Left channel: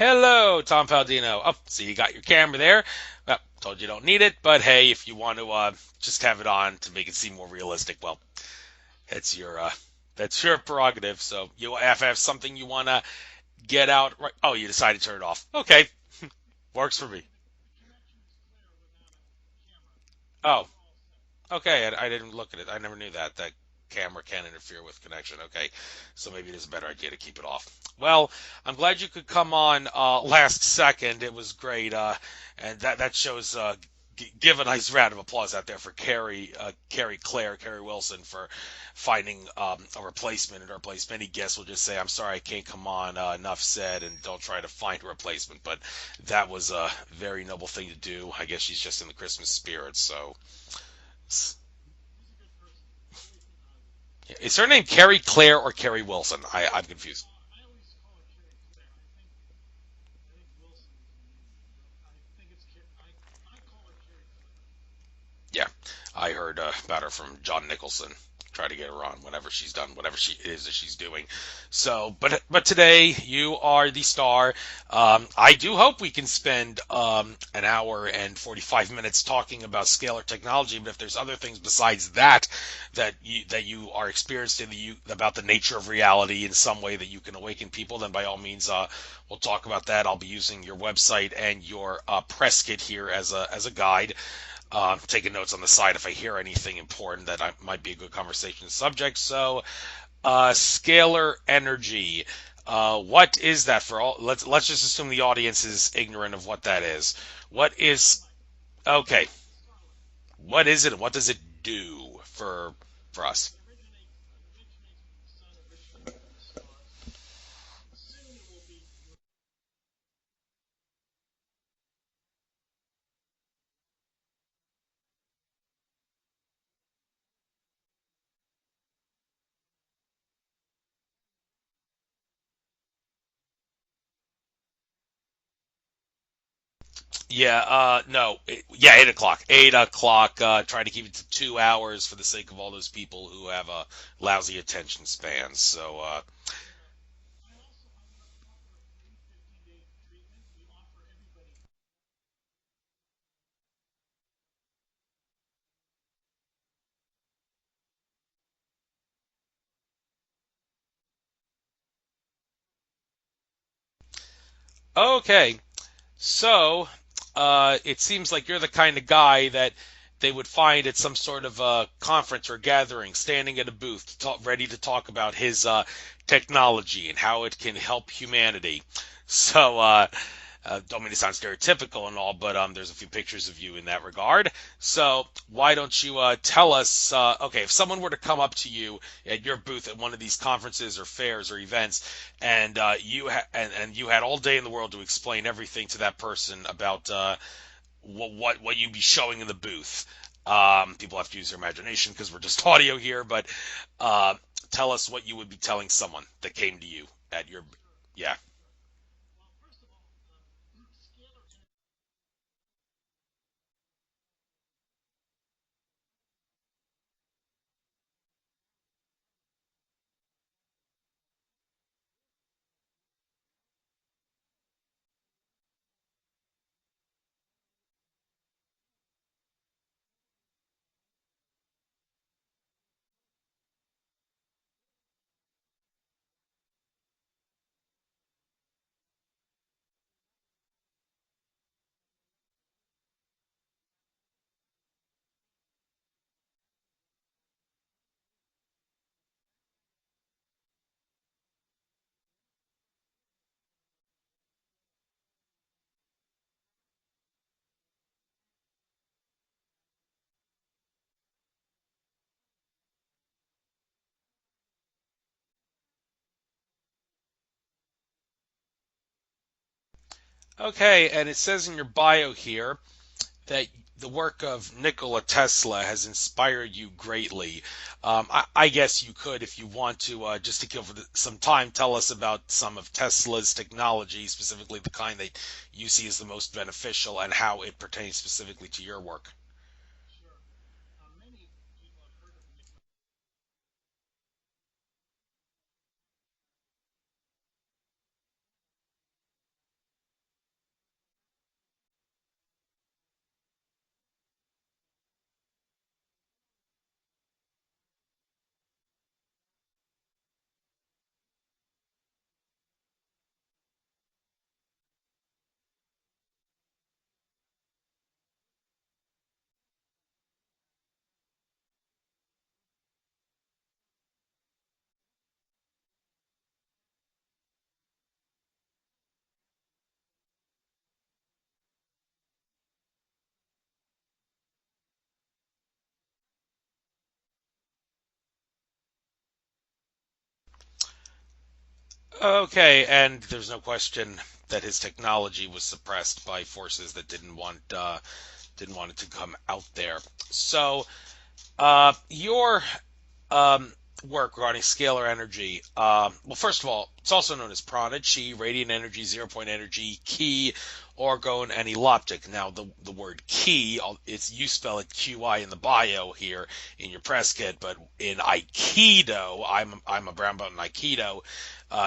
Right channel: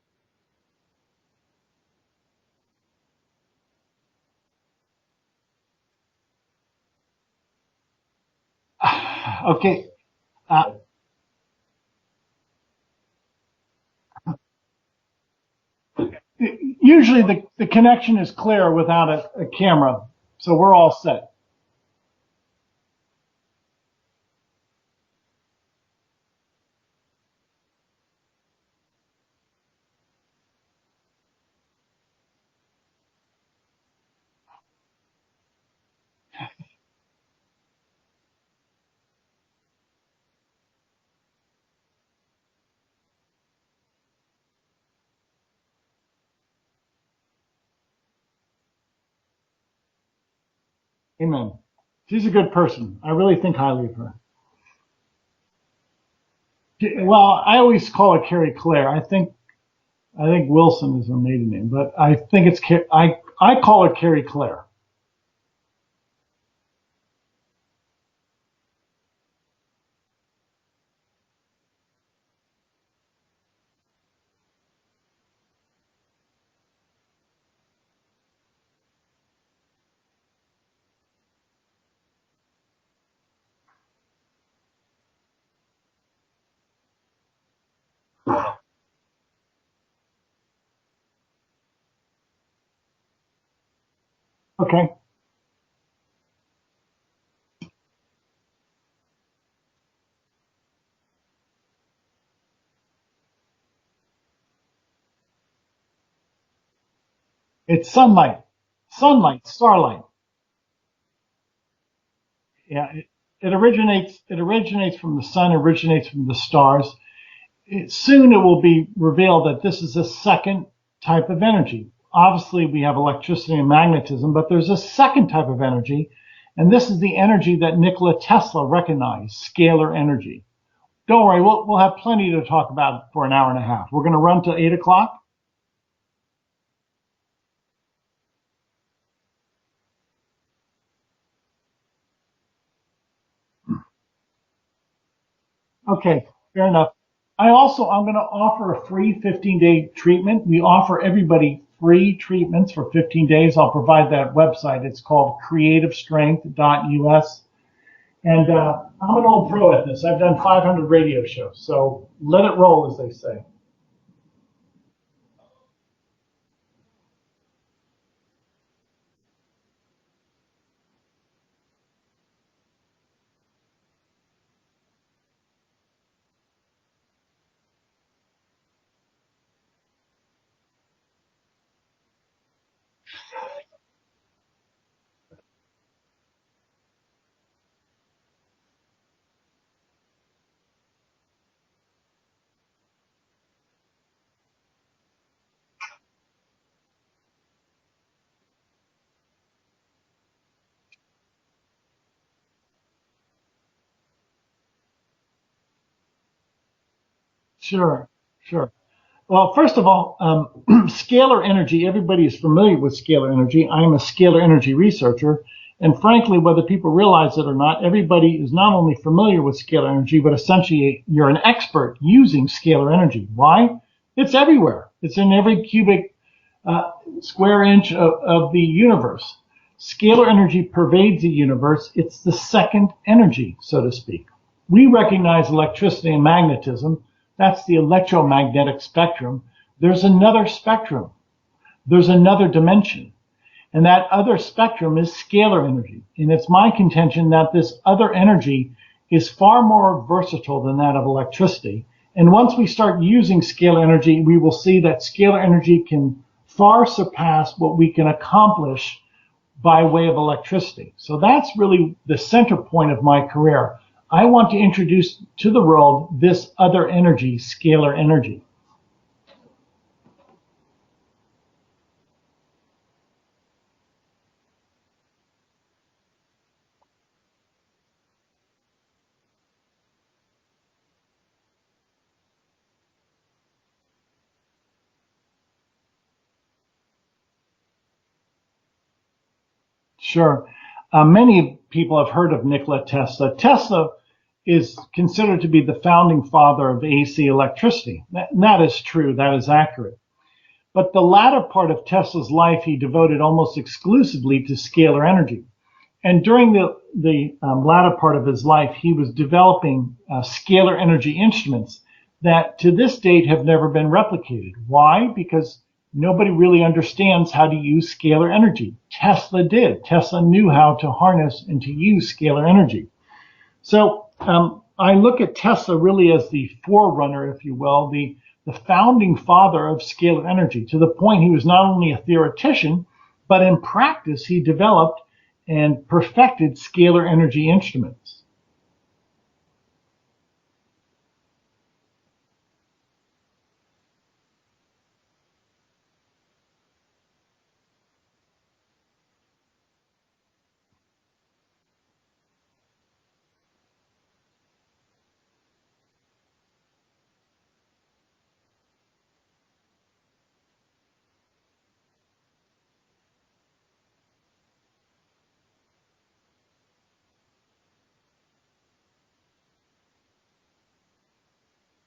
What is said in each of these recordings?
Hello, Tom Paladino. Oh, so you got your camera there. Well, told you don't need it, but hey, if you want to just have it on to make it seem more realistic, well, that's your Okay. Uh, prerogative. So you have something you want to get out. Right? Oh, you decided to turn it off. Okay, works for Usually me. the connection is clear without a camera, so Oh, we're all set. okay. I didn't look at it. I never knew that camera can interfere with connection. Okay, so maybe it is a better idea to keep it off. Well, I'm glad you could come on last second. It was great, and that shows. Give a nice round of applause out there for Carrie Wilson for finding a replacement in her place. Many guests will just say, "I'm sorry, I can't come on." Enough said, and don't try to find a replacement. But that was a very noble thing to do. I guess she's just in the Christmas spirit. So, Amen. She's a good person. I really think highly of her. is her name Carrie Claire or Carrie Wilson? I'm confused. Well, I always call her Carrie Claire. I think Wilson is her maiden name, but I think I call her Carrie Claire. Yeah, I heard about her from John Nicholson. Try to get her on whenever she's done whatever she is that she's doing. So, but today you are the star. I do hope we can spend an hour and 45 minutes talking about scalar technology. But if there's other things besides that you are experienced in about the nature of reality in some way that you can awaken people, then by all means, we'll talk about that. I'll be using your website and your press kit here as a guide. Okay. Taking notes on the side if I hear anything important that might be a good conversation subject. So, scalar energy. What is that for all? Let's just assume the audience is ignorant of what that is. What It's is okay? starlight. What is it? What does it do for Yeah, for us? it originates from the sun, originates from the stars. Soon it will be revealed that this is a second type of energy. Obviously, we have electricity and magnetism, but there's a second type of energy, and this is the energy that Nikola Tesla recognized, scalar energy. Don't worry, we'll have plenty to talk about for an hour and a half. We're going to run to 8 o'clock. Yeah, no, yeah, 8 o'clock. 8 o'clock. Try to keep it to 2 hours for the sake of all those people who have a lousy attention span. So, Okay, fair enough. I'm going to offer a free 15-day treatment. We offer everybody free treatments for 15 days. I'll provide that website. It's called creativestrength.us. And I'm an old pro at this. I've done 500 radio shows. So let it roll, as they say. okay. So, it seems like you're the kind of guy that they would find at some sort of a conference or gathering, standing at a booth, ready to talk about his technology and how it can help humanity. So, don't mean to sound stereotypical and all, but there's a few pictures of you in that regard. So, why don't you tell us? Okay, if someone were to come up to you at your booth at one of these conferences or fairs or events, and and you had all day in the world to explain everything to that person about what you'd be showing in the booth. People have to use their imagination because we're just audio here, but uh, tell us what you would be telling someone that came to you at your booth. Sure, Yeah, sure. Well, first of all, scalar energy, everybody is familiar with scalar energy. I'm a scalar energy researcher. And frankly, whether people realize it or not, everybody is not only familiar with scalar energy, but essentially you're an expert using scalar energy. Why? It's everywhere. It's in every cubic square inch of the universe. Scalar energy pervades the universe. It's the second energy, so to speak. We recognize electricity and magnetism. That's the electromagnetic spectrum. There's another spectrum. There's another dimension. And that other spectrum is scalar energy. And it's my contention that this other energy is far more versatile than that of electricity. And once we start using scalar energy, we will see that scalar energy can far surpass what we can accomplish by way of electricity. So that's really the center point of my career. I want to introduce to the world this other energy, scalar energy. okay, and it says in your bio here that the work of Nikola Tesla has inspired you greatly. I guess you could, if you want to, just to kill for some time, tell us about some of Tesla's technology, specifically the kind that you see as the most beneficial and how it pertains specifically to your work. Sure. Many people have heard of Nikola Tesla. Tesla is considered to be the founding father of AC electricity. That is true, that is accurate. But the latter part of Tesla's life, he devoted almost exclusively to scalar energy. And during the latter part of his life, he was developing scalar energy instruments that to this date have never been replicated. Why? Because nobody really understands how to use scalar energy. Tesla did. Tesla knew how to harness and to use scalar energy. So I look at Tesla really as the forerunner, if you will, the founding father of scalar energy, to the point he was not only a theoretician, but in practice he developed and perfected scalar energy instruments. Okay, and there's no question that his technology was suppressed by forces that didn't want it to come out there. So, your work regarding scalar energy, well, first of all, it's also known as prana, chi, radiant energy, 0-point energy, ki, orgone, and eloptic. Now, the word ki, you spell it QI in the bio here in your press kit, but in Aikido, I'm a brown belt in Aikido.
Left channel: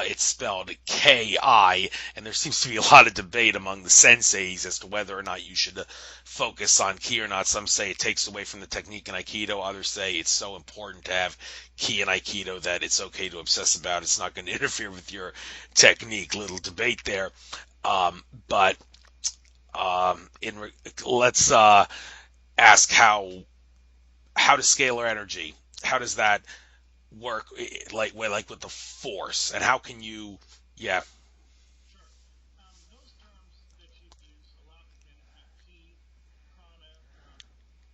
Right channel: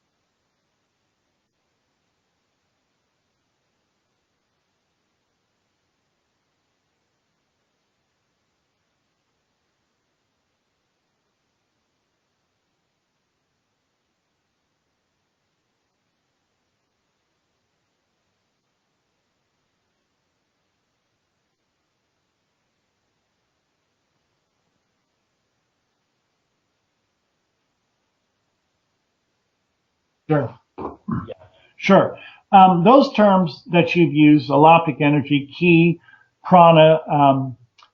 It's spelled Ki, and there seems to be a lot of debate among the senseis as to whether or not you should focus on ki or not. Some say it takes away from the technique in Aikido. Others say it's so important to have ki in Aikido that it's okay to obsess about. It's not going to interfere with your technique. Little debate there. Let's ask how does scalar energy, how does that work, like with the force, and how can you? Sure. Yeah. Sure. Those terms that you've used, eloptic energy, ki, prana,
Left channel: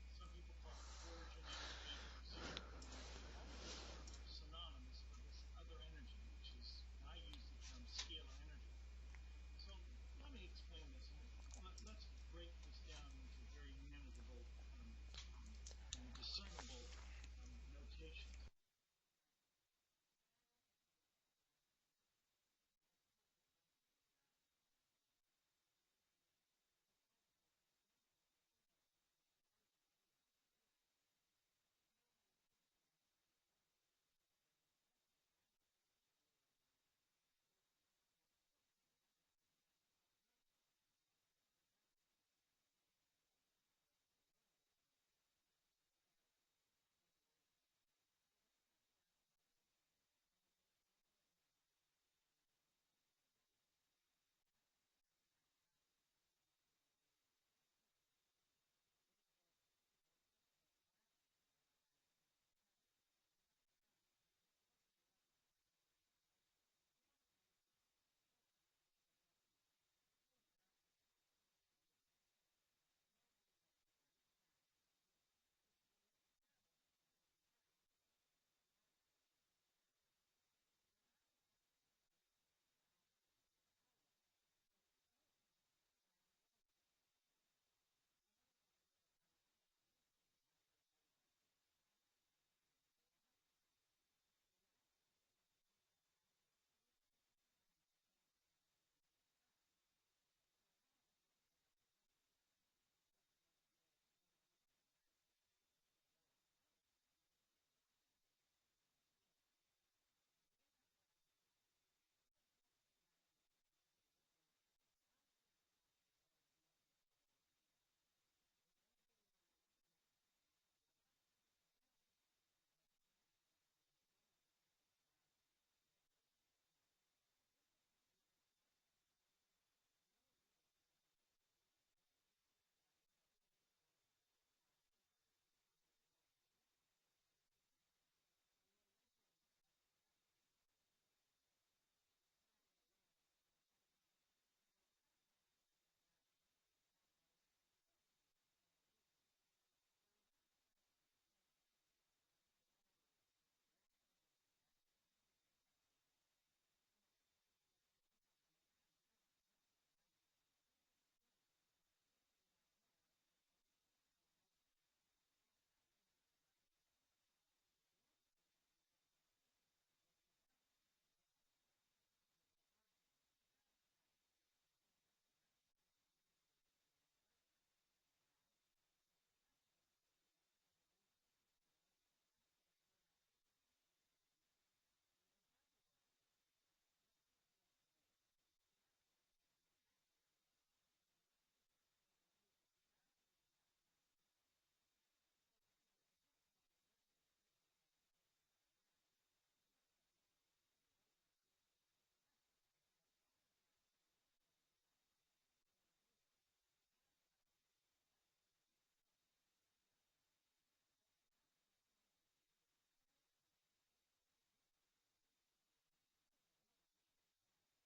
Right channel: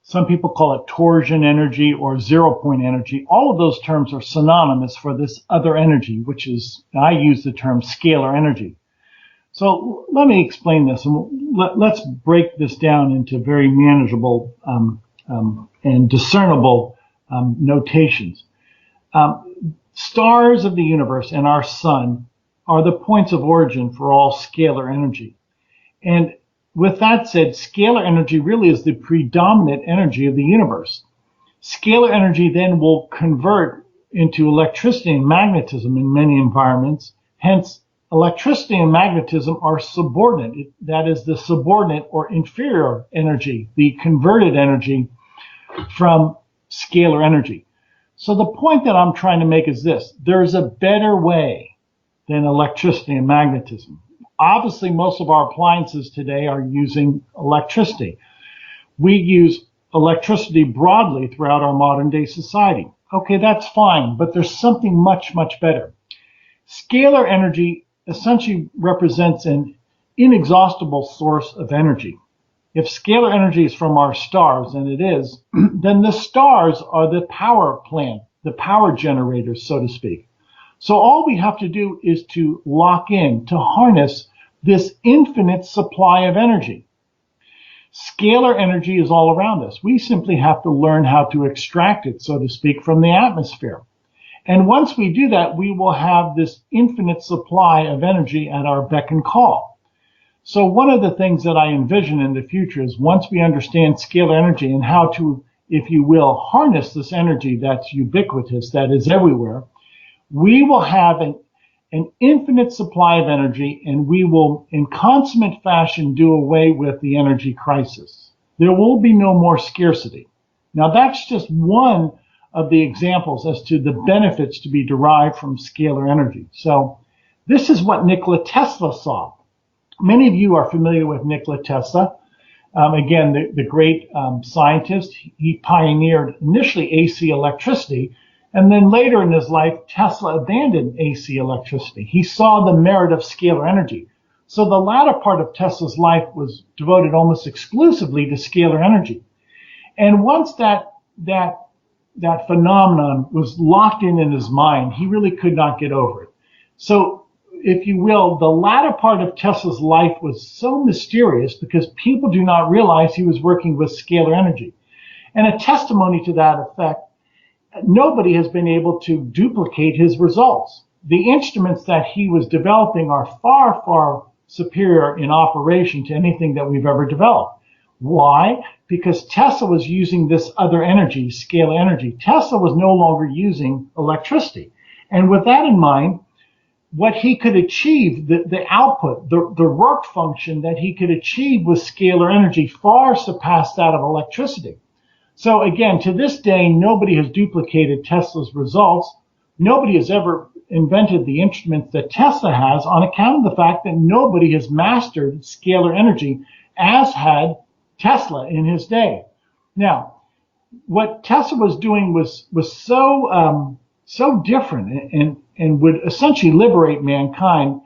some people call it torsion energy or 0-point energy. All of those terms are synonymous for this other energy, which is, I use the term scalar energy. So let me explain this, and let's break this down into very manageable and discernible notations. Stars of the universe and our sun are the points of origin for all scalar energy. And with that said, scalar energy really is the predominant energy of the universe. Scalar energy then will convert into electricity and magnetism in many environments. Hence, electricity and magnetism are subordinate. That is the subordinate or inferior energy, the converted energy from scalar energy. So the point that I'm trying to make is this: there's a better way than electricity and magnetism. Obviously, most of our appliances today are using electricity. We use electricity broadly throughout our modern day society. Okay, that's fine, but there's something much, much better. Scalar energy essentially represents an inexhaustible source of energy. If scalar energy is from our stars, and it is, then the stars are the power plant, the power generators, so to speak. So all we have to do is to lock in, to harness this infinite supply of energy. Scalar energy is all around us. We simply have to learn how to extract it, so to speak, from the atmosphere. And once we do that, we will have this infinite supply of energy at our beck and call. So one of the things that I envision in the future is, once we understand scalar energy and how to, if you will, harness this energy that's ubiquitous, that is everywhere, we will have an infinite supply of energy, and we will, in consummate fashion, do away with the energy crisis. There will be no more scarcity. Now, that's just one of the examples as to the benefits to be derived from scalar energy. So this is what Nikola Tesla saw. Many of you are familiar with Nikola Tesla. Again, the great scientist. He pioneered initially AC electricity, and then later in his life, Tesla abandoned AC electricity. He saw the merit of scalar energy. So the latter part of Tesla's life was devoted almost exclusively to scalar energy. And once that phenomenon was locked in his mind, he really could not get over it. So, if you will, the latter part of Tesla's life was so mysterious because people do not realize he was working with scalar energy. And a testimony to that effect, nobody has been able to duplicate his results. The instruments that he was developing are far, far superior in operation to anything that we've ever developed. Why? Because Tesla was using this other energy, scalar energy. Tesla was no longer using electricity. And with that in mind, what he could achieve, the output, the work function that he could achieve with scalar energy far surpassed that of electricity. So again, to this day, nobody has duplicated Tesla's results. Nobody has ever invented the instruments that Tesla has on account of the fact that nobody has mastered scalar energy as had Tesla in his day. Now, what Tesla was doing was so different and would essentially liberate mankind.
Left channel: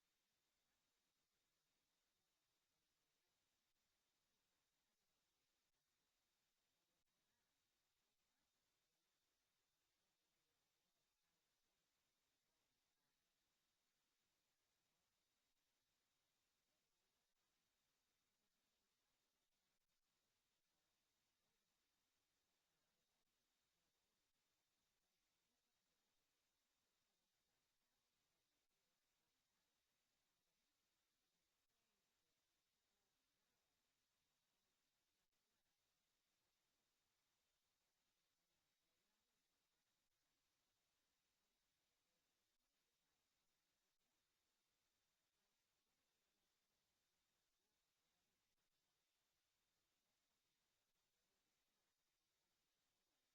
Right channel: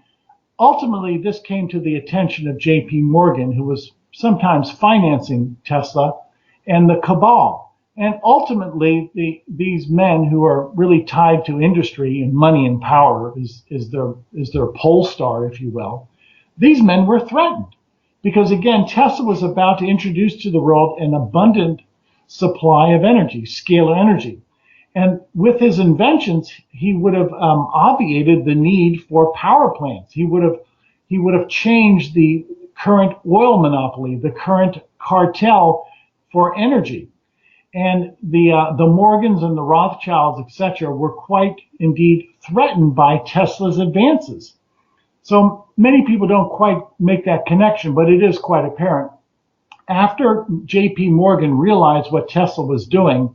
Ultimately, this came to the attention of J.P. Morgan, who was sometimes financing Tesla, and the cabal. And ultimately, these men who are really tied to industry and money and power is their pole star, if you will. These men were threatened because, again, Tesla was about to introduce to the world an abundant supply of energy, scalar energy. And with his inventions, he would have obviated the need for power plants. He would have changed the current oil monopoly, the current cartel for energy. And the Morgans and the Rothschilds, etc., were quite indeed threatened by Tesla's advances. So many people don't quite make that connection, but it is quite apparent. After J.P. Morgan realized what Tesla was doing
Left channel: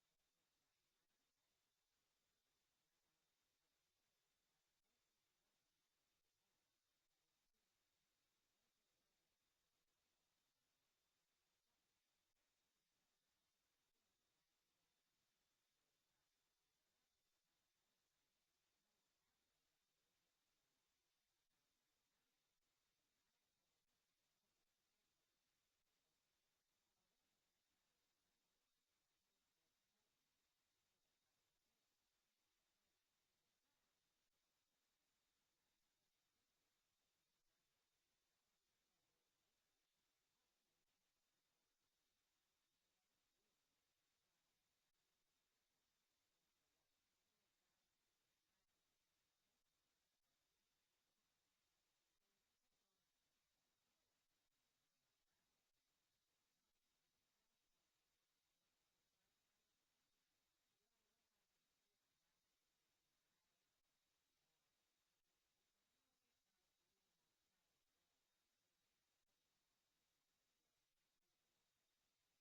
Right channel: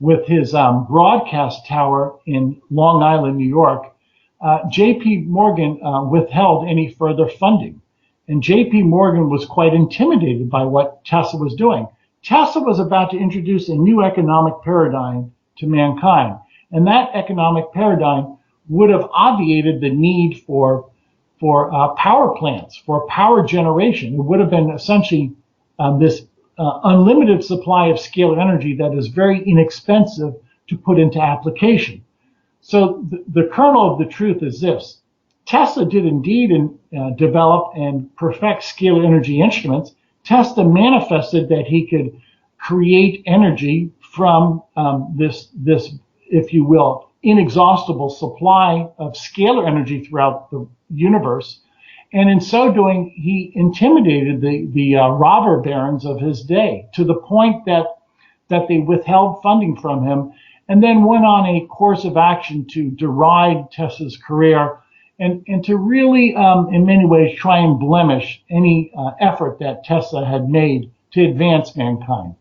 with his broadcast tower in Long Island, New York, J.P. Morgan withheld any further funding. And J.P. Morgan was quite intimidated by what Tesla was doing. Tesla was about to introduce a new economic paradigm to mankind. And that economic paradigm would have obviated the need for power plants, for power generation. It would have been essentially this unlimited supply of scalar energy that is very inexpensive to put into application. So the kernel of the truth is this. Tesla did indeed develop and perfect scalar energy instruments. Tesla manifested that he could create energy from this, if you will, inexhaustible supply of scalar energy throughout the universe. And in so doing, he intimidated the robber barons of his day to the point that they withheld funding from him and then went on a course of action to deride Tesla's career and to really, in many ways, try and blemish any effort that Tesla had made to advance mankind.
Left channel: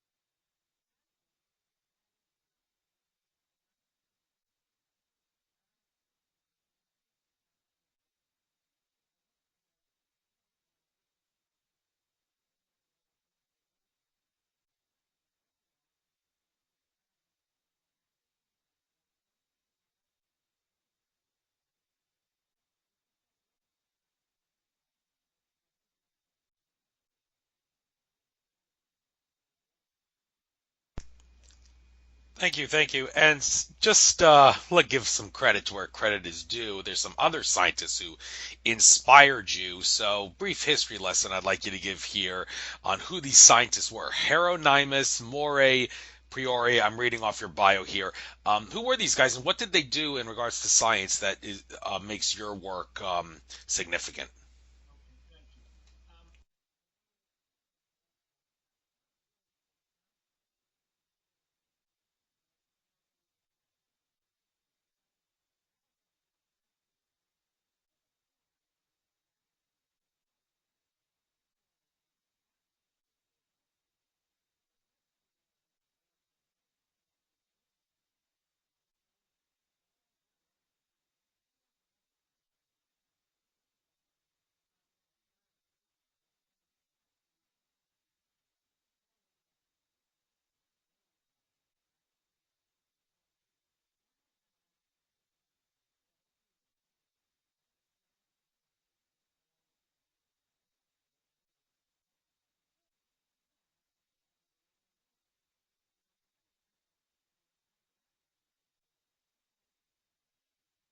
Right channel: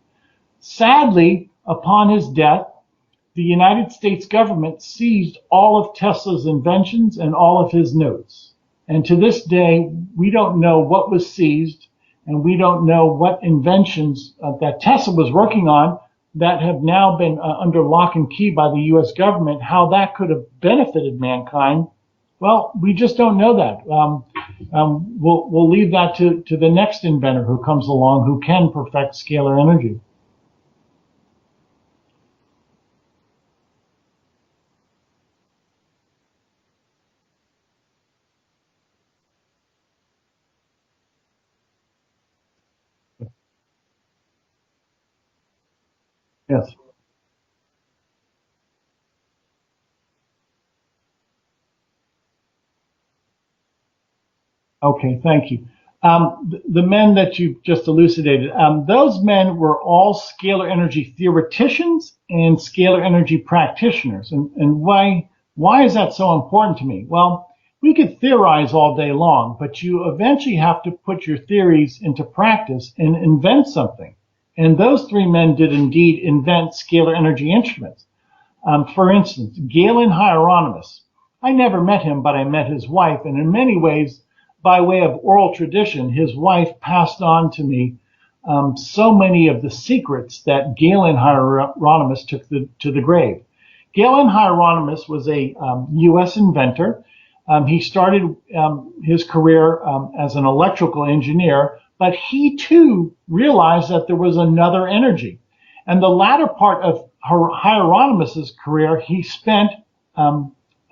Sadly, upon his death, the United States government seized all of Tesla's inventions and all of his notes. And to this day, we don't know what was seized, and we don't know what inventions that Tesla was working on that have now been under lock and key by the U.S. government, how that could have benefited mankind. Well, we just don't know that. We'll leave that to the next inventor who comes along who can perfect scalar energy. Thank you. And just give some credit to where credit is due. There's some other scientists who inspired you. So, brief history lesson I'd like you to give here on who these scientists were. Hieronymus, Moray, Priore. Yes. I'm reading off your bio here. Who were these guys, and what did they do in regards to science that makes your work significant? Okay, thank you. The men that you just elucidated, those men were all scalar energy theoreticians and scalar energy practitioners. And why is that so important to me? Well, we could theorize all day long, but you eventually have to put your theories into practice and invent something. And those three men did indeed invent scalar energy instruments. For instance, Galen Hieronymus. I never met him, but I met his wife, and in many ways, by way of oral tradition, his wife passed on to me so many of the secrets that Galen Hieronymus took to the grave. Galen Hieronymus was a U.S. inventor. He started his career as an electrical engineer, but he too realized that there was another energy. And the latter part of Hieronymus's career, he spent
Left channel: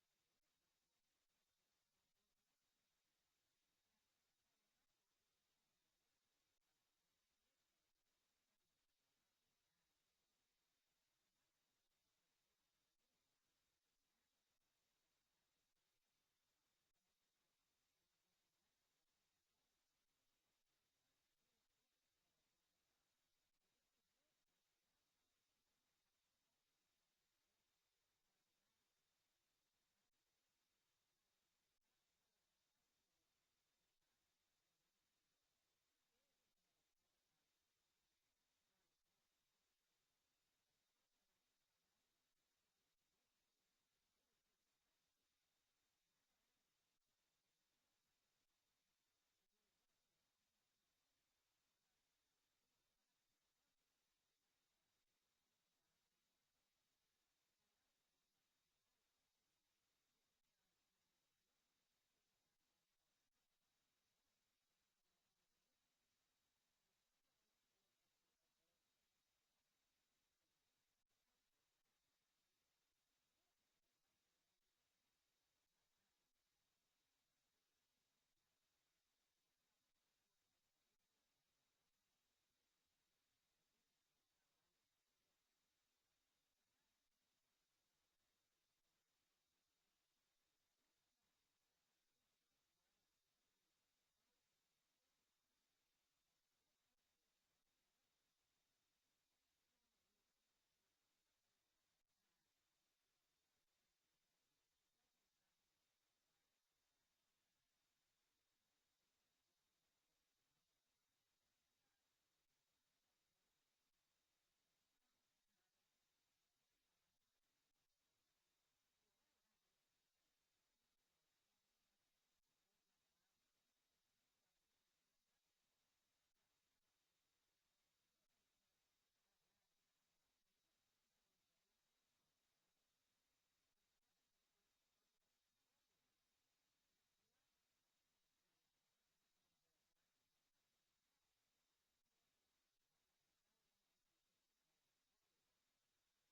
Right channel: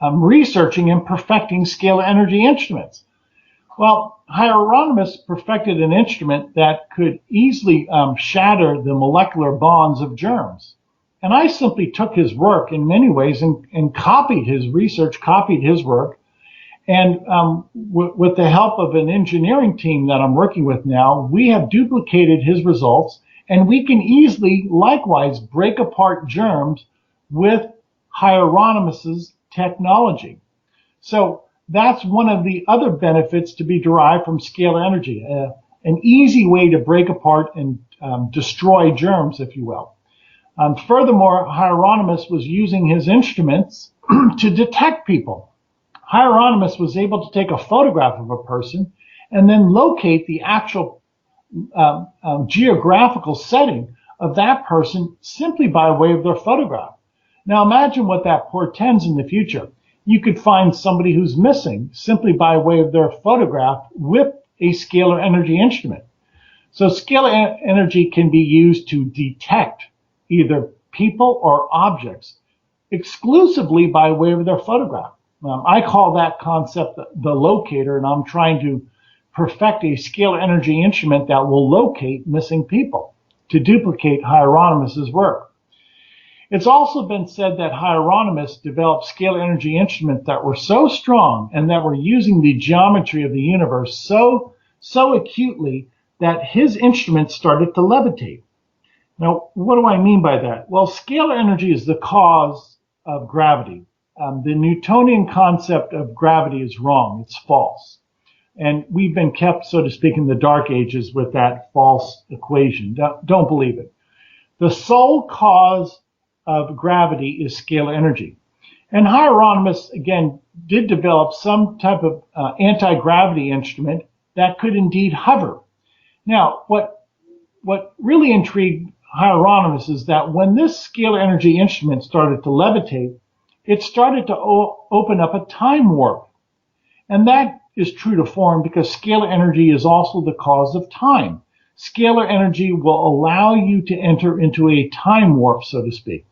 researching and perfecting scalar energy instruments. Well, Hieronymus perfected an instrument that could easily shatter the molecular bonds of germs. And I simply took his work in many ways and copied his research, copied his work. And with the help of an engineering team that I'm working with now, we have duplicated his results, and we can easily, likewise, break apart germs with Hieronymus's technology. So that's one of the other benefits to be derived from scalar energy, an easy way to break apart and destroy germs, if you will. Furthermore, Hieronymus was using his instruments to detect people. Hieronymus was able to take a photograph of a person and then locate the actual geographical setting of that person simply by way of their photograph. Now imagine what that portends in the future. You could find somebody who's missing simply by way of their photograph with a scalar energy instrument. So scalar energy can be used to detect either people or objects exclusively by way of their photograph. I call that concept the locator, and I'm trying to perfect a scalar energy instrument that will locate missing people to duplicate Hieronymus's work. It's also been said that Hieronymus developed scalar energy instruments that were so strong and that were using the geometry of the universe so acutely that his instruments started to levitate. Now, what do I mean by that? Well, scalar energy is the cause of gravity. The Newtonian concept of gravity is wrong. It's false. And we've been kept, so to speak, in the dark ages with that false equation. Don't believe it. The sole cause of gravity is scalar energy. And Hieronymus, again, did develop some type of anti-gravity instrument that could indeed hover. Now, what really intrigued Hieronymus is that when this scalar energy instrument started to levitate, it started to open up a time warp. And that is true to form because scalar energy is also the cause of time. Scalar energy will allow you to enter into a time warp, so to speak.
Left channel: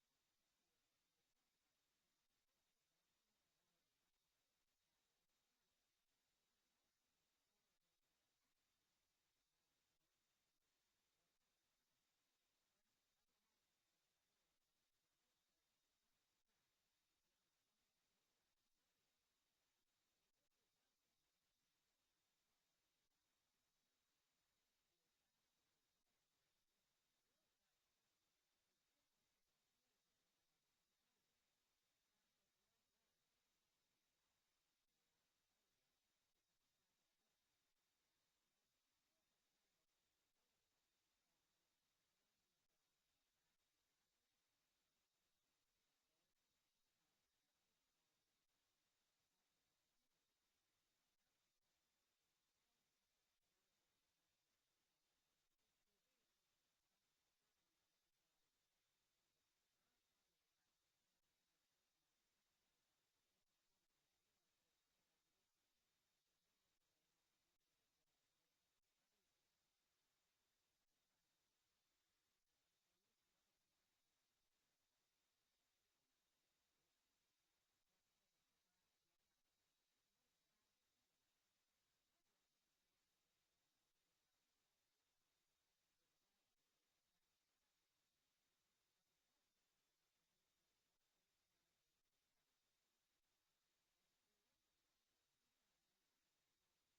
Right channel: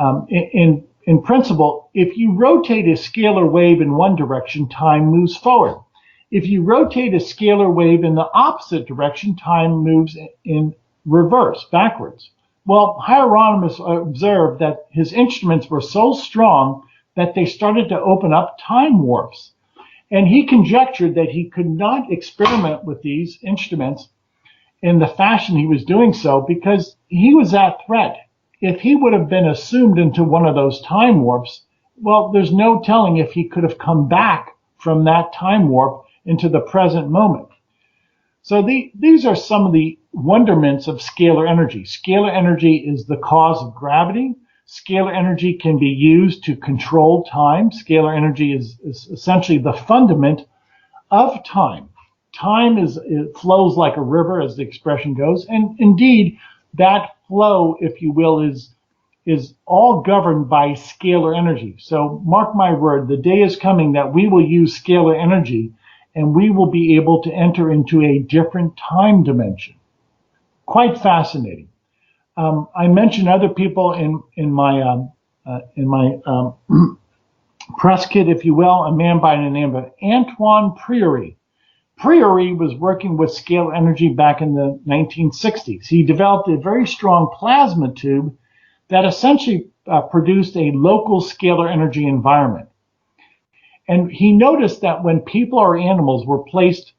In principle, if you rotate a scalar wave in one direction, time moves forward. If you rotate a scalar wave in the opposite direction, time moves in reverse, backwards. Well, Hieronymus observed that his instruments were so strong that they started to open up time warps. And he conjectured that he could not experiment with these instruments in the fashion he was doing so because he was at threat. If he would have been assumed into one of those time warps, well, there's no telling if he could have come back from that time warp into the present moment. So these are some of the wonderments of scalar energy. Scalar energy is the cause of gravity. Scalar energy can be used to control time. Scalar energy is essentially the fundament of time. Time it flows like a river, as the expression goes, and indeed that flow, if you will, is all governed by scalar energy. So mark my word, the day is coming that we will use scalar energy and we will be able to enter into a different time dimension. Quite fascinating. I mentioned other people in my press kit, if you will, a man by the name of Antoine Priore. Priore was working with scalar energy back in the 1960s. He developed a very strong plasma tube that essentially produced a local scalar energy environment. And he noticed that when people or animals were placed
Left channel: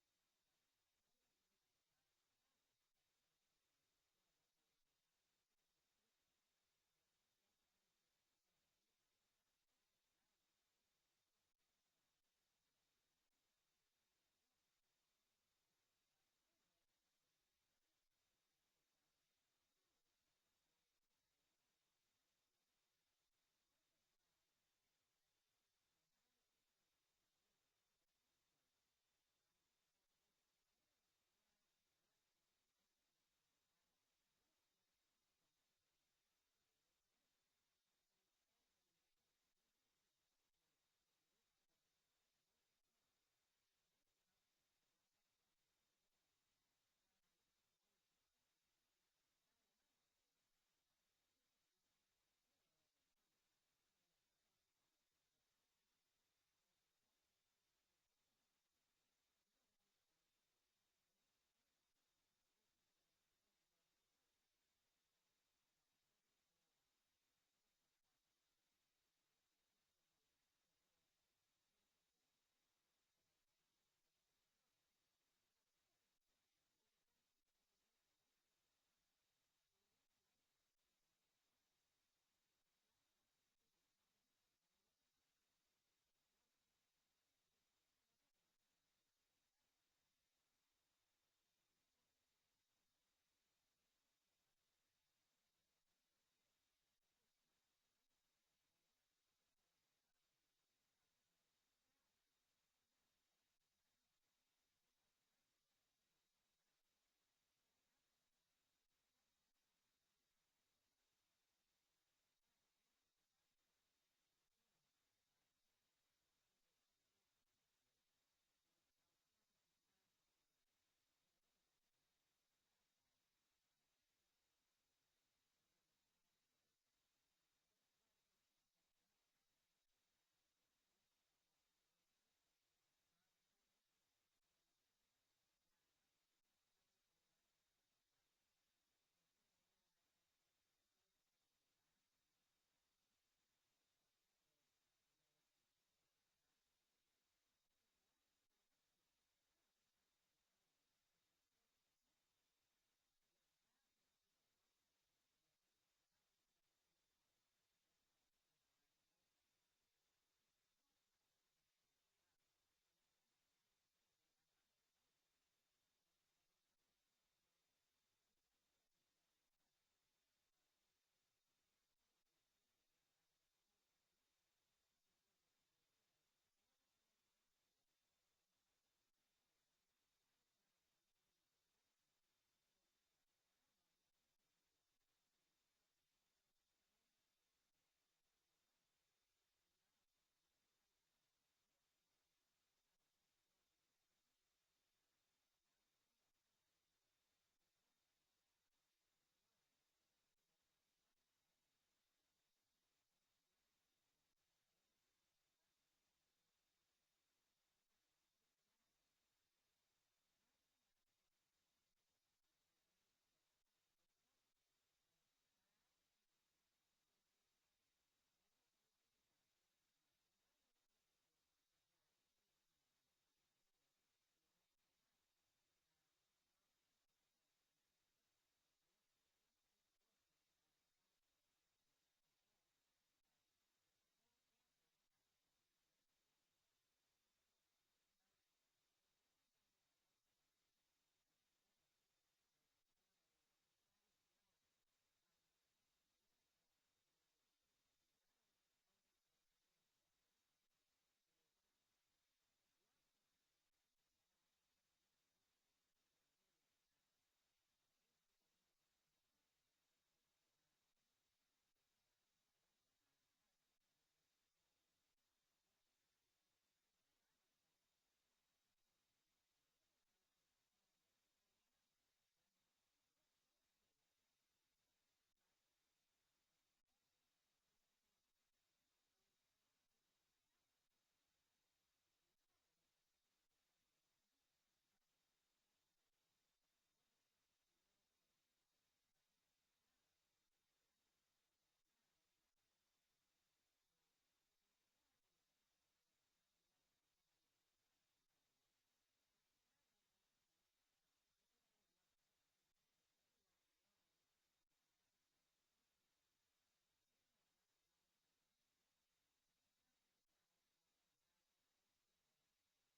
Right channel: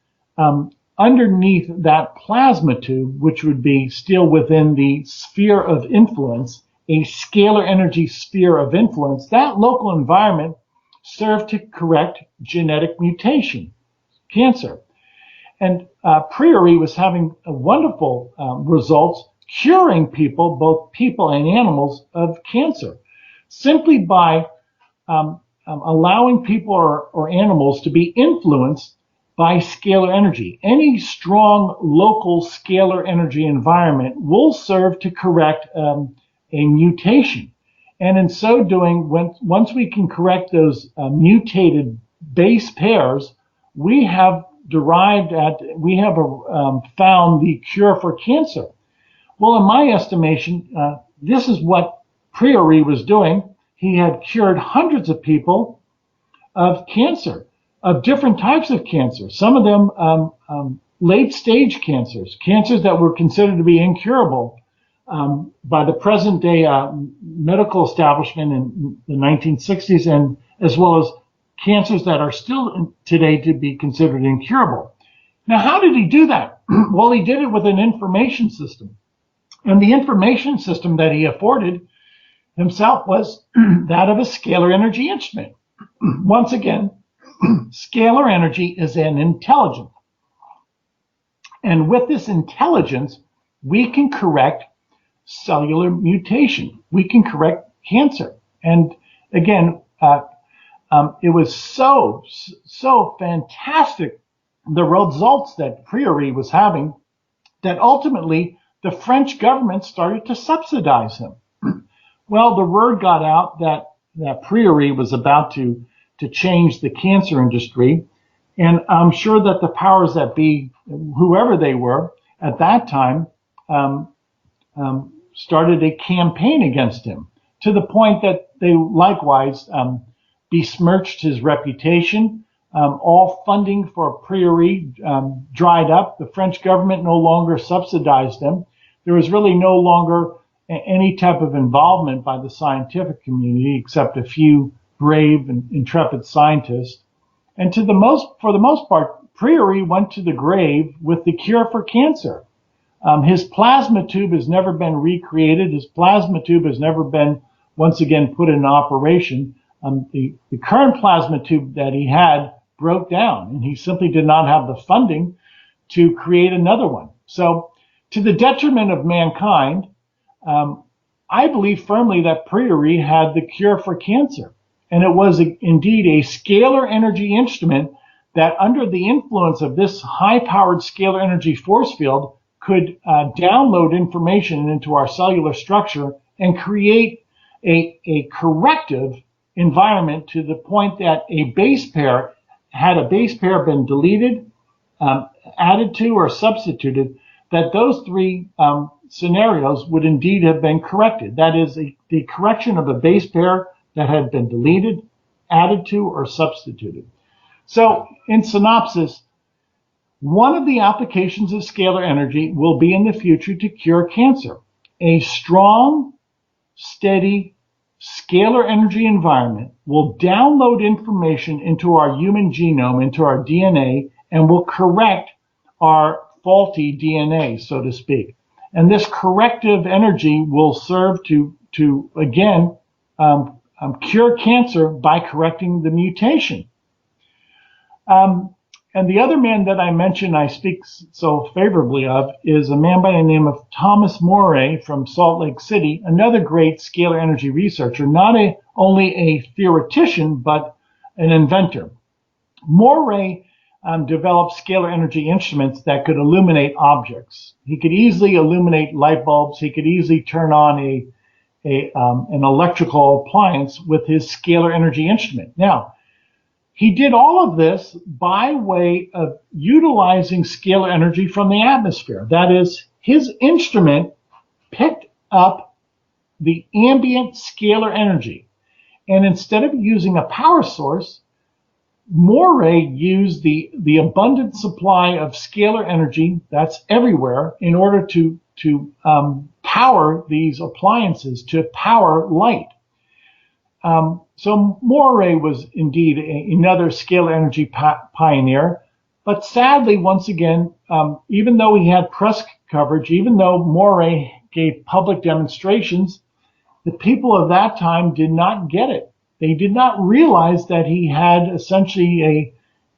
underneath that plasma tube, which would be still within the sphere of influence, a scalar energy sphere of influence, that local environment served to correct genetic mutation, cancer. And Priore was having wonderful results curing people, both people and animals, of cancer, simply by allowing people or animals to be influenced by scalar energy. Any strong local scalar energy environment will serve to correct a mutation. And in so doing, once we can correct those mutated base pairs, we have found the cure for cancer. Well, in my estimation, this is what Priore was doing. He had cured hundreds of people of cancer, of different types of cancer, some of them late-stage cancers, cancers that were considered to be incurable by the present-day medical establishment in the 1960s, and as well as cancers that are still today to be considered incurable. Now, how did he do that? Well, he did it with an information system. And the information system that he afforded himself was that of a scalar energy instrument. Once again, scalar energy is an intelligence. And with this intelligence, we can correct cellular mutation. We can correct cancer. And again, it was so fantastic, the results that Priore was having, that ultimately the French government started to subsidize him. Well, the word got out that Priore was about to change the cancer industry. And I'm sure that the powers that be, whoever they were at that time, started a campaign against him, to the point that they likewise besmirched his reputation. All funding for Priore dried up. The French government no longer subsidized him. There was really no longer any type of involvement by the scientific community, except a few brave and intrepid scientists. And for the most part, Priore went to the grave with the cure for cancer. His plasma tube has never been recreated. His plasma tube has never been once again put in operation. The current plasma tube that he had broke down, and he simply did not have the funding to create another one. So, to the detriment of mankind, I believe firmly that Priore had the cure for cancer. And it was indeed a scalar energy instrument that, under the influence of this high-powered scalar energy force field, could download information into our cellular structure and create a corrective environment, to the point that a base pair, had a base pair been deleted, added to, or substituted, that those three scenarios would indeed have been corrected. That is, the correction of a base pair that had been deleted, added to, or substituted. So, in synopsis, one of the applications of scalar energy will be in the future to cure cancer. A strong, steady, scalar energy environment will download information into our human genome, into our DNA, and will correct our faulty DNA, so to speak. And this corrective energy will serve to again, cure cancer by correcting the mutation. And the other man that I mentioned, I speak so favorably of, is a man by the name of Thomas Moray from Salt Lake City, another great scalar energy researcher, not only a theoretician, but an inventor. Moray developed scalar energy instruments that could illuminate objects. He could easily illuminate light bulbs. He could easily turn on an electrical appliance with his scalar energy instrument. Now, he did all of this by way of utilizing scalar energy from the atmosphere. That is, his instrument picked up the ambient scalar energy. And instead of using a power source, Moray used the abundant supply of scalar energy that's everywhere in order to power these appliances, to power light. So Moray was indeed another scalar energy pioneer, but sadly, once again, even though he had press coverage, even though Moray gave public demonstrations, the people of that time did not get it. They did not realize that he had essentially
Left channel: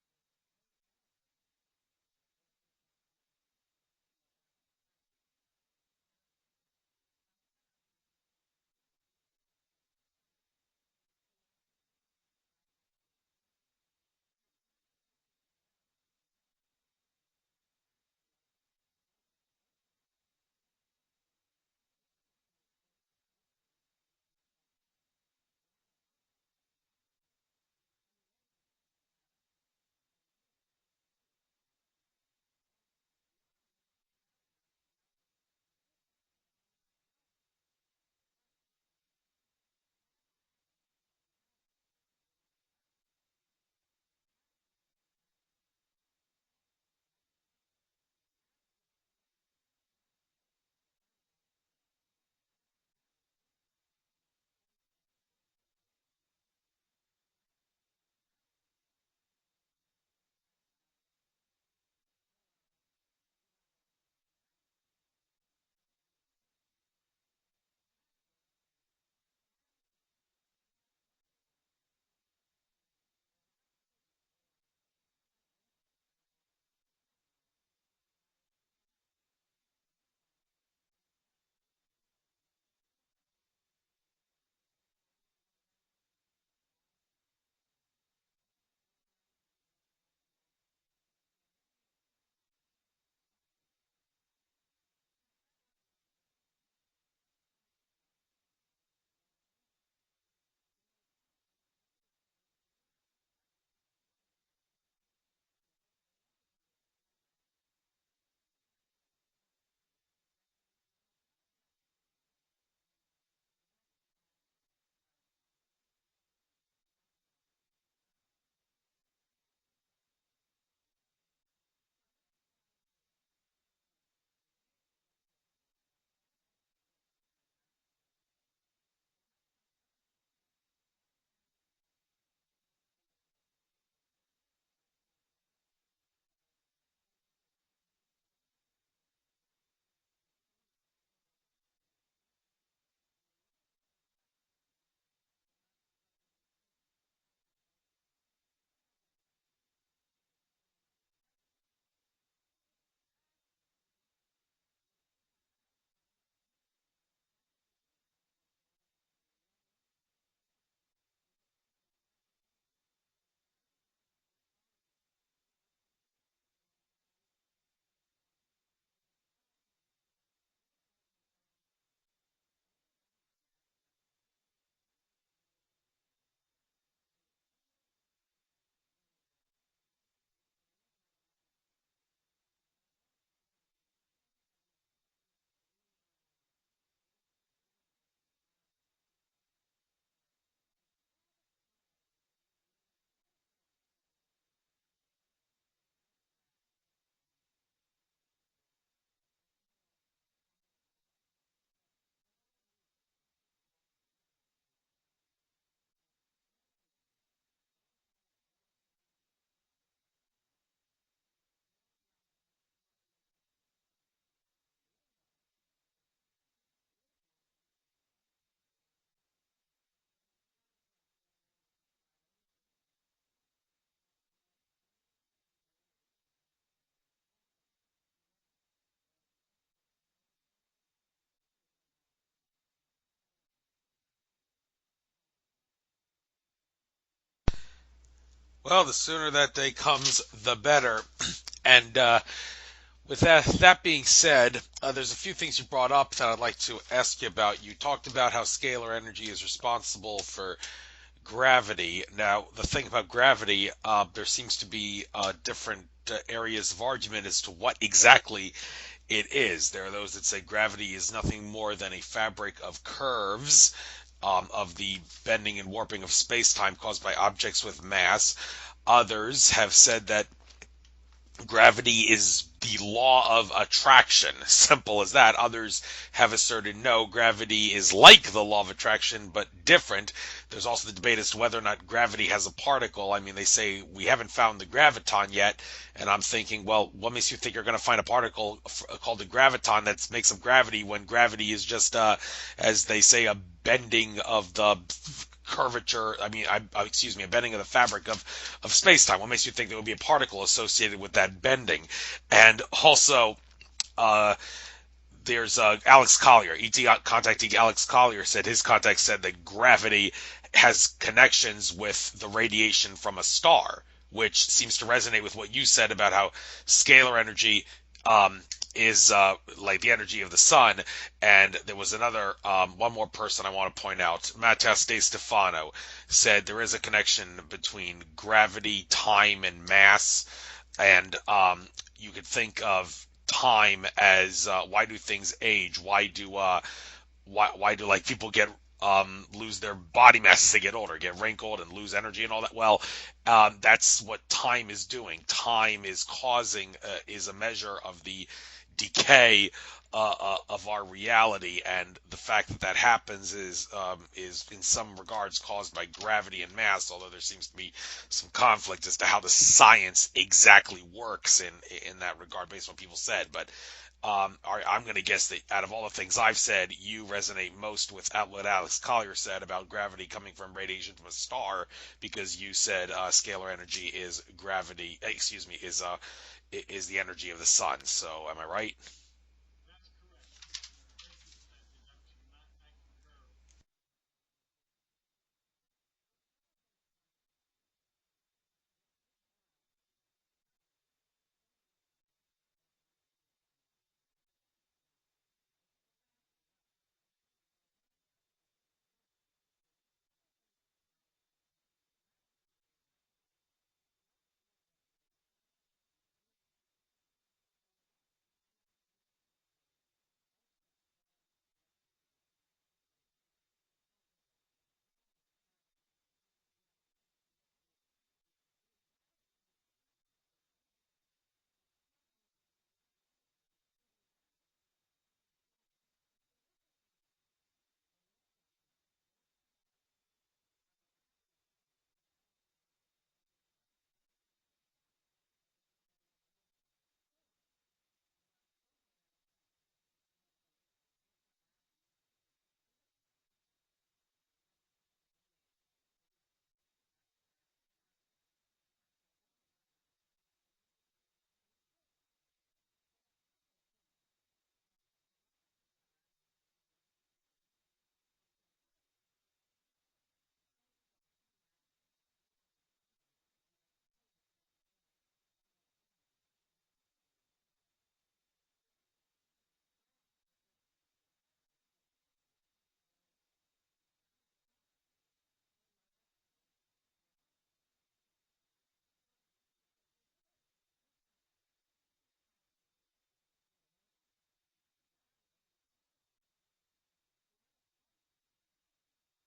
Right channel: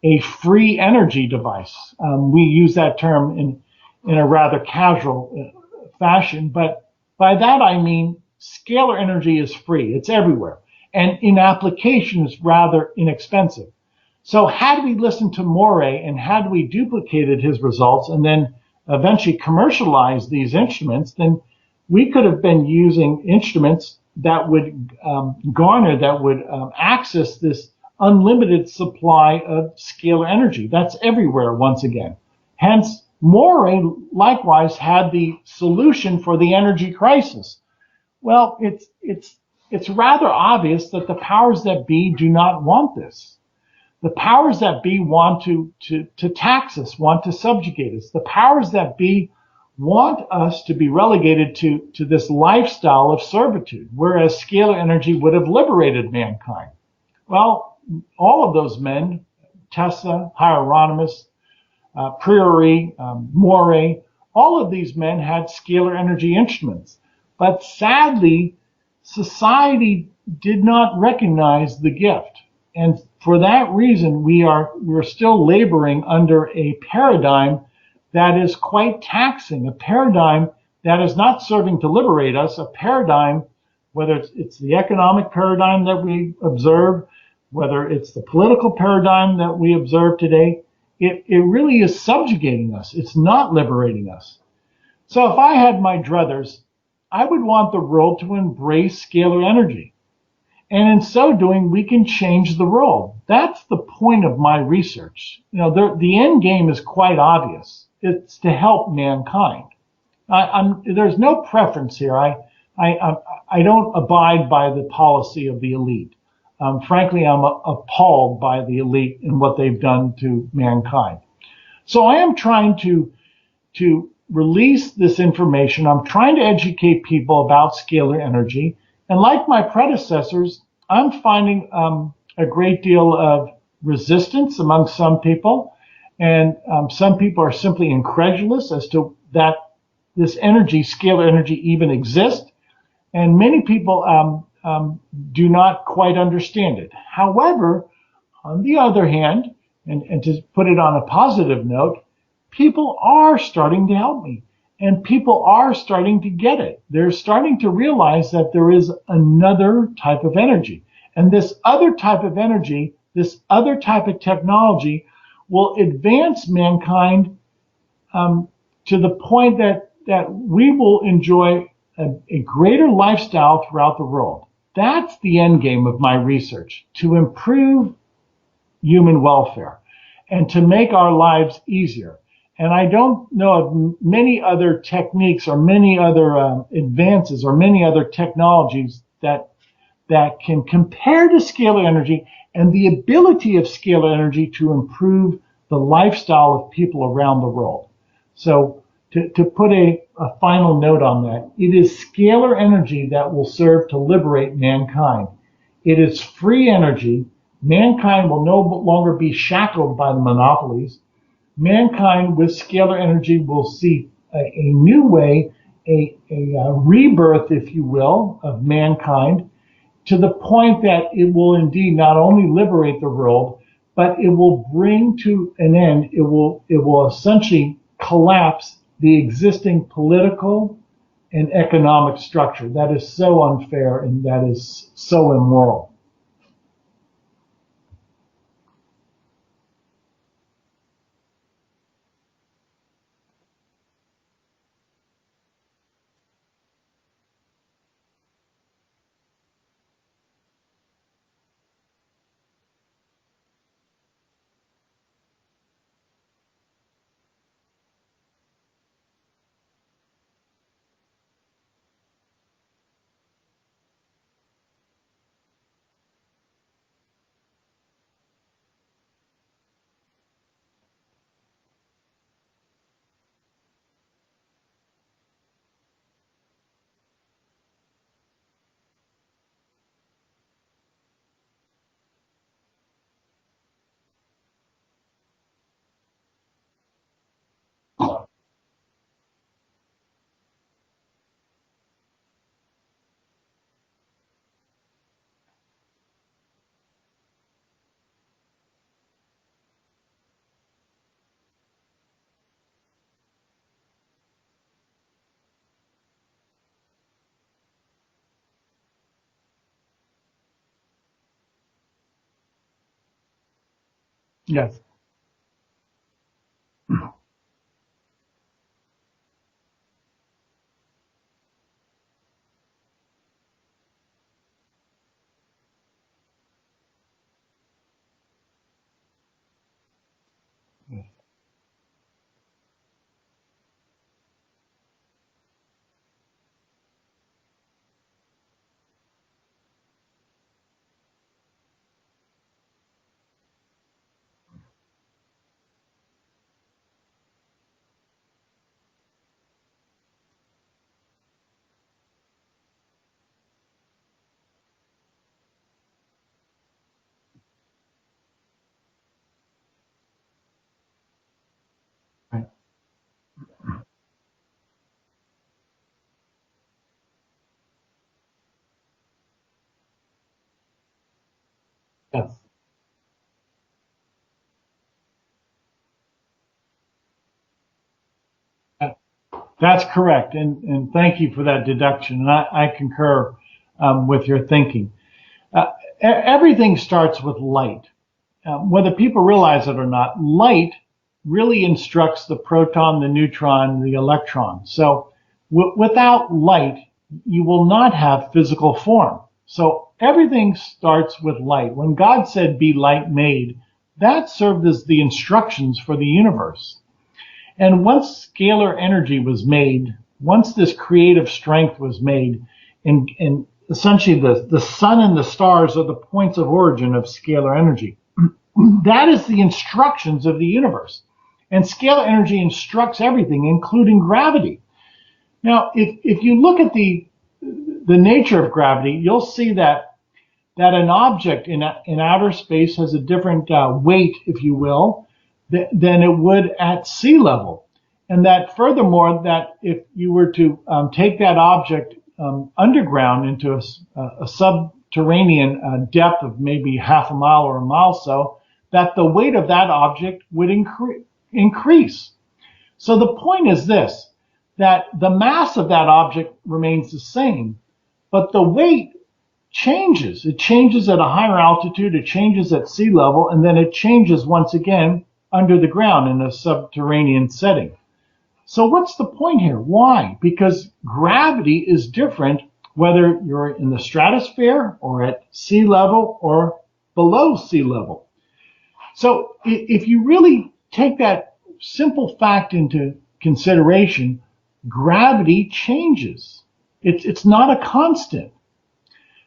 a free energy device. We use that term in a rather casual fashion, but by that I mean scalar energy is free. It's everywhere. And in application is rather inexpensive. So had we listened to Moray and had we duplicated his results and then eventually commercialized these instruments, then we could have been using instruments that would access this unlimited supply of scalar energy. That's everywhere, once again. Hence, Moray likewise had the solution for the energy crisis. Well, it's rather obvious that the powers that be do not want this. The powers that be want to tax us, want to subjugate us. The powers that be want us to be relegated to this lifestyle of servitude, whereas scalar energy would have liberated mankind. Well, all of those men, Tesla, Hieronymus, Priore, Moray, all of these men had scalar energy instruments. But sadly, society did not recognize the gift. And for that reason, we're still laboring under a paradigm that is quite taxing, a paradigm that is not serving to liberate us, a paradigm, whether it's the economic paradigm that we observe, whether it's the political paradigm that we observe today, it really is subjugating us. It's not liberating us. So if I had my druthers, I would want the world to embrace scalar energy. And in so doing, we can change the world. That's the point of my research. The end game is quite obvious. It's to help mankind. There's no preference here. I don't abide by the policy of the elite. Frankly, I'm appalled by the elite and what they've done to mankind. So I am trying to release this information. I'm trying to educate people about scalar energy. And like my predecessors, I'm finding a great deal of resistance among some people. And some people are simply incredulous as to that this energy, scalar energy, even exists. And many people do not quite understand it. However, on the other hand, and to put it on a positive note, people are starting to help me. And people are starting to get it. They're starting to realize that there is another type of energy. And this other type of energy, this other type of technology will advance mankind to the point that we will enjoy a greater lifestyle throughout the world. That's the end game of my research, to improve human welfare and to make our lives easier. And I don't know of many other techniques or many other advances or many other technologies that can compare to scalar energy and the ability of scalar energy to improve the lifestyle of people around the world. So to put a final note on that, it is scalar energy that will serve to liberate mankind. It is free energy. Mankind will no longer be shackled by the monopolies. Mankind with scalar energy will see a new way, a rebirth, if you will, of mankind, to the point that it will indeed not only liberate the world, but it will bring to an end, it will essentially collapse the existing political and economic structure that is so unfair and that is so immoral. Well, the sooner that day comes, the better. And with that being said, there's a few things you brought up that I'd like to ask you about. You talked about how scalar energy is responsible for gravity. Now, the thing about gravity, there seems to be different areas of argument as to what exactly it is. There are those that say gravity is nothing more than a fabric of curves, of the bending and warping of space-time caused by objects with mass. Others have said that gravity is the law of attraction, simple as that. Others have asserted no, gravity is like the law of attraction, but different. There's also the debate as to whether or not gravity has a particle. I mean, they say we haven't found the graviton yet, and I'm thinking, well, what makes you think you're going to find a particle called a graviton that makes up gravity when gravity is just, as they say, a bending of the curvature, a bending of the fabric of space-time. What makes you think there would be a particle associated with that bending? And also, there's Alex Collier, ET contactee Alex Collier said his contact said that gravity has connections with the radiation from a star, which seems to resonate with what you said about how scalar energy is like the energy of the sun. And there was another, one more person I want to point out. Matthias De Stefano said there is a connection between gravity, time, and mass. And you could think of time as why do things age? Why do like people get lose their body mass as they get older, get wrinkled and lose energy and all that? Well, That's what time is doing. Time is causing, is a measure of the decay of our reality, and the fact that that happens is in some regards caused by gravity and mass. Although there seems to be some conflict as to how the science exactly works in that regard, based on what people said. But I'm going to guess that out of all the things I've said, you resonate most with what Alex Collier said about gravity coming from radiation from a star, because you said scalar energy is gravity. Excuse me, is the energy of the sun. So am I right? That's correct, and thank you for that deduction. And I concur with your thinking. Everything starts with light. Whether people realize it or not, light really instructs the proton, the neutron, the electron. So without light, you will not have physical form. So everything starts with light. When God said, "Be light made," that served as the instructions for the universe. And once scalar energy was made, once this creative strength was made, and essentially the sun and the stars are the points of origin of scalar energy. That is the instructions of the universe. And scalar energy instructs everything, including gravity. Now, if you look at the nature of gravity, you'll see that an object in outer space has a different weight, if you will, than it would at sea level. And that furthermore, that if you were to take that object underground into a subterranean depth of maybe half a mile or a mile so, that the weight of that object would increase. So the point is this, that the mass of that object remains the same, but the weight changes. It changes at a higher altitude, it changes at sea level, and then it changes once again under the ground in a subterranean setting. So what's the point here? Why? Because gravity is different whether you're in the stratosphere or at sea level or below sea level. So if you really take that simple fact into consideration, gravity changes. It's not a constant.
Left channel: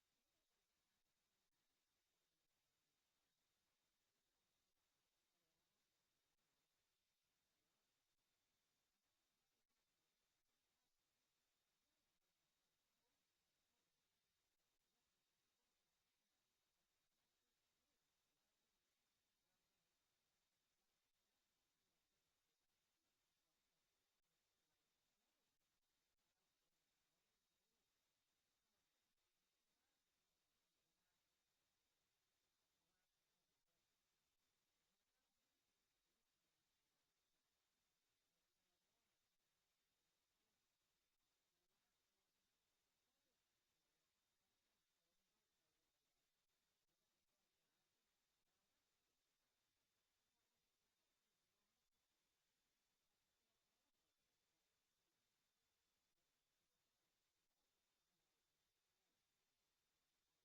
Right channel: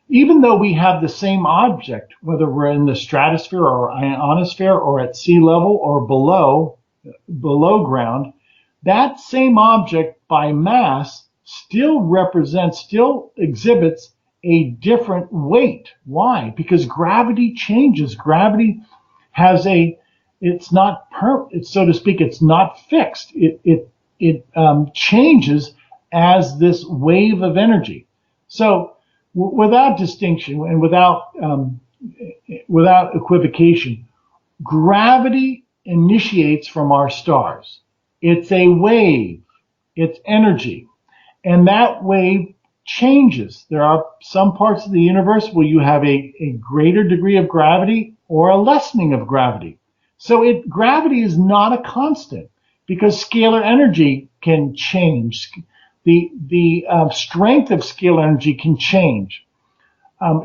Even though we have the same object, whether we're in the stratosphere or ionosphere or at sea level or below ground, that same object by mass still exhibits a different weight. Why? Because gravity changes. Gravity has it's not so to speak, it's not fixed. It changes as this wave of energy. So without distinction and without equivocation, gravity initiates from our stars. It's a wave, it's energy, and that wave changes. There are some parts of the universe where you have a greater degree of gravity or a lessening of gravity. So gravity is not a constant because scalar energy can change. The strength of scalar energy can change.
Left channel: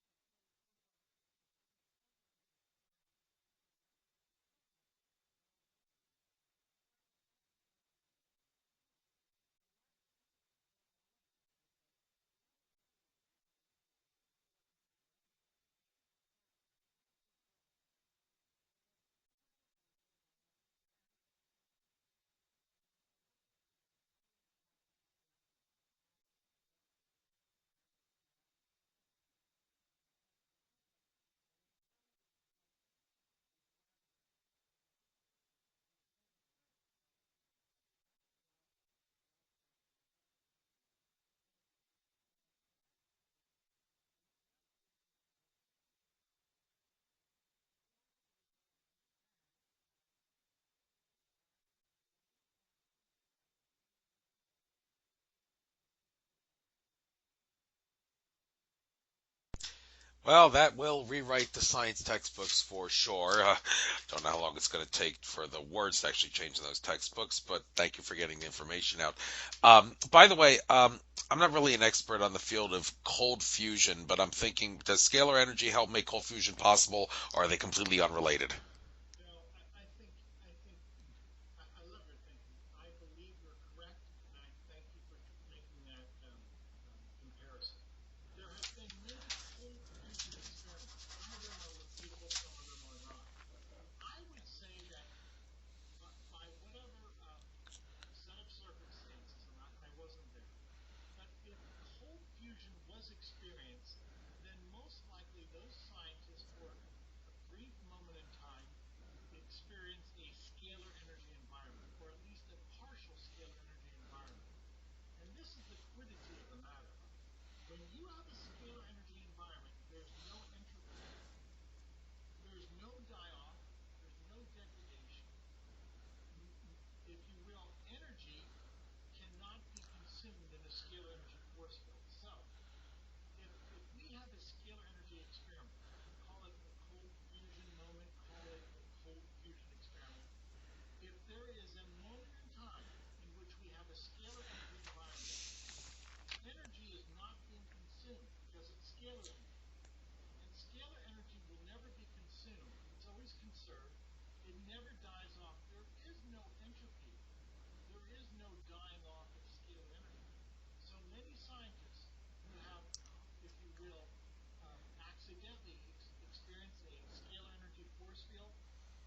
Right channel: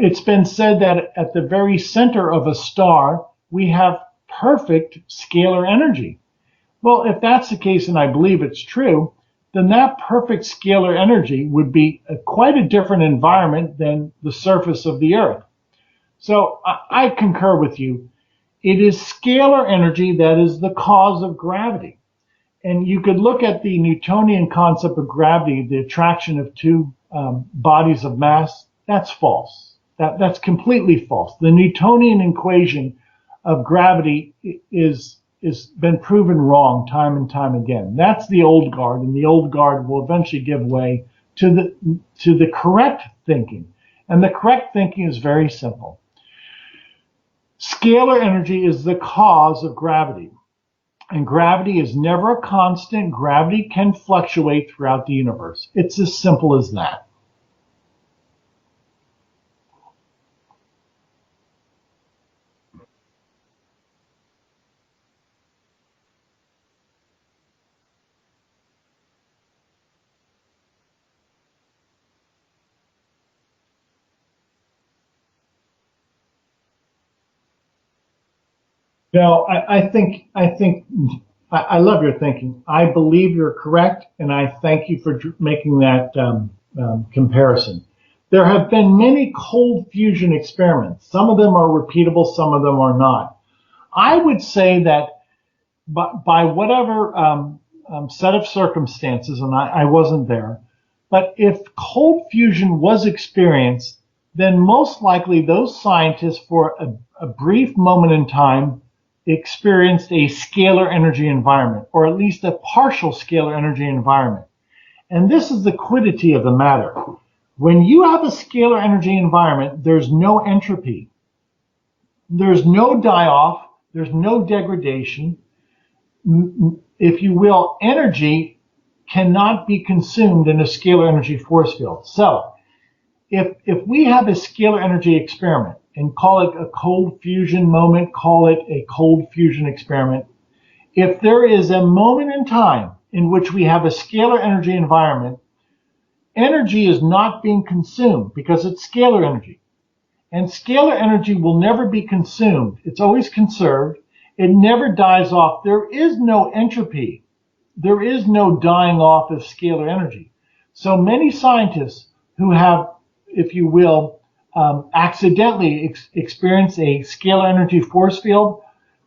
It's been said that at the very center of a star, we have perfect scalar energy. Well, if that's the case, and I believe it's true, then that perfect scalar energy would be quite a different environment than the surface of the Earth. So I concur with you. It is scalar energy that is the cause of gravity. And you could look at the Newtonian concept of gravity, the attraction of two bodies of mass. That's false. That's completely false. The Newtonian equation of gravity is been proven wrong time and time again. That's the old guard, and the old guard will eventually give way to the correct thinking. And the correct thinking is very simple. Scalar energy is the cause of gravity. And gravity is never a constant. Gravity can fluctuate throughout the universe. It's as simple as that. Well, that will rewrite the science textbooks for sure. Don't know how long it's going to take for the words to actually change in those textbooks, but thank you for getting the information out. By the way, I'm not really an expert on the field of cold fusion, but I'm thinking, does scalar energy help make cold fusion possible, or are they completely unrelated? No, I love your thinking. I believe you're correct, and I thank you for making that comparison. There have been many cold fusion experiments. Some of them are repeatable, some of them are not. I would say that by whatever set of circumstances, and I wasn't there, but if cold fusion was experienced, then most likely those scientists, for a brief moment in time, experienced a scalar energy environment, or at least a partial scalar energy environment. And this is the quiddity of the matter. When you have a scalar energy environment, there's no entropy. There's no die-off. There's no degradation. If you will, energy cannot be consumed in a scalar energy force field. So if we have a scalar energy experiment, and call it a cold fusion moment, call it a cold fusion experiment, if there is a moment in time in which we have a scalar energy environment, energy is not being consumed because it's scalar energy. And scalar energy will never be consumed. It's always conserved. It never dies off. There is no entropy. There is no dying off of scalar energy. So many scientists who have, if you will, accidentally experienced a scalar energy force field,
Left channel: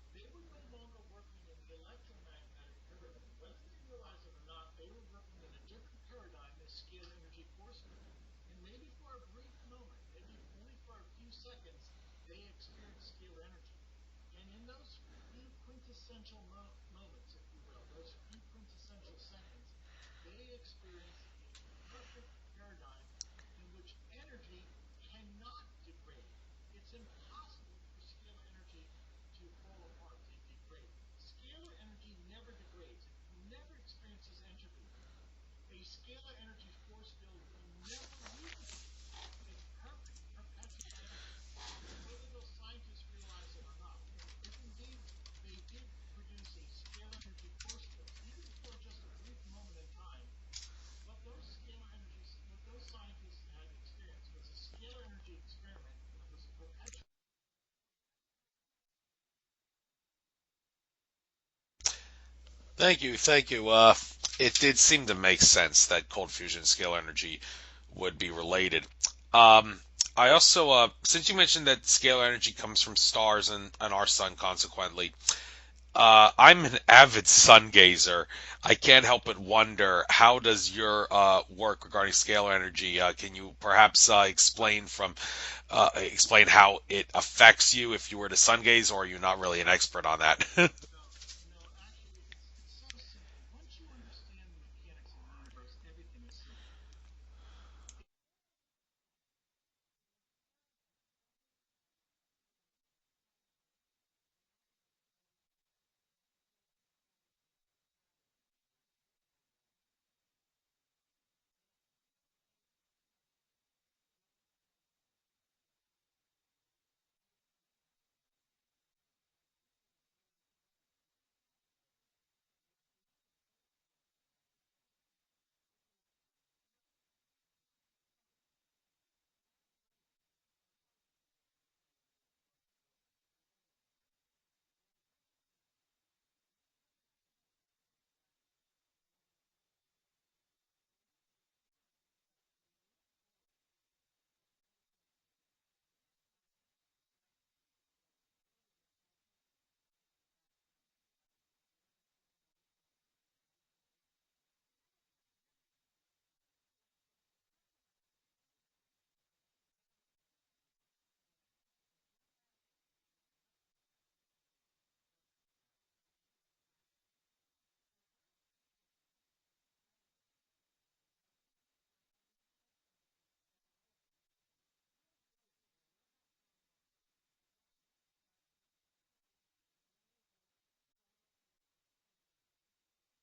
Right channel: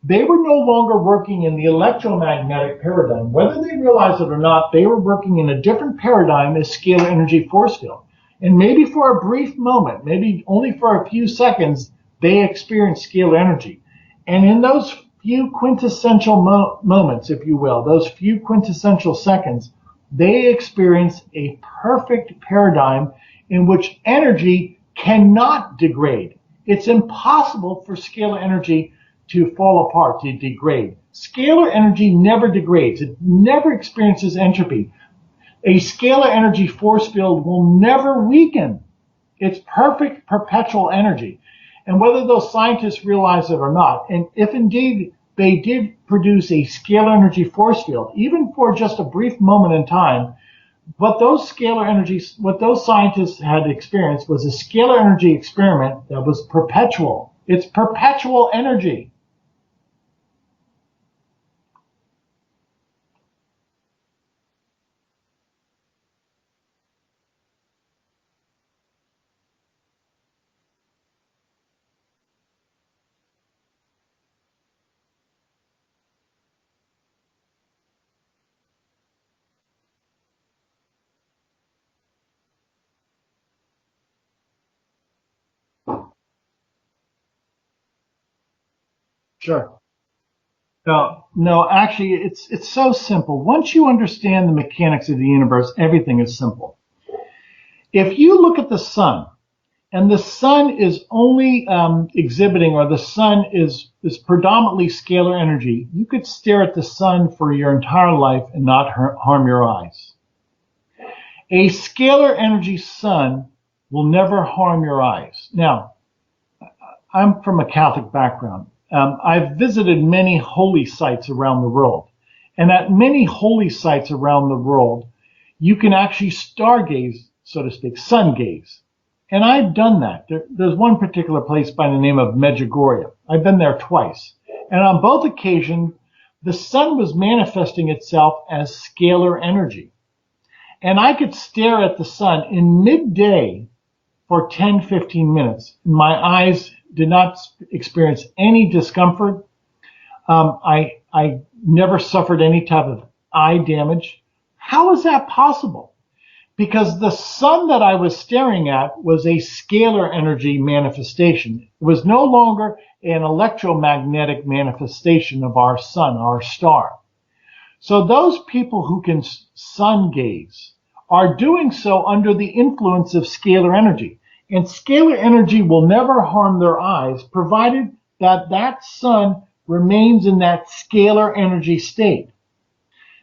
they were no longer working in the electromagnetic paradigm. Whether they realized it or not, they were working in a different paradigm as scalar energy force field. And maybe for a brief moment, maybe only for a few seconds, they experienced scalar energy. And in those few quintessential moments, if you will, those few quintessential seconds, they experience a perfect paradigm in which energy cannot degrade. It's impossible for scalar energy to fall apart, to degrade. Scalar energy never degrades. It never experiences entropy. A scalar energy force field will never weaken. It's perfect perpetual energy. And whether those scientists realize it or not, and if indeed they did produce a scalar energy force field, even for just a brief moment in time, what those scientists had experienced was a scalar energy experiment that was perpetual. It's perpetual energy. Thank you. It did seem to make sense that cold fusion and scalar energy would be related. I also, since you mentioned that scalar energy comes from stars and our sun, consequently, I'm an avid sun gazer. I can't help but wonder, how does your work regarding scalar energy? Can you perhaps explain how it affects you if you were to sun gaze, or are you not really Sure. an expert on that? No, actually, it's so simple. Once you understand the mechanics of the universe, everything is simple. If you look at the sun, and the sun is only exhibiting, or the sun is predominantly scalar energy, you could stare at the sun for your entire life and not harm your eyes. A scalar energy sun will never harm your eyes. Now, I'm from a Catholic background. I've visited many holy sites around the world. And at many holy sites around the world, you can actually stargaze, so to speak, sun gaze. And I've done that. There's one particular place by the name of Medjugorje. I've been there twice. And on both occasions, the sun was manifesting itself as scalar energy. And I could stare at the sun in midday for 10, 15 minutes. My eyes did not experience any discomfort. I never suffered any type of eye damage. How is that possible? Because the sun that I was staring at was a scalar energy manifestation. It was no longer an electromagnetic manifestation of our sun, our star. So those people who can sun gaze are doing so under the influence of scalar energy. And scalar energy will never harm their eyes, provided that that sun remains in that scalar energy state.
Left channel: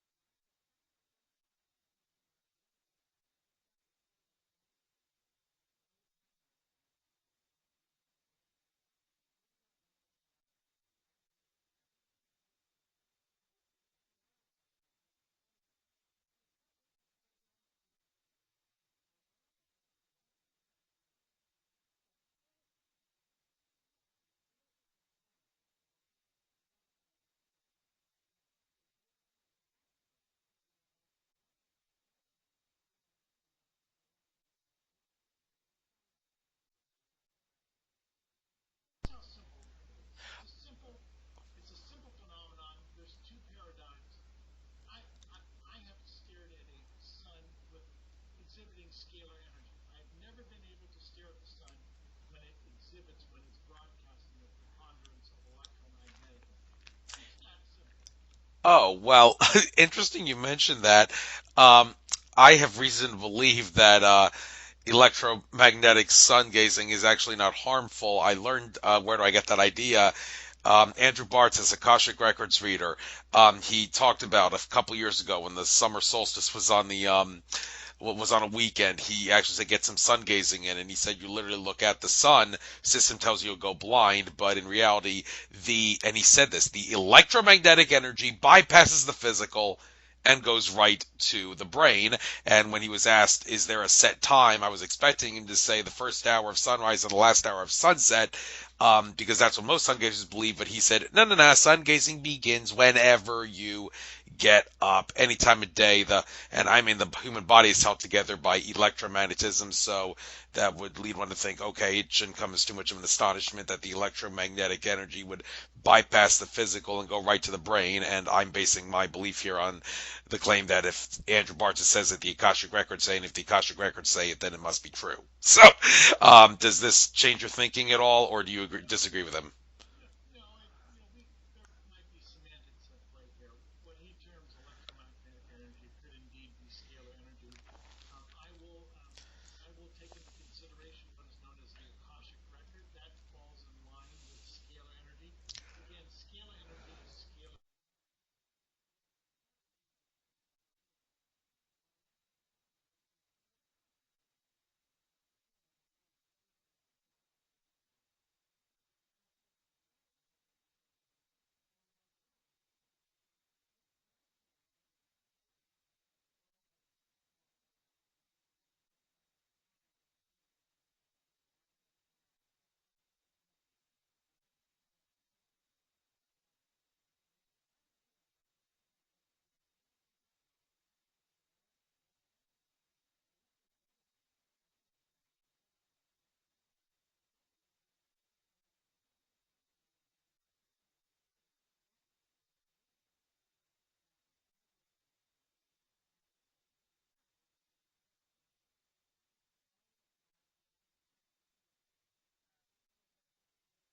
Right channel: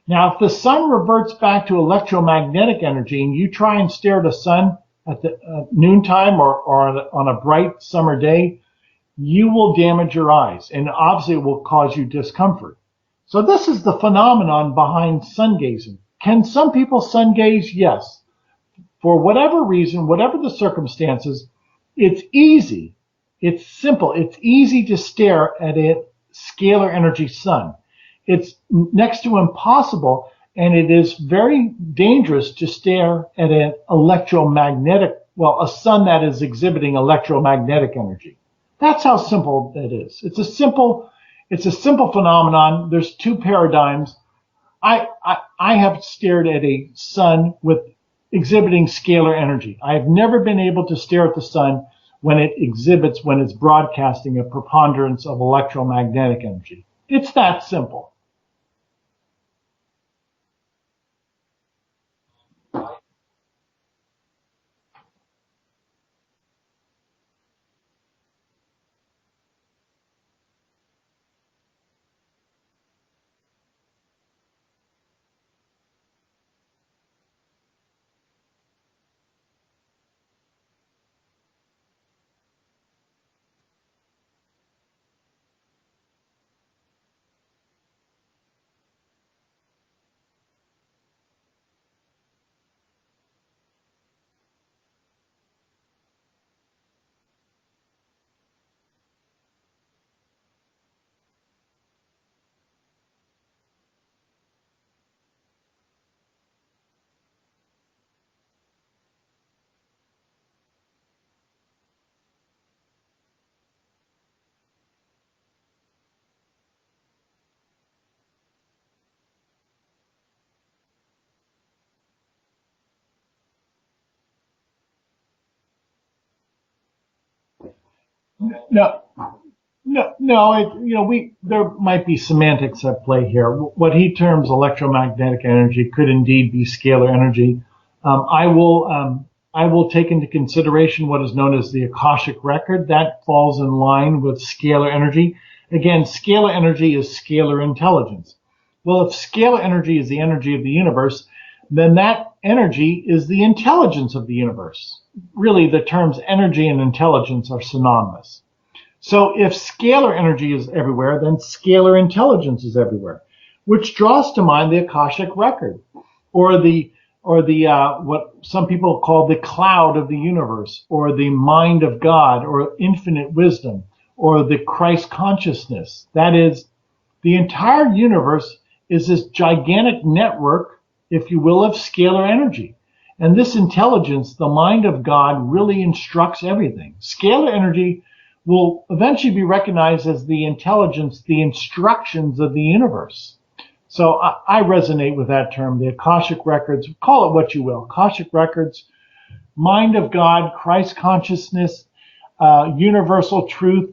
Now, if the sun reverts back to electromagnetic energy and you try and stare at the sun at the noontime or on a bright summer day, you will damage your eyes, and obviously it will cause you discomfort. So this is the phenomenon behind sun gazing. Can some people sun gaze? Yes. For whatever reason, whatever the circumstances, it's easy. It's simple. It's easy to stare at a scalar energy sun. It's next to impossible, and it is very dangerous to stare at an electromagnetic, a sun that is exhibiting electromagnetic energy. That's how simple it is. It's a simple It's a simple phenomenon. There's two paradigms. I have stared at a sun with exhibiting scalar energy. I have never been able to stare at the sun when it's broadcasting a preponderance of electromagnetic energy. It's that simple. Oh, well, interesting you mentioned that. Um, I have reason to believe that electromagnetic sun gazing is actually not harmful. I learned, where do I get that idea? Andrew Bartz is a Akashic Records reader. He talked about a couple years ago when the summer solstice was on the was on a weekend. He actually said get some sun gazing in, and he said you literally look at the sun, system tells you you'll go blind, but in reality, and he said this, the electromagnetic energy bypasses the physical and goes right to the brain. And when he was asked, is there a set time, I was expecting him to say the first hour of sunrise and the last hour of sunset, because that's what most sun gazers believe. But he said, no, no, no, sun gazing begins whenever you get up, any time of day. And I mean, the human body is held together by electromagnetism, so that would lead one to think, okay, it shouldn't come as too much of an astonishment that the electromagnetic energy would bypass the physical and go right to the brain. And I'm basing my belief here on the claim that if Andrew Bartz says it, the Akashic Records say, and if the Akashic Records say it, then it must be true. So, does this change your thinking at all, or do you No, disagree with him? no. There might be semantics at play here. What he terms electromagnetic energy could indeed be scalar energy. I will take into consideration what is known as the Akashic record. That falls in line with scalar energy. Again, scalar energy is scalar intelligence. Well, if scalar energy is the energy of the universe, then that energy is the intelligence of the universe. Really, the terms energy and intelligence are synonymous. So if scalar energy is everywhere, then scalar intelligence is everywhere, which draws to mind the Akashic record, or the what some people call the cloud of the universe, or the mind of God, or infinite wisdom, or the Christ consciousness. That is, the entire universe is this gigantic network, if you will, of scalar energy. And this intelligence, the mind of God, really instructs everything. Scalar energy will eventually be recognized as the intelligence, the instructions of the universe. So I resonate with that term, the Akashic records, call it what you will. Akashic records, mind of God, Christ consciousness, universal truth,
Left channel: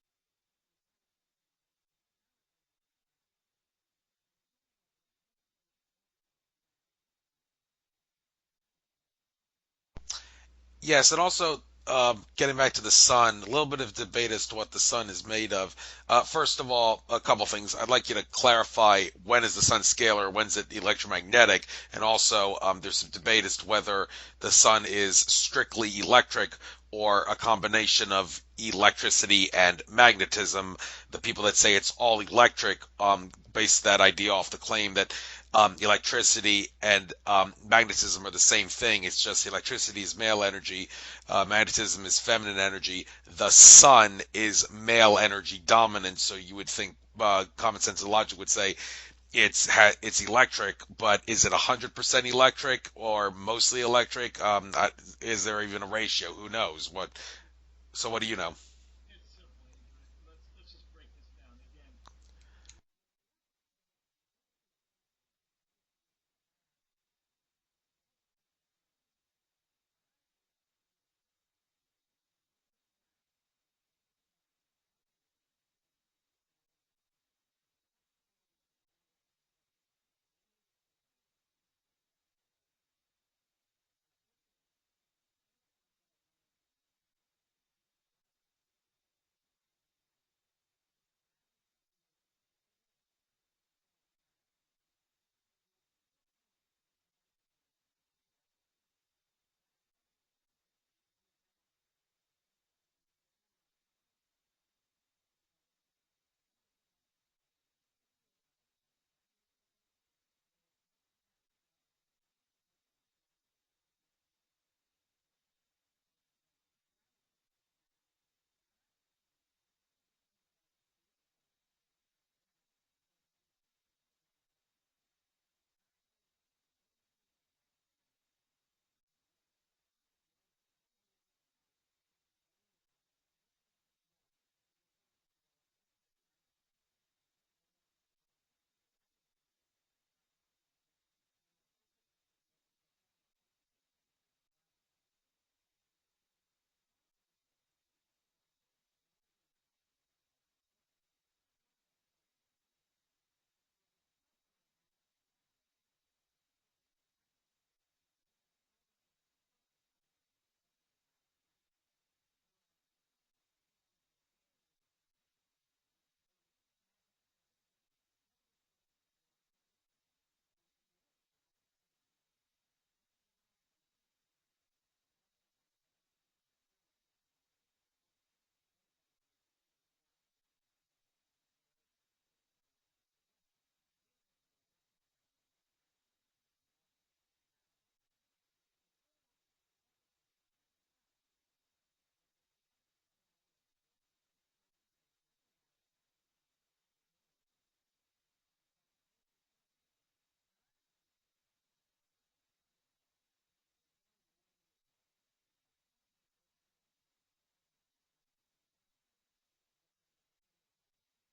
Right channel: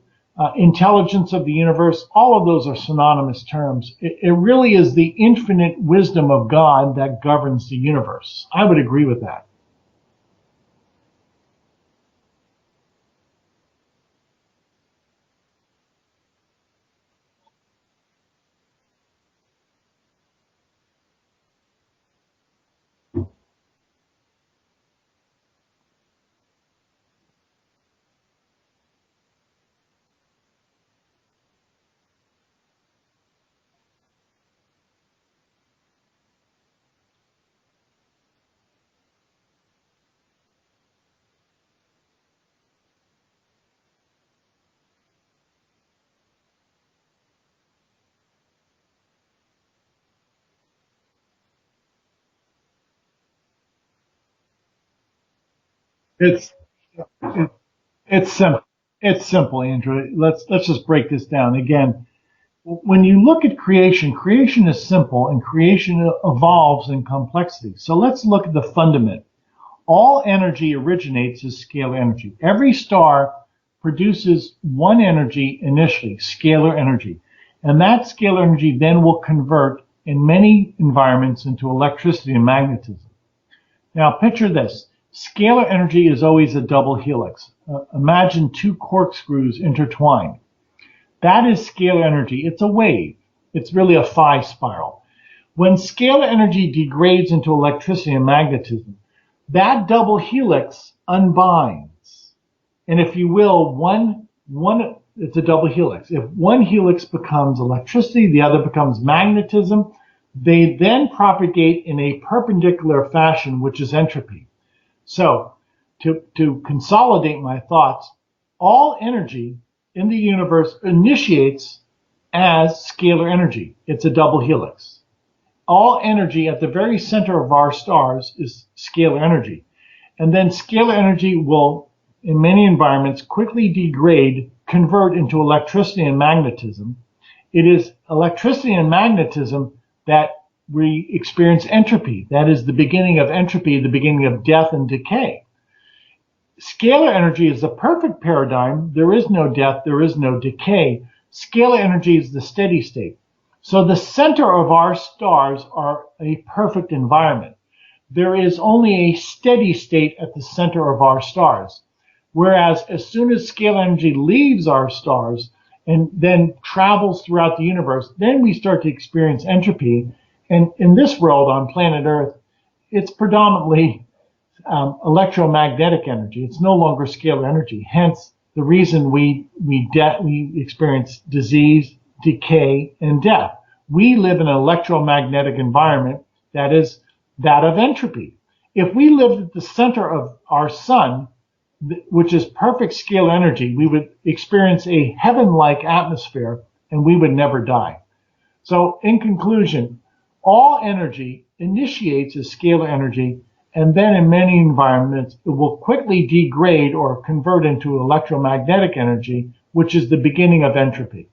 intelligence of the universe, all of those are synonymous terms. It really is the infinite wisdom of God that governs the universe. I would agree with that. Yes, and also getting back to the sun, a little bit of debate as to what the sun is made of. First of all, a couple things. I'd like you to clarify, when is the sun scalar, when's it electromagnetic, and also there's some debate as to whether the sun is strictly electric or a combination of electricity and magnetism. The people that say it's all electric base that idea off the claim that electricity and magnetism are the same thing. It's just electricity is male energy, magnetism is feminine energy. The sun is male energy dominant, so you would think common sense and logic would say it's electric, but is it 100% electric or mostly electric? Is there even a ratio? It's Who knows? What? it, So what do it's you know? simple. It's simple, Andrew. Let's just break this down again. When you look at creation, creation is simple and creation evolves in complexity. So let's look at the fundament. All energy originates as scalar energy. Every star produces one energy initially, scalar energy. And that scalar energy then will convert in many environments into electricity and magnetism. Now picture this. Scalar energy is always a double helix. Imagine two corkscrews intertwined. That is scalar energy. It's a wave. It's really a phi spiral. When scalar energy degrades into electricity and magnetism, that double helix unbinds. And if you will, it's a double helix. If one helix becomes electricity, the other becomes magnetism, they then propagate in a perpendicular fashion, which is entropy. So to consolidate my thoughts, all energy in the universe initiates as scalar energy. It's a double helix. All energy at the very center of our stars is scalar energy. And then scalar energy will, in many environments, quickly degrade, convert into electricity and magnetism. It is electricity and magnetism that we experience entropy. That is the beginning of entropy, the beginning of death and decay. Scalar energy is the perfect paradigm. There is no death, there is no decay. Scalar energy is the steady state. So the center of our stars are a perfect environment. There is only a steady state at the center of our stars. Whereas as soon as scalar energy leaves our stars and then travels throughout the universe, then we start to experience entropy. And in this world on planet Earth, it's predominantly electromagnetic energy. It's no longer scalar energy. Hence the reason we experience disease, decay, and death. We live in an electromagnetic environment that is that of entropy. If we lived at the center of our sun, which is perfect scalar energy, we would experience a heaven-like atmosphere and we would never die. So in conclusion, all energy initiates as scalar energy, and then in many environments, it will quickly degrade or convert into electromagnetic energy, which is the beginning of entropy.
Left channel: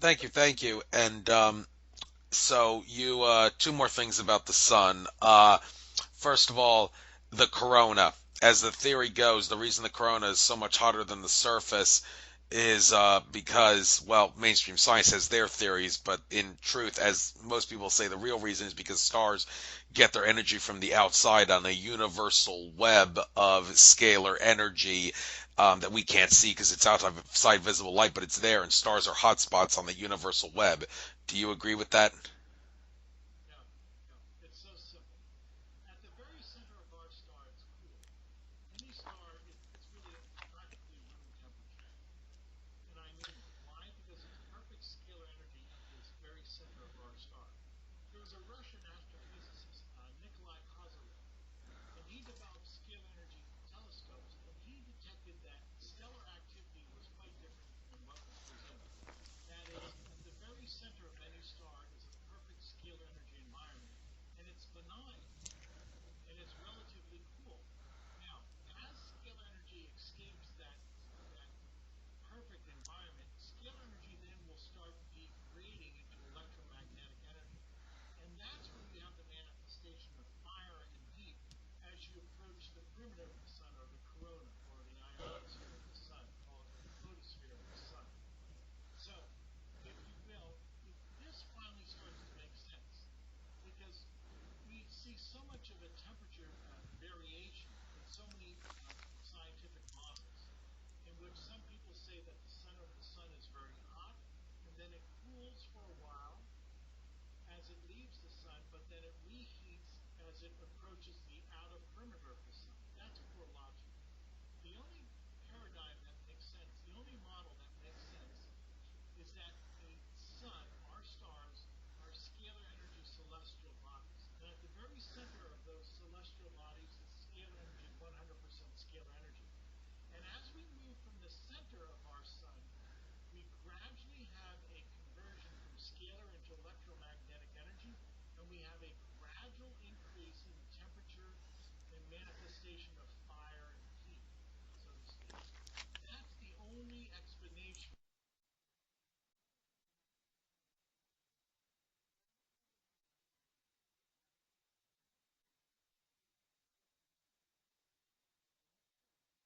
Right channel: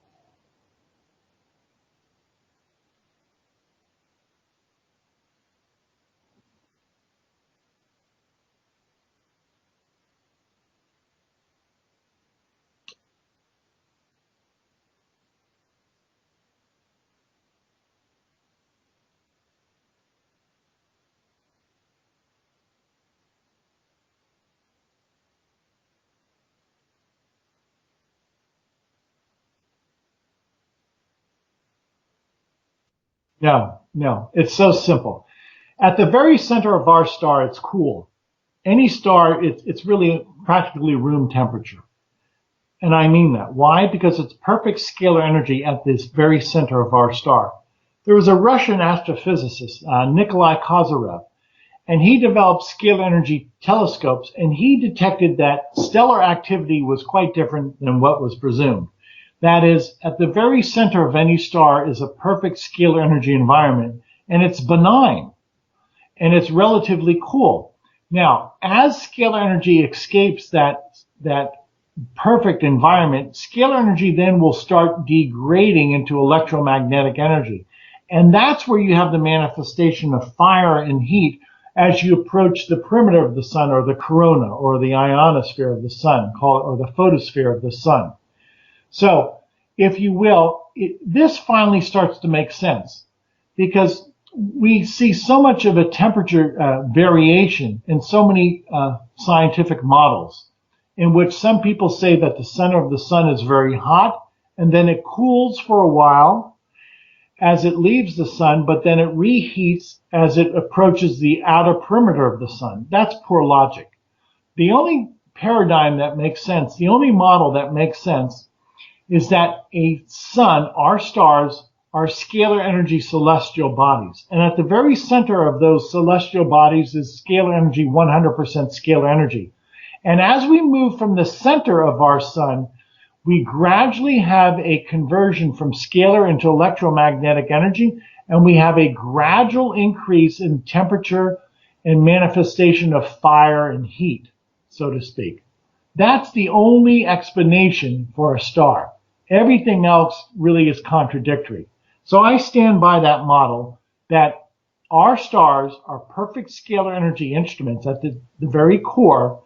Thank you. And so you two more things about the sun. First of all, the corona. As the theory goes, the reason the corona is so much hotter than the surface is because, well, mainstream science has their theories, but in truth, as most people say, the real reason is because stars get their energy from the outside on a universal web of scalar energy that we can't see because it's outside visible light, but it's there, and stars are hotspots on the universal web. Do you agree with that? No, it's so simple. At the very center of our star, it's cool. Any star, it's really practically room temperature. And I mean that. Why? Because it's perfect scalar energy at this very center of our star. There was a Russian astrophysicist, Nikola Tesla, and he developed scalar energy telescopes, and he detected that stellar activity was quite different than what was presumed. That is, at the very center of any star is a perfect scalar energy environment, and it's benign, and it's relatively cool. Now, as scalar energy escapes that perfect environment, scalar energy then will start degrading into electromagnetic energy. And that's where you have the manifestation of fire and heat as you approach the perimeter of the sun, or the corona, or the ionosphere of the sun, or the photosphere of the sun. So, if you will, this finally starts to make sense, because we see so much of a temperature variation in so many scientific models, in which some people say that the center of the sun is very hot, and then it cools for a while as it leaves the sun, but then it reheats as it approaches the outer perimeter of the sun. That's poor logic. The only paradigm that makes sense, the only model that makes sense, is that a sun, our stars, are scalar energy celestial bodies. And at the very center of those celestial bodies is scalar energy, 100% scalar energy. And as we move from the center of our sun, we gradually have a conversion from scalar into electromagnetic energy, and we have a gradual increase in temperature and manifestation of fire and heat, so to speak. That's the only explanation for a star. Everything else really is contradictory. So I stand by that model that our stars are perfect scalar energy instruments at the very core,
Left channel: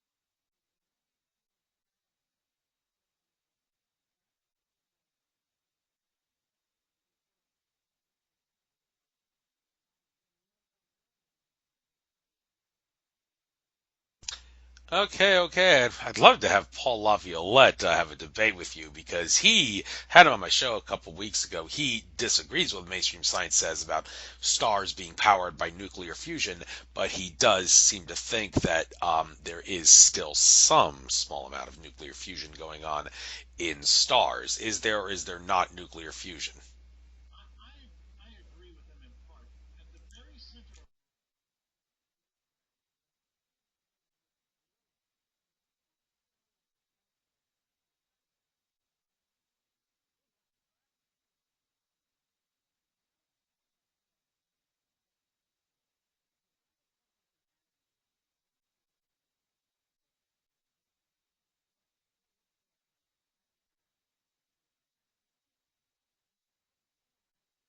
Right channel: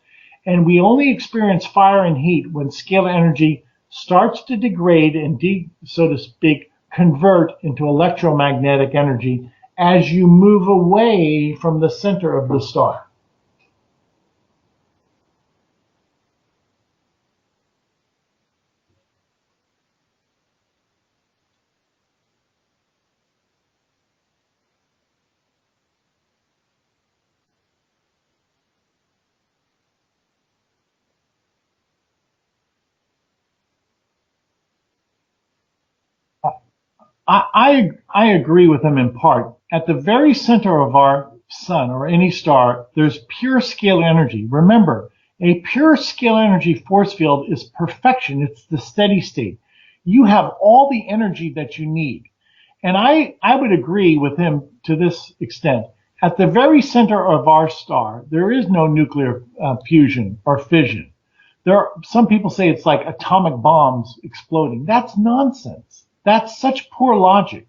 and we only experience fire and heat when scalar energy starts to degrade and, so to speak, convert into electromagnetic energy as you move away from the center of the star. Okay. I'd love to have Paul Laviolette have a debate with you, because he had him on my show a couple weeks ago. He disagrees with what mainstream science says about stars being powered by nuclear fusion, but he does seem to think that there is still some small amount of nuclear fusion going on in stars. Is there or is there not nuclear fusion? I agree with him in part. At the very center of our sun or any star, there's pure scalar energy. Remember, a pure scalar energy force field is perfection. It's the steady state. You have all the energy that you need. And I would agree with him to this extent. At the very center of our star, there is no nuclear fusion or fission. some people say it's like atomic bombs exploding. That's nonsense. That's such poor logic.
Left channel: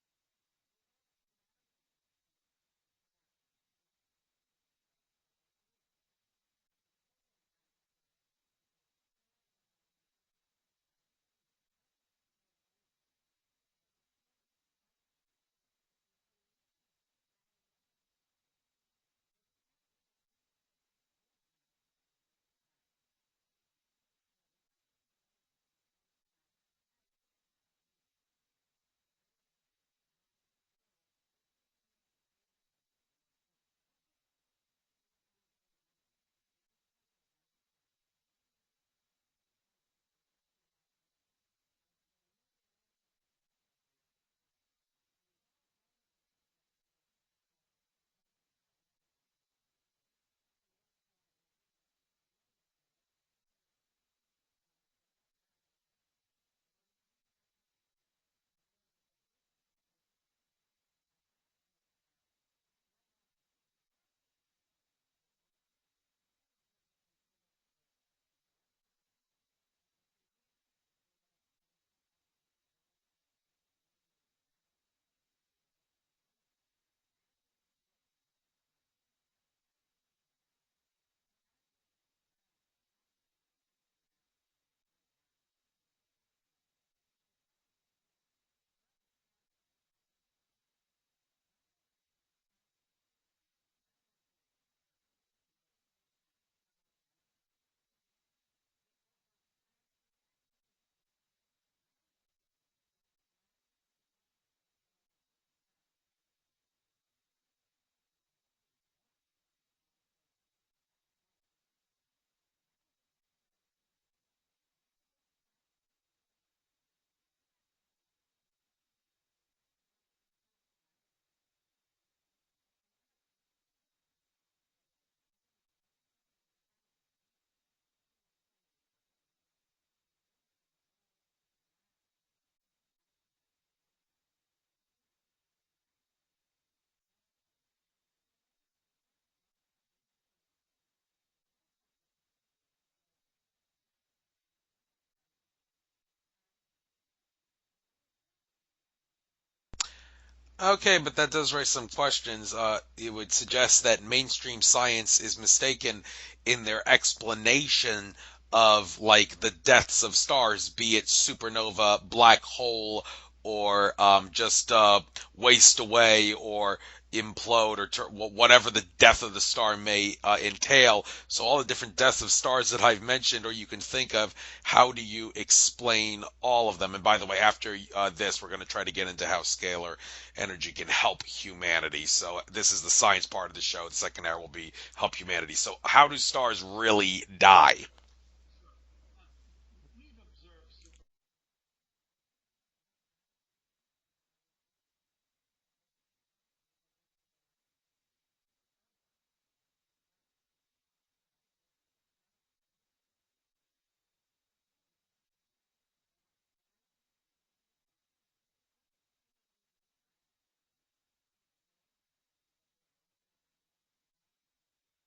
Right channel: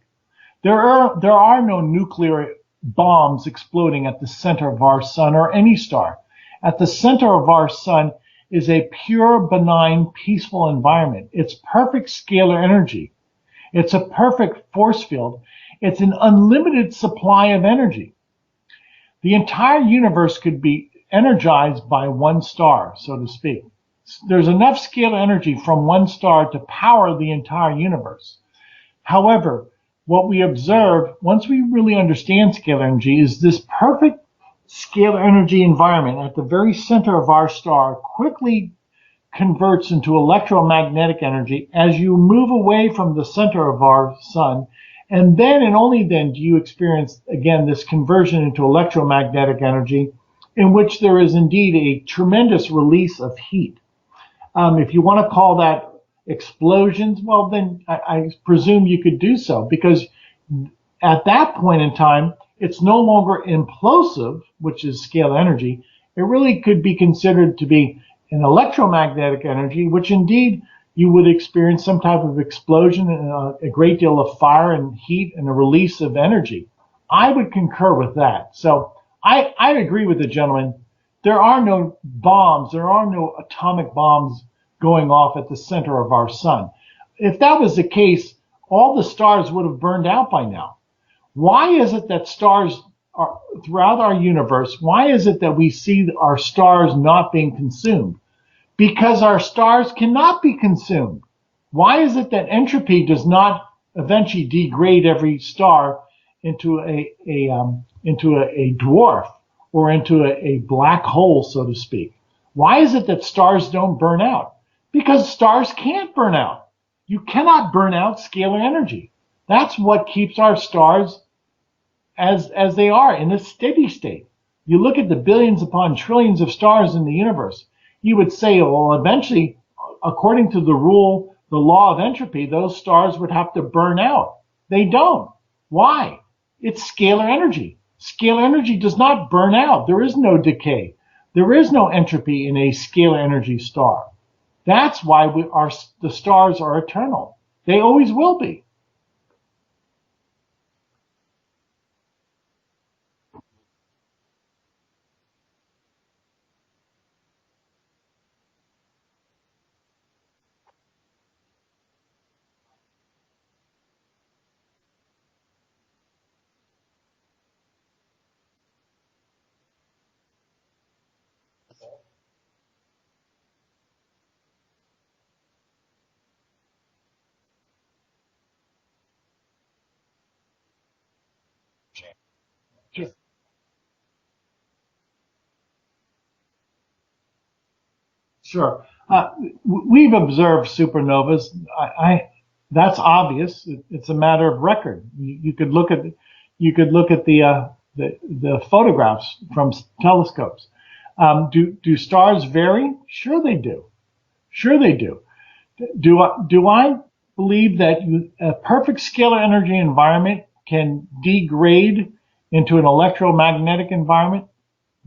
There are no nuclear bombs exploding at the center of our sun or any star. At the center of our sun is a pure, benign, peaceful environment. It's perfect scalar energy. It's a perfect force field. It's an unlimited supply of energy. The entire universe could be energized by one star, so to speak. There's enough scalar energy from one star to power the entire universe. However, what we observe, once we really understand scalar energy, is this perfect scalar energy environment at the very center of our star quickly converts into electromagnetic energy as you move away from the center of our sun. And then and only then do you experience, again, this conversion into electromagnetic energy, in which there is indeed a tremendous release of heat. If you want to call that explosions, well, then I presume you could do so, because at that point in time, it's no longer implosive, which is scalar energy. It really could be considered to be an electromagnetic energy, which indeed you would experience some type of explosion and a great deal of fire and heat and a release of energy. I would concur with that. So I agree with the gentleman. There are no bombs, there are no atomic bombs going off at the center of our sun. If that was the case, all the stars would have burned out by now. Why is it that stars are throughout our universe, why is it that we see our stars not being consumed? Because our stars cannot be consumed. Why is it that entropy does not eventually degrade every star into a dwarf or into a black hole, so to speak? Why is it that stars don't burn out? Because stars can't burn out. You cannot burn out scalar energy. That's what keeps our stars as they are in a steady state. You look at the billions upon trillions of stars in the universe, you would say, well, eventually, according to the law of entropy, those stars would have to burn out. They don't. Why? It's scalar energy. Scalar energy does not burn out. There is no decay. There is no entropy in a scalar energy star. That's why the stars are eternal. They always will be. Okay, but that does raise some questions. It would suggest that mainstream science is mistaken in their explanation of like the deaths of stars, be it supernova, black hole, or just waste away or implode or whatever the death of the star may entail. So all the different deaths of stars that I've mentioned or you can think of, how do you explain all of them? And by the way, after this, we're going to try to get into how scalar energy can help humanity. So this is the science part of the show. The second hour will be help humanity. So how do stars really die? Sure. We've observed supernovas. That's obvious. It's a matter of record. You could look at the photographs from telescopes. Do stars vary? Sure they do. Sure they do. Do I believe that a perfect scalar energy environment can degrade into an electromagnetic environment?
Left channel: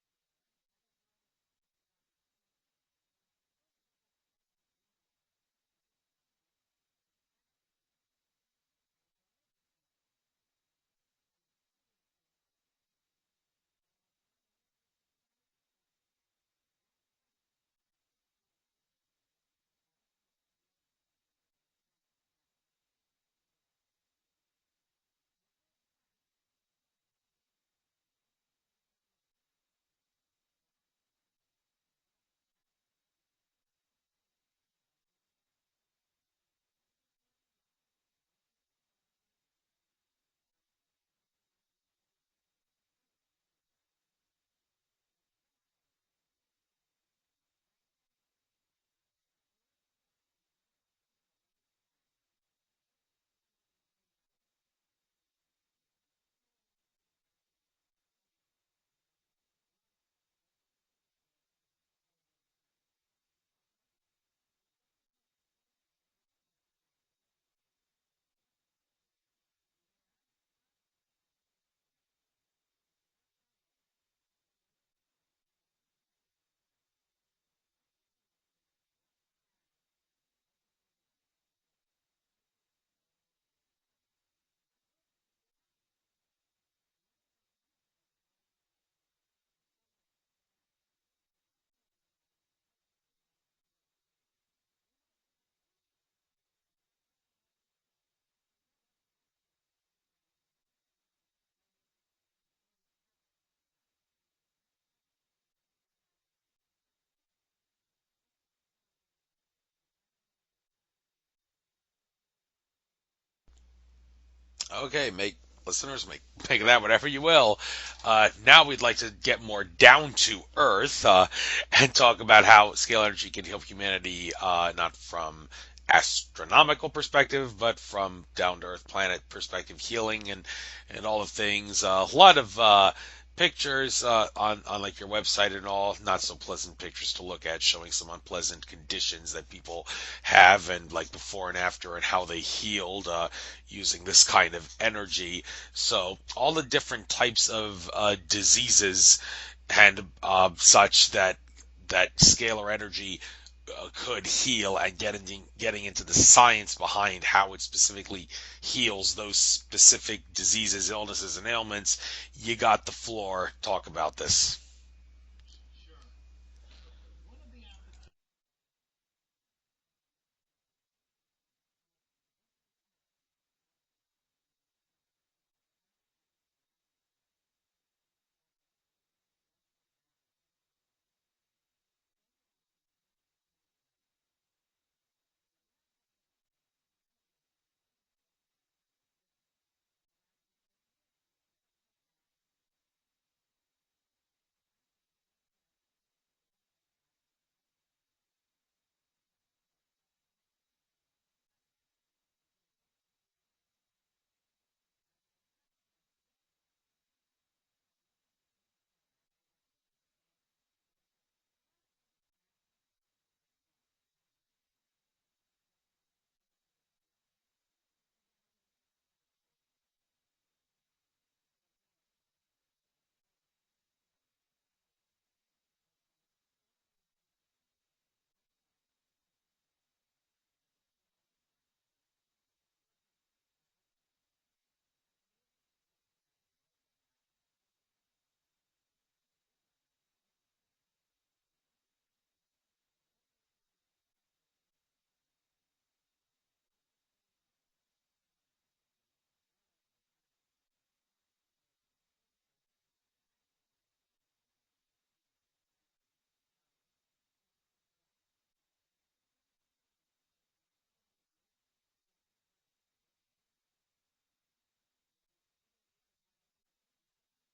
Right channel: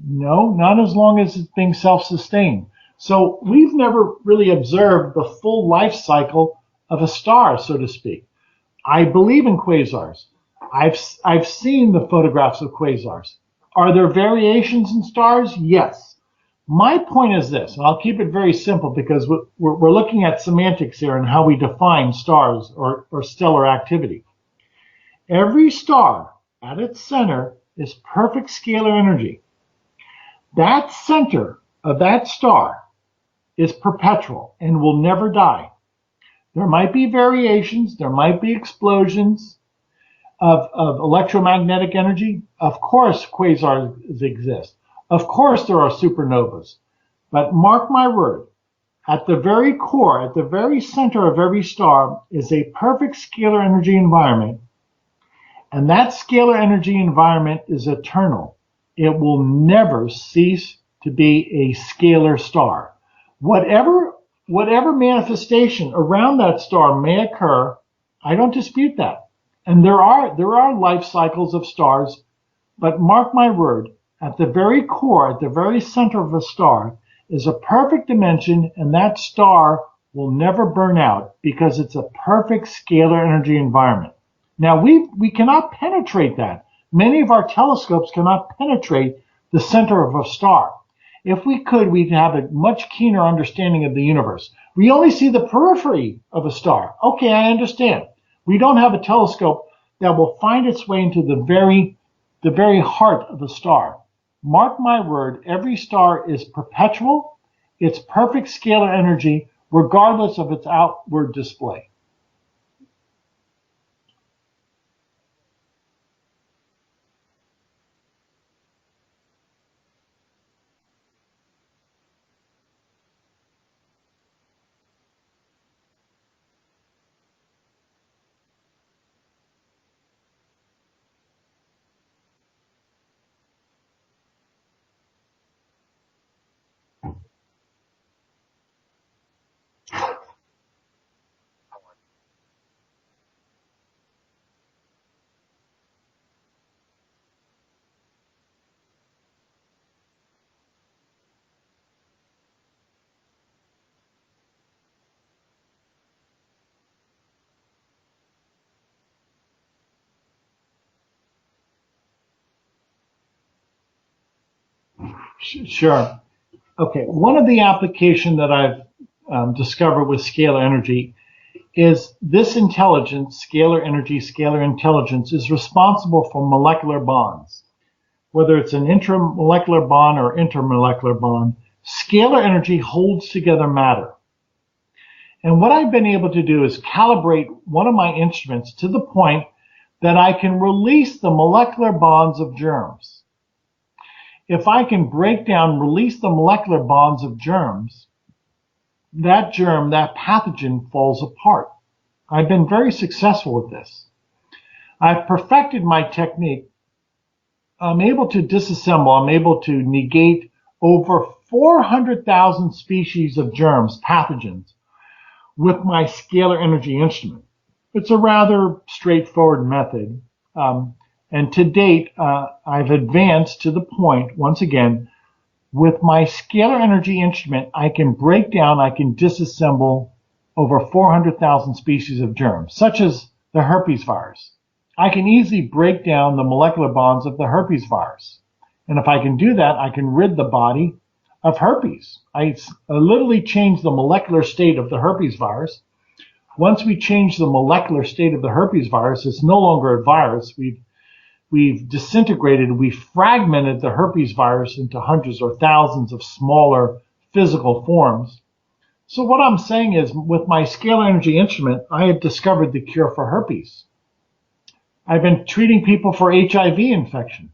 No, not as long as it's being self-sustained. So we've never really observed the full life cycle of a star, so to speak. I believe in quasars. I've seen the photographs of quasars. Are there variations in stars? Yes. My point is this, and I'll keep it very simple because we're looking at semantics here and how we define stars or stellar activity. Every star at its center is perfect scalar energy. That center of that star is perpetual and will never die. There might be variations, there might be explosions of electromagnetic energy. Of course, quasars exist. Of course, there are supernovas. But mark my word, at the very core, at the very center of every star is a perfect scalar energy environment. And that scalar energy environment is eternal. It will never cease to be a scalar star. Whatever manifestation around that star may occur, I don't dispute that. And there are life cycles of stars, but mark my word, at the very core, at the very center of a star, is a perfect dimension, and that star will never burn out because it's a perfect scalar energy environment. Now, we cannot penetrate that. Many of our telescopes cannot penetrate the center of a star. If we could, we'd have a much keener understanding of the universe. We only see the periphery of a star. Okay, I understand. We don't have a telescope that will find its way into the very heart of a star. Mark my word, every star is perpetual. It's perfect scalar energy, regardless of its outward display. Okay, listeners make that whatever you will. Now we'd like to get more down to earth and talk about how scalar energy can help humanity, not from astronomical perspective, but from down to earth planet perspective, healing and all of things. A lot of pictures on like your website and all, not so pleasant pictures to look at, showing some unpleasant conditions that people have, and like before and after, and how they healed using this kind of energy. So all the different types of diseases and such that scalar energy could heal, and getting into the science behind how it specifically heals those specific diseases, illnesses, and ailments. You got the floor. Talk about this. Sure. Okay. One of the applications that I've discovered with scalar energy is this intelligence, scalar energy, scalar intelligence, is responsible for molecular bonds. Whether it's an intramolecular bond or intermolecular bond, scalar energy holds together matter. And what I've been able to do is calibrate one of my instruments to the point that I can release the molecular bonds of germs. If I can break down, release the molecular bonds of germs, that germ, that pathogen falls apart. I've been very successful with this. I've perfected my technique. I'm able to disassemble, I'm able to negate over 400,000 species of germs, pathogens, with my scalar energy instrument. It's a rather straightforward method. And to date, I've advanced to the point, once again, with my scalar energy instrument, I can break down, I can disassemble over 400,000 species of germs, such as the herpes virus. I can easily break down the molecular bonds of the herpes virus. And if I can do that, I can rid the body of herpes. I literally change the molecular state of the herpes virus. Once we change the molecular state of the herpes virus, it's no longer a virus. We've disintegrated, we've fragmented the herpes virus into hundreds or thousands of smaller physical forms. So what I'm saying is, with my scalar energy instrument, I have discovered the cure for herpes. I've been treating people for HIV infection.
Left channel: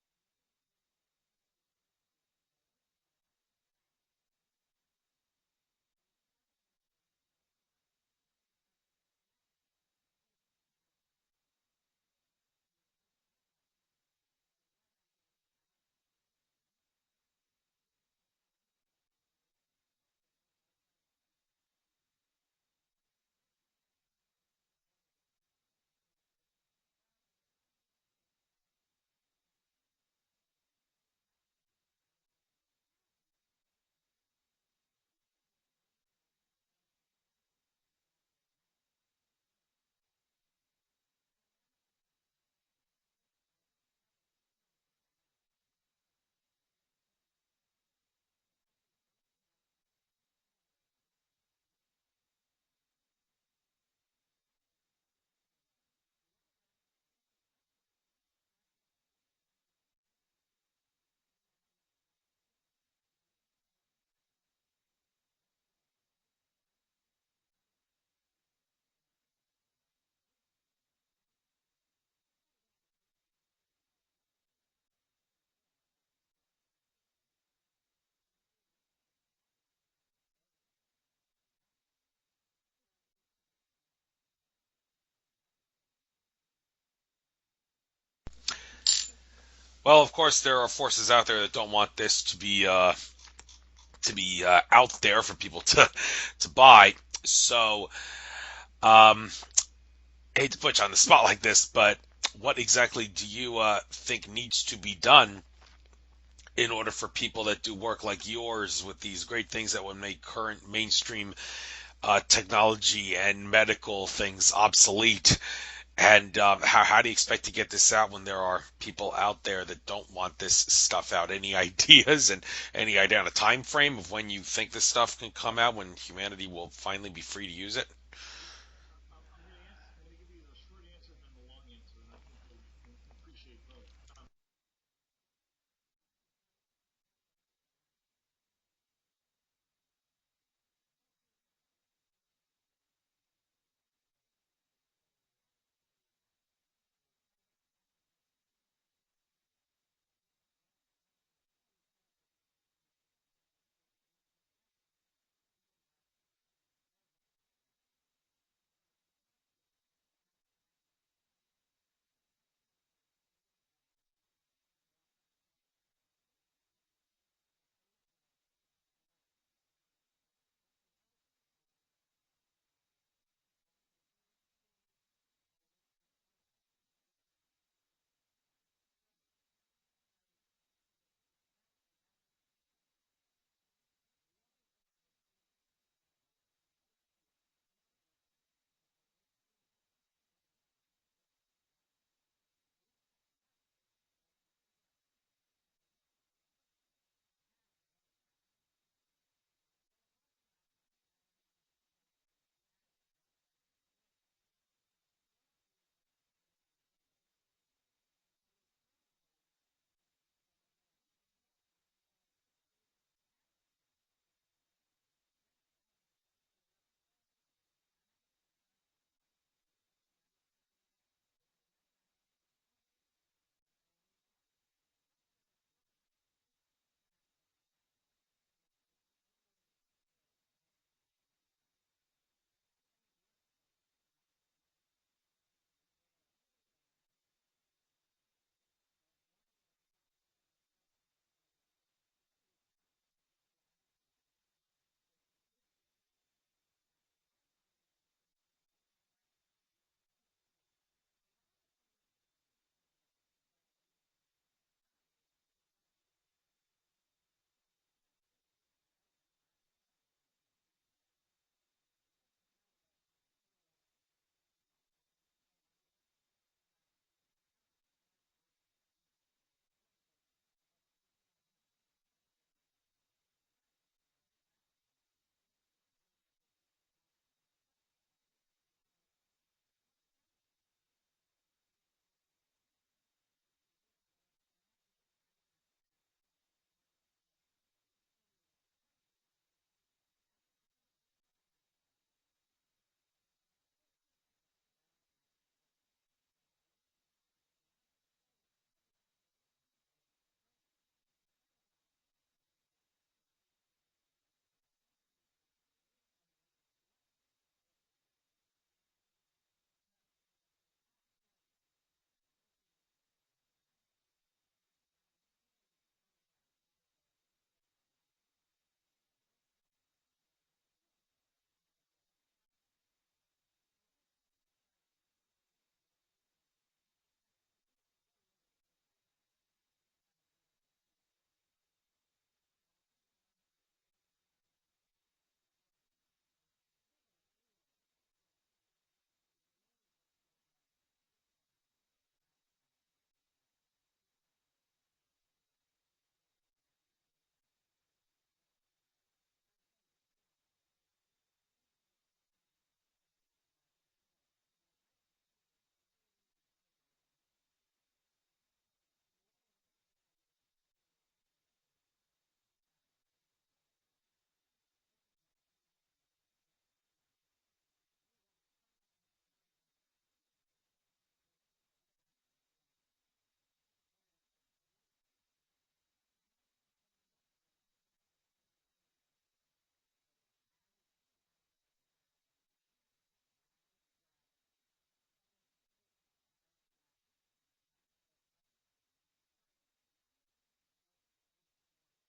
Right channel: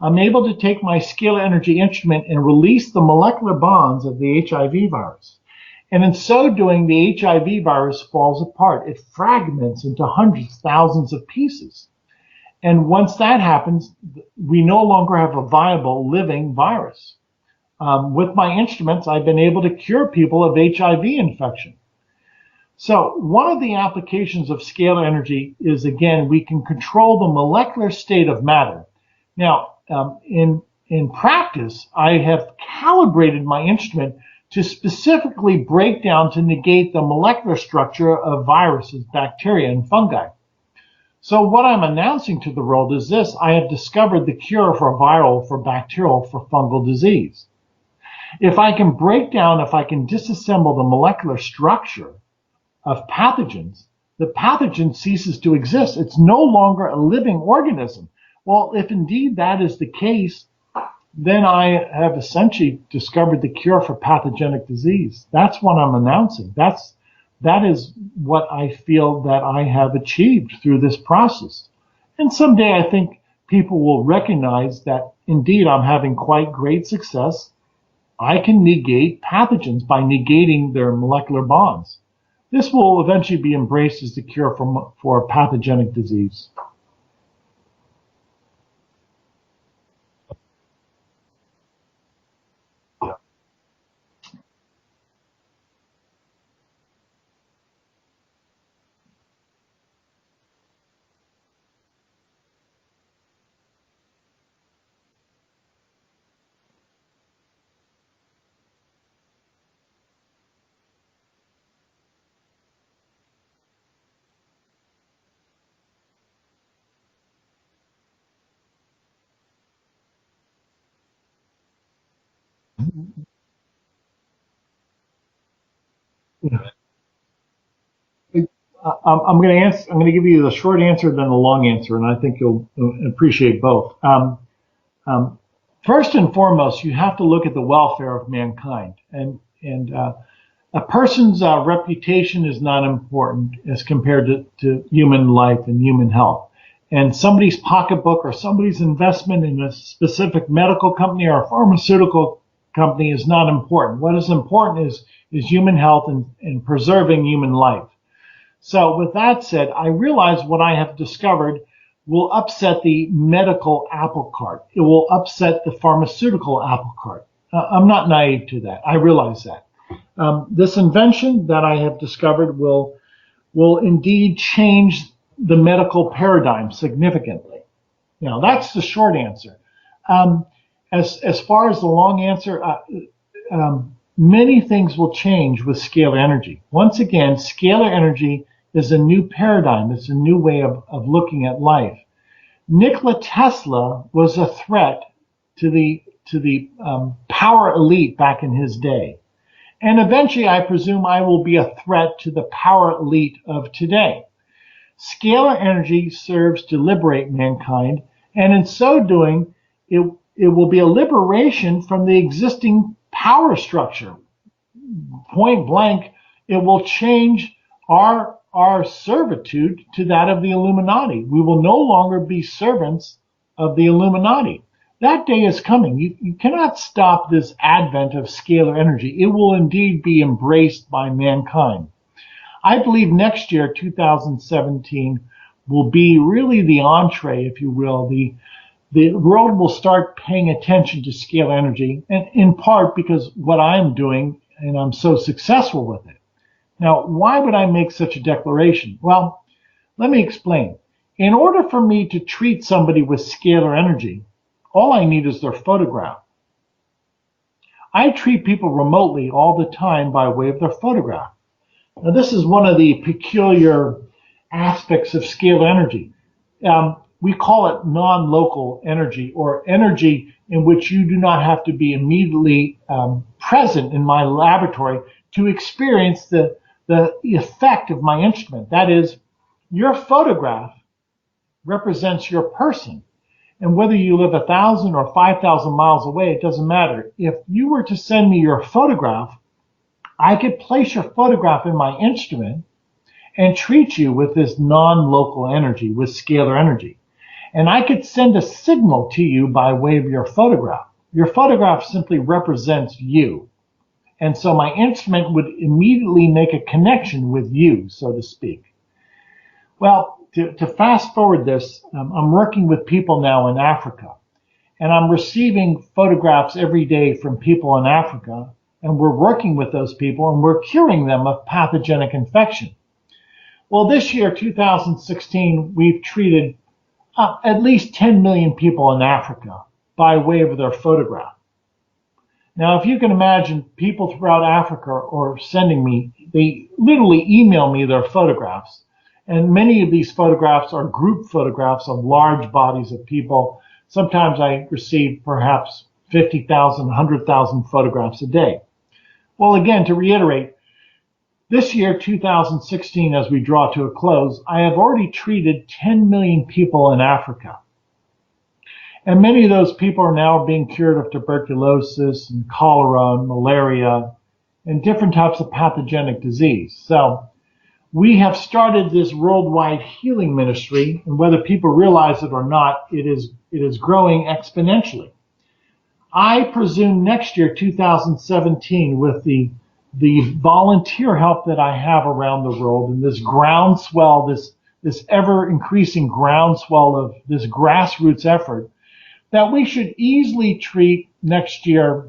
I'm able to take my scalar energy instrument and release the molecular bonds of the HIV virus. And in so doing, the HIV virus falls apart. It fragments into hundreds, thousands of pieces. And once that happens, we no longer have a viable living virus. With my instruments, I've been able to cure people of HIV infection. So one of the applications of scalar energy is, again, we can control the molecular state of matter. Now, in practice, I have calibrated my instrument to specifically break down, to negate the molecular structure of viruses, bacteria, and fungi. So what I'm announcing to the world is this: I have discovered the cure for viral, for bacterial, for fungal disease. If I can break down, if I can disassemble the molecular structure of pathogens, the pathogen ceases to exist. It's no longer a living organism. Well, if indeed that is the case, then I have essentially discovered the cure for pathogenic disease. That's what I'm announcing. That is what I feel that I have achieved through this process. And someday I think people will recognize that indeed I'm having quite great success. I can negate pathogens by negating their molecular bonds. This will eventually be embraced as the cure for pathogenic disease. Well, of course, there are forces out there that don't want this to be out there for people to buy. So, I hate to put you on the spot like this, but what exactly do you think needs to be done in order for people that do work like yours with these great things that would make current mainstream technology and medical things obsolete. And how do you expect to get this out when there are people out there that don't want this stuff out? Any ideas and any idea on a time frame of when you think this stuff can come out, when humanity Yeah. will finally be free to use it? I'm going to answer. I'm going to give you the short answer, then the long answer, and I think you'll appreciate both. Um, First and foremost, you have to look at the welfare of mankind, and a person's reputation is not important as compared to human life and human health. And somebody's pocketbook or somebody's investment in a specific medical company or a pharmaceutical company is not important. What is important is human health and preserving human life. So with that said, I realize what I have discovered will upset the medical apple cart. It will upset the pharmaceutical apple cart. I'm not naive to that. I realize that. This invention that I have discovered will indeed change the medical paradigm significantly. Now, that's the short answer. Um, as far as the long answer, many things will change with scalar energy. Once again, scalar energy is a new paradigm. It's a new way of looking at life. Nikola Tesla was a threat to the power elite back in his day. And eventually, I presume I will be a threat to the power elite of today. Scalar energy serves to liberate mankind, and in so doing, it will be a liberation from the existing power structure. Point blank, it will change our servitude to that of the Illuminati. We will no longer be servants of the Illuminati. That day is coming. You cannot stop this advent of scalar energy. It will indeed be embraced by mankind. I believe next year, 2017, will be really the entree, if you will. The world will start paying attention to scalar energy, and in part because what I'm doing, and I'm so successful with it. Now, why would I make such a declaration? Well, let me explain. In order for me to treat somebody with scalar energy, all I need is their photograph. I treat people remotely all the time by way of their photograph. Now, this is one of the peculiar aspects of scalar energy. We call it non-local energy, or energy in which you do not have to be immediately present in my laboratory to experience the effect of my instrument. That is, your photograph represents your person. And whether you live 1,000 or 5,000 miles away, it doesn't matter. If you were to send me your photograph, I could place your photograph in my instrument and treat you with this non-local energy, with scalar energy. And I could send a signal to you by way of your photograph. Your photograph simply represents you. And so my instrument would immediately make a connection with you, so to speak. Well, to fast forward this, I'm working with people now in Africa, and I'm receiving photographs every day from people in Africa, and we're working with those people, and we're curing them of pathogenic infection. Well, this year, 2016, we've treated at least 10 million people in Africa by way of their photograph. Now, if you can imagine, people throughout Africa are sending me, they literally email me their photographs. And many of these photographs are group photographs of large bodies of people. Sometimes I receive perhaps 50,000, 100,000 photographs a day. Well, again, to reiterate, this year, 2016, as we draw to a close, I have already treated 10 million people in Africa. And many of those people are now being cured of tuberculosis and cholera and malaria and different types of pathogenic disease. So we have started this worldwide healing ministry, and whether people realize it or not, it is growing exponentially. I presume next year, 2017, with the volunteer help that I have around the world and this groundswell, this ever increasing groundswell of this grassroots effort, that we should easily treat next year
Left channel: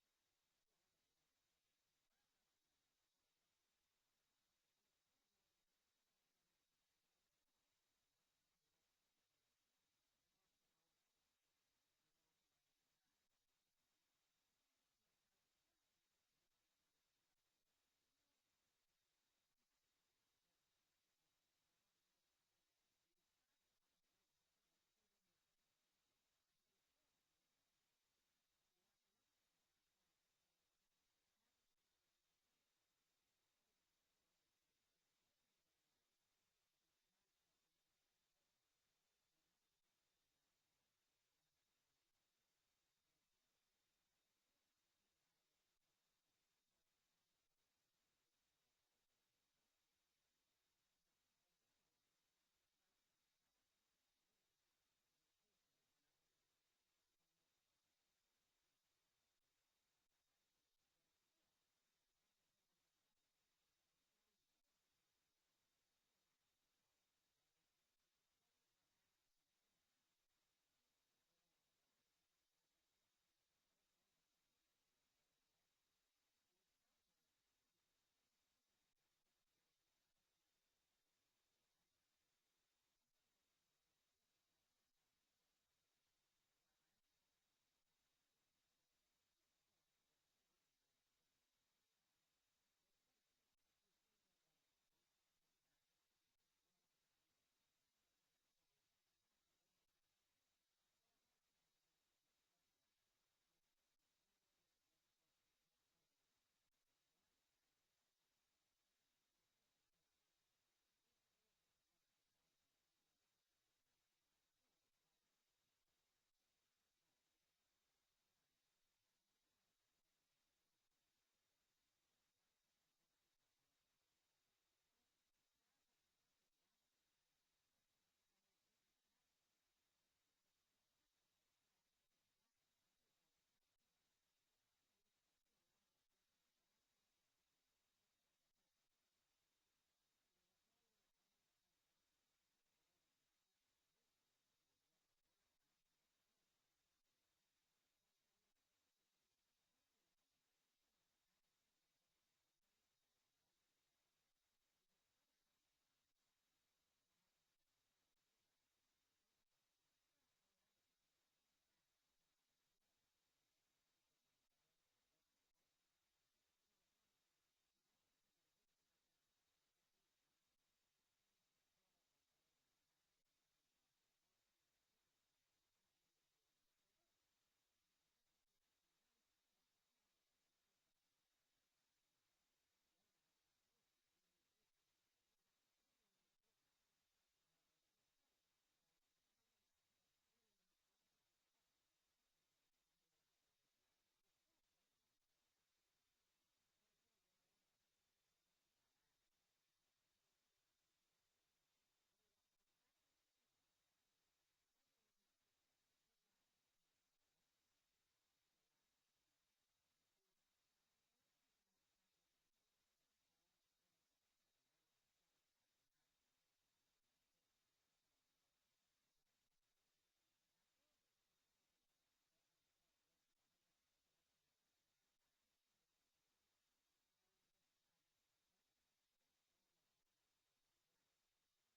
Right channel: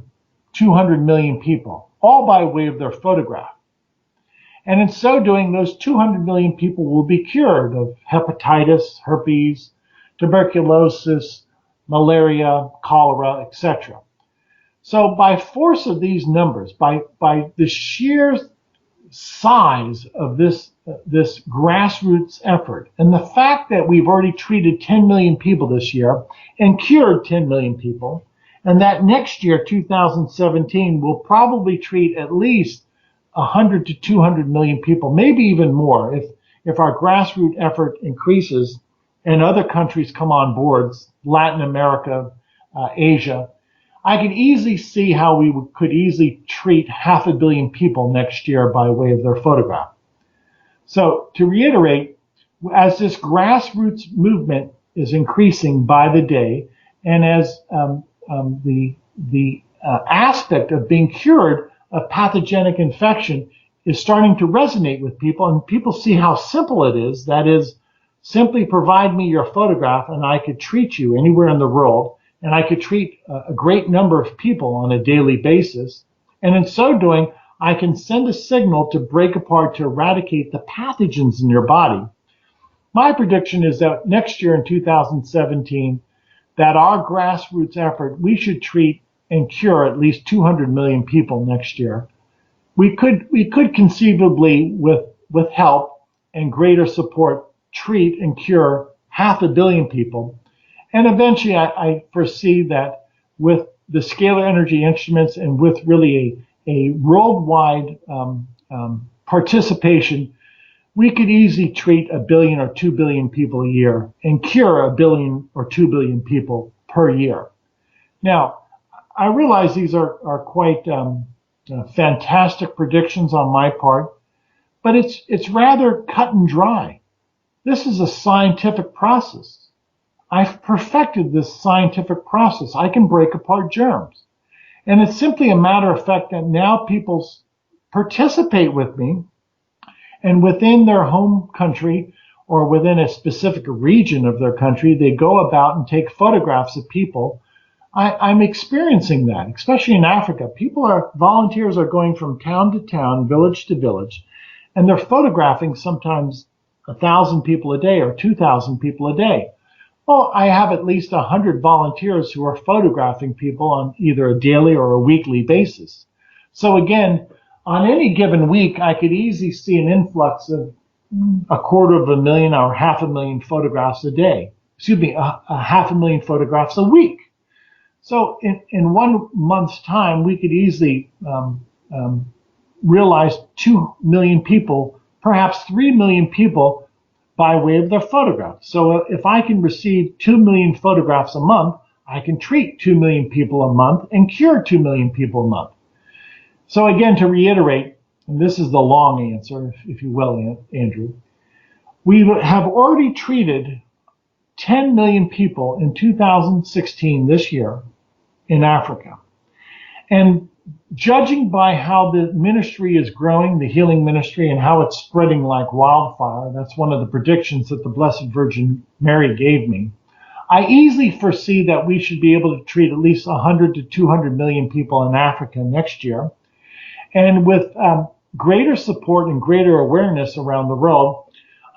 200 million people, all by way of their photograph. And in so doing, those 200 million people will be cured of hepatitis, herpes, tuberculosis, malaria, cholera, etc. So by force of these numbers, by the sheer size of this grassroots effort, and the fact that we've already treated 10 million people this year and cured 10 million people, and that next year, 2017, will probably treat at least 100 to 200 million people, maybe even more, if our grassroots effort increases and other countries come on board, Latin America, Asia. I can easily see how we could easily treat 500 million people next year by way of their photograph. So to reiterate, as this grassroots movement is increasing by the day, and as the aspect of being cured of pathogenic infection is starting to resonate with people, and people see how simple it is, that is, simply provide me your photograph and I could treat you anywhere in the world, and I could treat a great number of people on a daily basis. And in so doing, I can send a signal to break apart, to eradicate the pathogens in your body. My prediction is that next year in 2017, that our grassroots effort, we should treat and cure at least 200 million people next year. We could conceivably, with help and greater support, treat and cure 500 million people. And eventually, I foresee that with the scalar energy instruments and with really a worldwide participation, we could easily treat 1 billion or 2 billion people a year and cure 1 billion or 2 billion people per year. Now, I realize these are quite fantastic predictions on my part, but it's rather cut and dry. This is a scientific process. I've perfected this scientific process. I can break apart germs. And it's simply a matter of fact that now people participate with me, and within their home country or within a specific region of their country, they go about and take photographs of people. I'm experiencing that, especially in Africa. Volunteers are going from town to town, village to village, and they're photographing sometimes 1,000 people a day or 2,000 people a day. Well, I have at least 100 volunteers who are photographing people on either a daily or a weekly basis. So again, on any given week, I could easily see an influx of 250,000 or 500,000 photographs a day. Excuse me, 500,000 photographs a week. So in 1 month's time, we could easily realize 2 million people, perhaps 3 million people, by way of their photographs. So if I can receive 2 million photographs a month, I can treat 2 million people a month and cure 2 million people a month. So again, to reiterate, and this is the long answer, if you will, Andrew, we have already treated 10 million people in 2016, this year, in Africa. And judging by how the ministry is growing, the healing ministry, and how it's spreading like wildfire, that's one of the predictions that the Blessed Virgin Mary gave me, I easily foresee that we should be able to treat at least 100 to 200 million people in Africa next year. And with greater support and greater awareness around the world,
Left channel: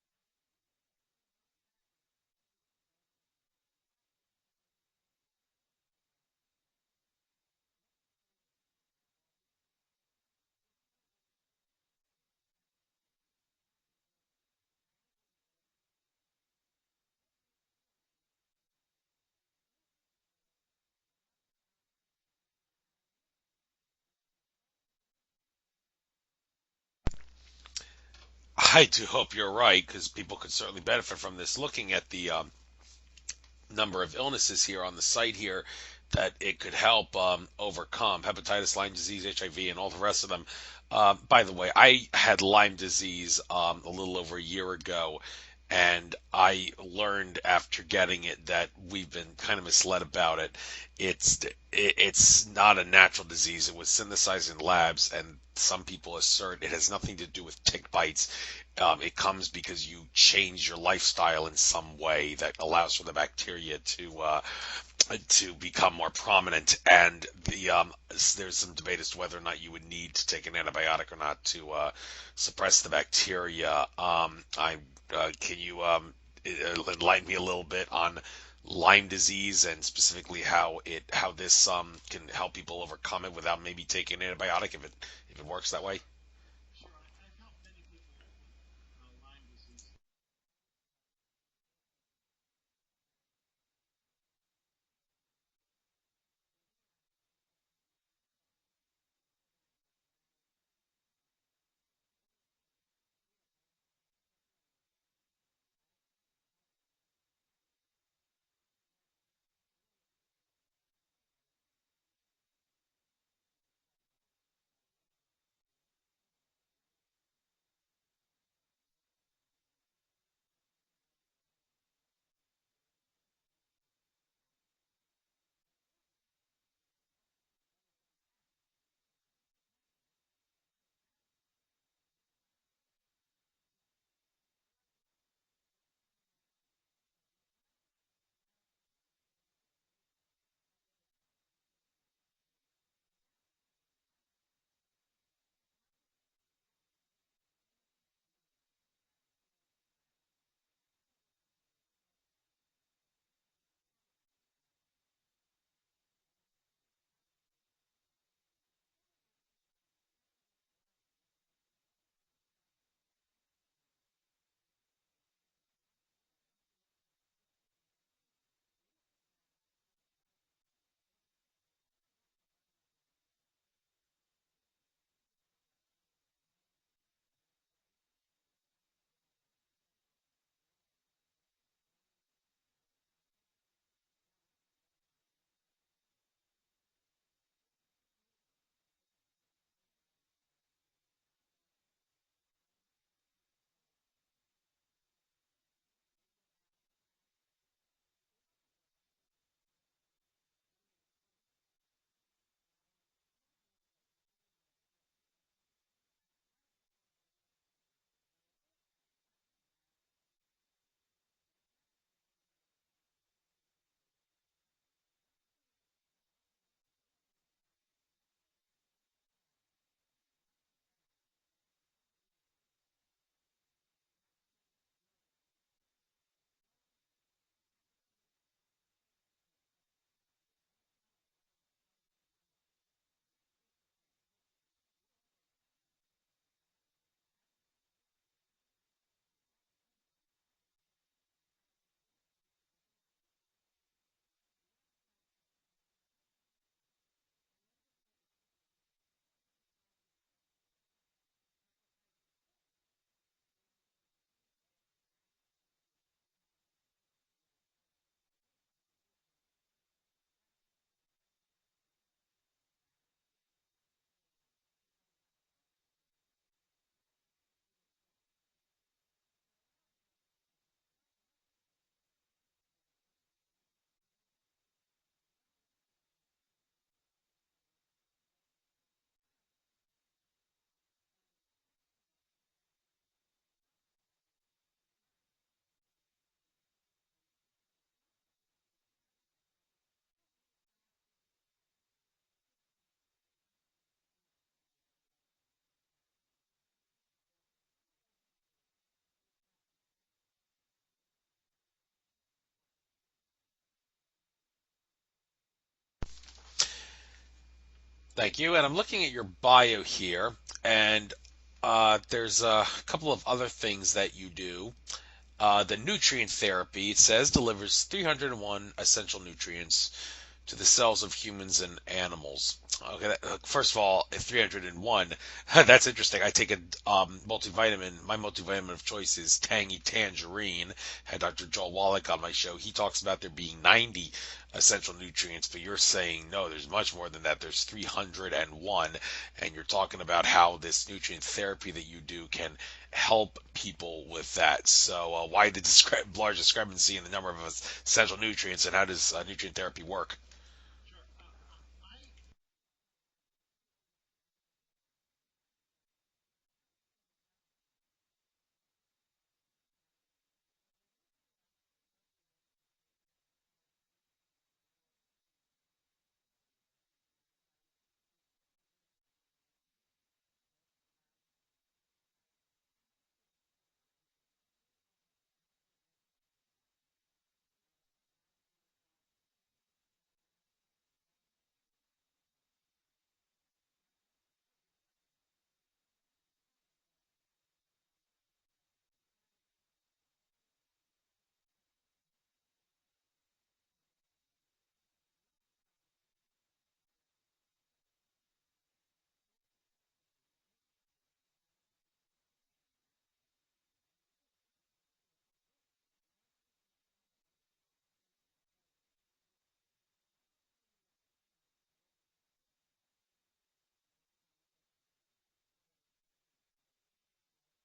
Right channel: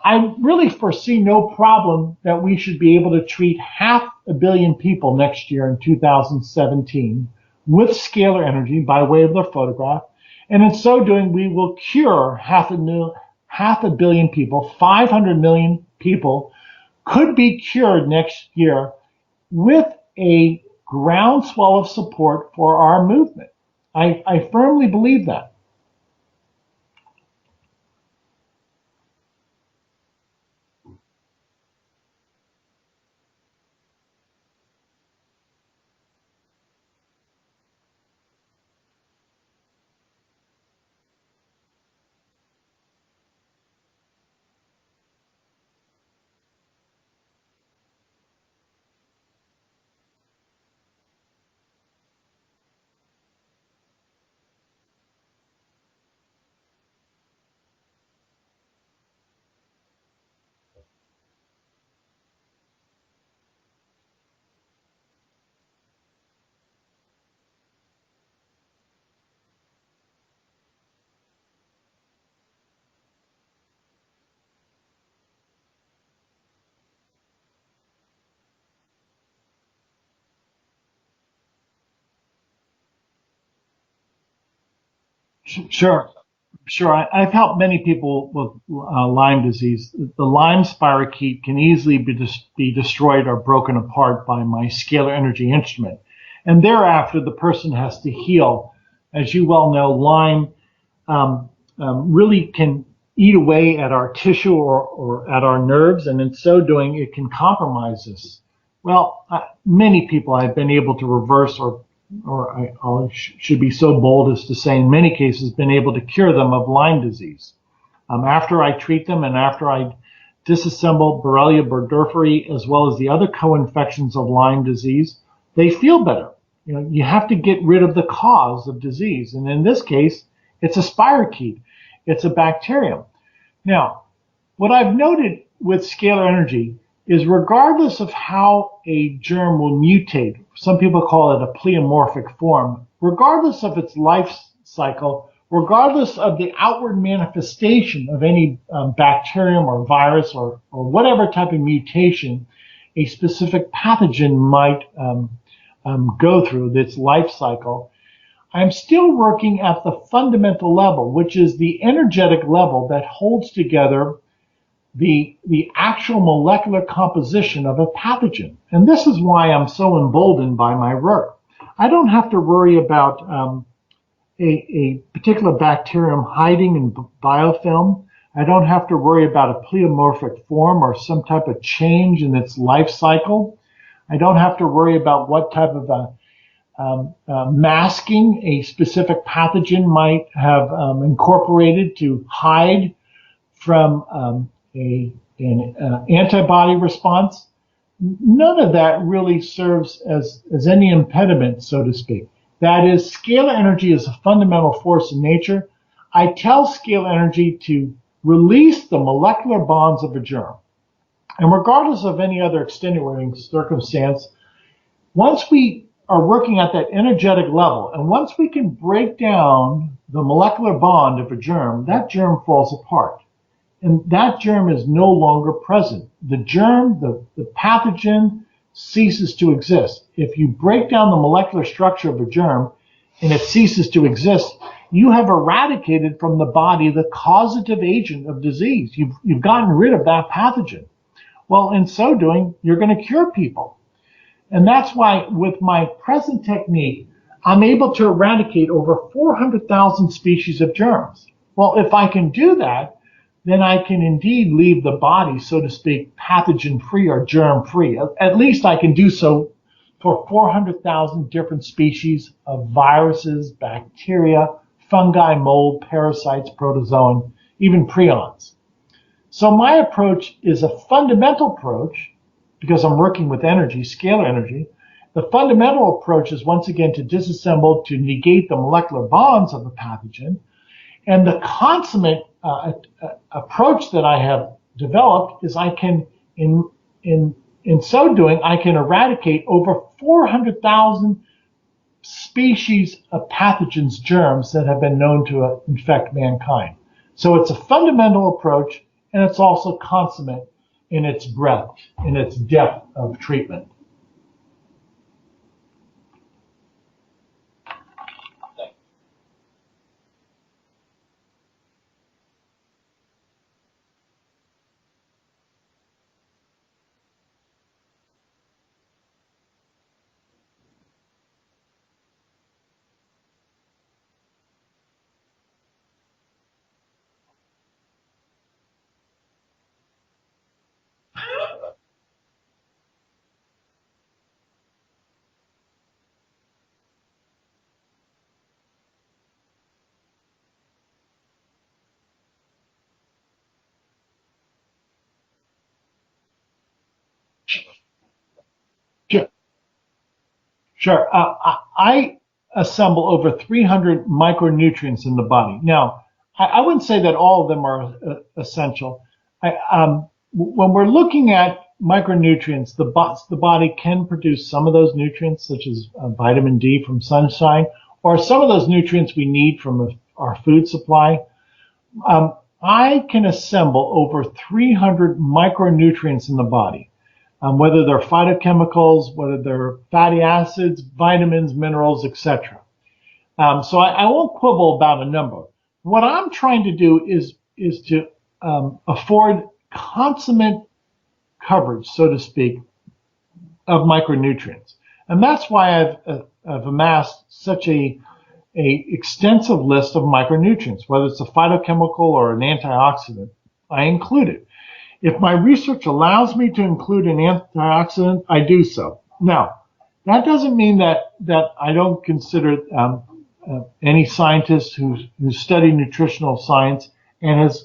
I really foresee no problem that we should be able to treat 500 million people next year in 2017 with scalar energy by way of their photograph. And in so doing, we will cure 500 million people. 500 million people could be cured next year with a groundswell of support for our movement. I firmly believe that. I do hope you're right, because people could certainly benefit from this. Looking at the number of illnesses here on the site here that it could help overcome: hepatitis, Lyme disease, HIV, and all the rest of them. By the way, I had Lyme disease a little over a year ago, and I learned after getting it that we've been kind of misled about it. It's not a natural disease. It was synthesized in labs, and some people assert it has nothing to do with tick bites. It comes because you change your lifestyle in some way that allows for the bacteria to become more prominent, and there's some debate as to whether or not you would need to take an antibiotic or not to suppress the bacteria. Can you enlighten me a little bit on Lyme disease and specifically how this can help people overcome it without maybe taking an antibiotic if it works that way? Sure. Sure, I've helped many people with Lyme disease. The Lyme spirochete can easily be destroyed or broken apart by my scalar energy instrument. And thereafter, the person has to heal. As you well know, Lyme really can eat away at our tissue or at our nerves, and in so doing, it can compromise us. Well, many people I've been able to reverse or should be so bold as to say in many cases been able to cure them of Lyme disease. After I treat them and after I disassemble Borrelia burgdorferi as well as the other co-infections of Lyme disease, they feel better. You know, you have to get rid of the cause of disease. And in this case, it's a spirochete. It's a bacterium. Now, what I've noted with scalar energy is regardless of how a germ will mutate, some people call it a pleomorphic form, regardless of its life cycle, regardless of the outward manifestation of any bacterium or virus or whatever type of mutation a specific pathogen might go through its life cycle, I'm still working at the fundamental level, which is the energetic level that holds together the actual molecular composition of a pathogen. And this is why I'm so emboldened by my work. I don't have to worry about a particular bacterium hiding in biofilm. I don't have to worry about a pleomorphic form or some type of change in its life cycle. I don't have to worry about what type of masking a specific pathogen might have incorporated to hide from an antibody response. None of that really serves as any impediment, so to speak. That is, scalar energy is a fundamental force in nature. I tell scalar energy to release the molecular bonds of a germ. And regardless of any other extenuating circumstance, once we are working at that energetic level, and once we can break down the molecular bond of a germ, that germ falls apart. And that germ is no longer present. The germ, the pathogen, ceases to exist. If you break down the molecular structure of a germ and it ceases to exist, you have eradicated from the body the causative agent of disease. You've gotten rid of that pathogen. Well, in so doing, you're going to cure people. And that's why with my present technique, I'm able to eradicate over 400,000 species of germs. Well, if I can do that, then I can indeed leave the body, so to speak, pathogen-free or germ-free. At least I can do so for 400,000 different species of viruses, bacteria, fungi, mold, parasites, protozoan, even prions. So my approach is a fundamental approach, because I'm working with energy, scalar energy. The fundamental approach is once again to disassemble, to negate the molecular bonds of the pathogen. And the consummate approach that I have developed is I can, in so doing, I can eradicate over 400,000 species of pathogens, germs that have been known to infect mankind. So it's a fundamental approach, and it's also consummate in its breadth, in its depth of treatment. Thank you. And I'm looking at your bio here, and there's a couple of other things that you do. The nutrient therapy, it says, delivers 301 essential nutrients to the cells of humans and animals. Okay, first of all, at 301, that's interesting. I take a multivitamin. My multivitamin of choice is Tangy Tangerine. Had Dr. Joel Wallach on my show. He talks about there being 90 essential nutrients, but you're saying no, there's much more than that. There's 301, and you're talking about how this nutrient therapy that you do can help people with that. So why the large discrepancy in the number of essential nutrients, and how does nutrient therapy work? Sure. I assemble over 300 micronutrients in the body. Now, I wouldn't say that all of them are essential. When we're looking at micronutrients, the body can produce some of those nutrients, such as vitamin D from sunshine, or some of those nutrients we need from our food supply. I can assemble over 300 micronutrients in the body. whether they're phytochemicals, whether they're fatty acids, vitamins, minerals, etc. So I won't quibble about a number. What I'm trying to do is to afford consummate coverage, so to speak, of micronutrients, and that's why I've amassed such a extensive list of micronutrients. Whether it's a phytochemical or an antioxidant, I include it. If my research allows me to include an antioxidant, I do so. Now, that doesn't mean that I don't consider any scientist who's studied nutritional science and has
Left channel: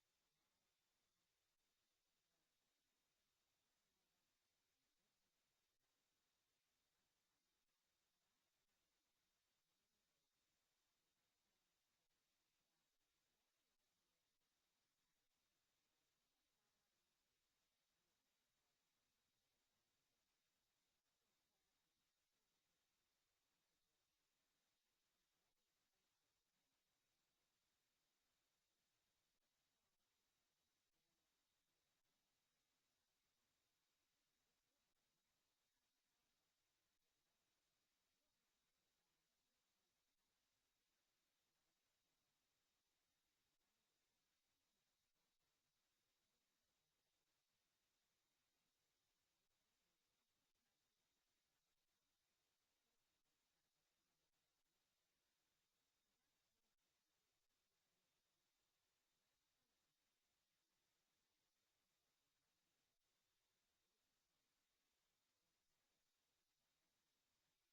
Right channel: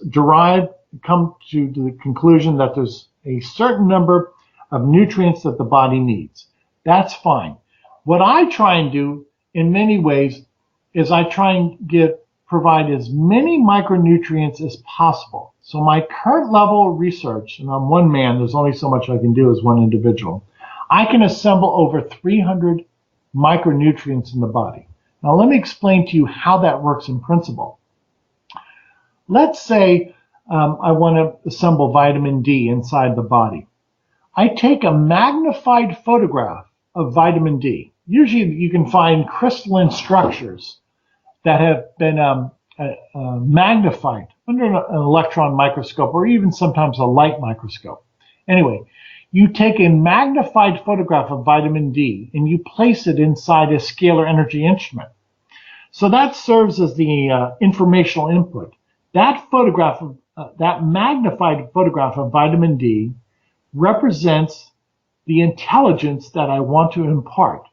come to the conclusion that there's a certain number of nutrients that the body needs. That's fine. What I try and do in many ways is I try and provide as many micronutrients as possible. So my current level of research, and I'm one man, there's only so much I can do as one individual, I can assemble over 300 micronutrients in the body. Now let me explain to you how that works in principle. Let's say I want to assemble vitamin D inside the body. I take a magnified photograph of vitamin D. Usually you can find crystalline structures that have been magnified under an electron microscope or even sometimes a light microscope. Anyway, you take a magnified photograph of vitamin D and you place it inside a scalar energy instrument. So that serves as the informational input. That photograph, that magnified photograph of vitamin D represents the intelligence that I want to impart.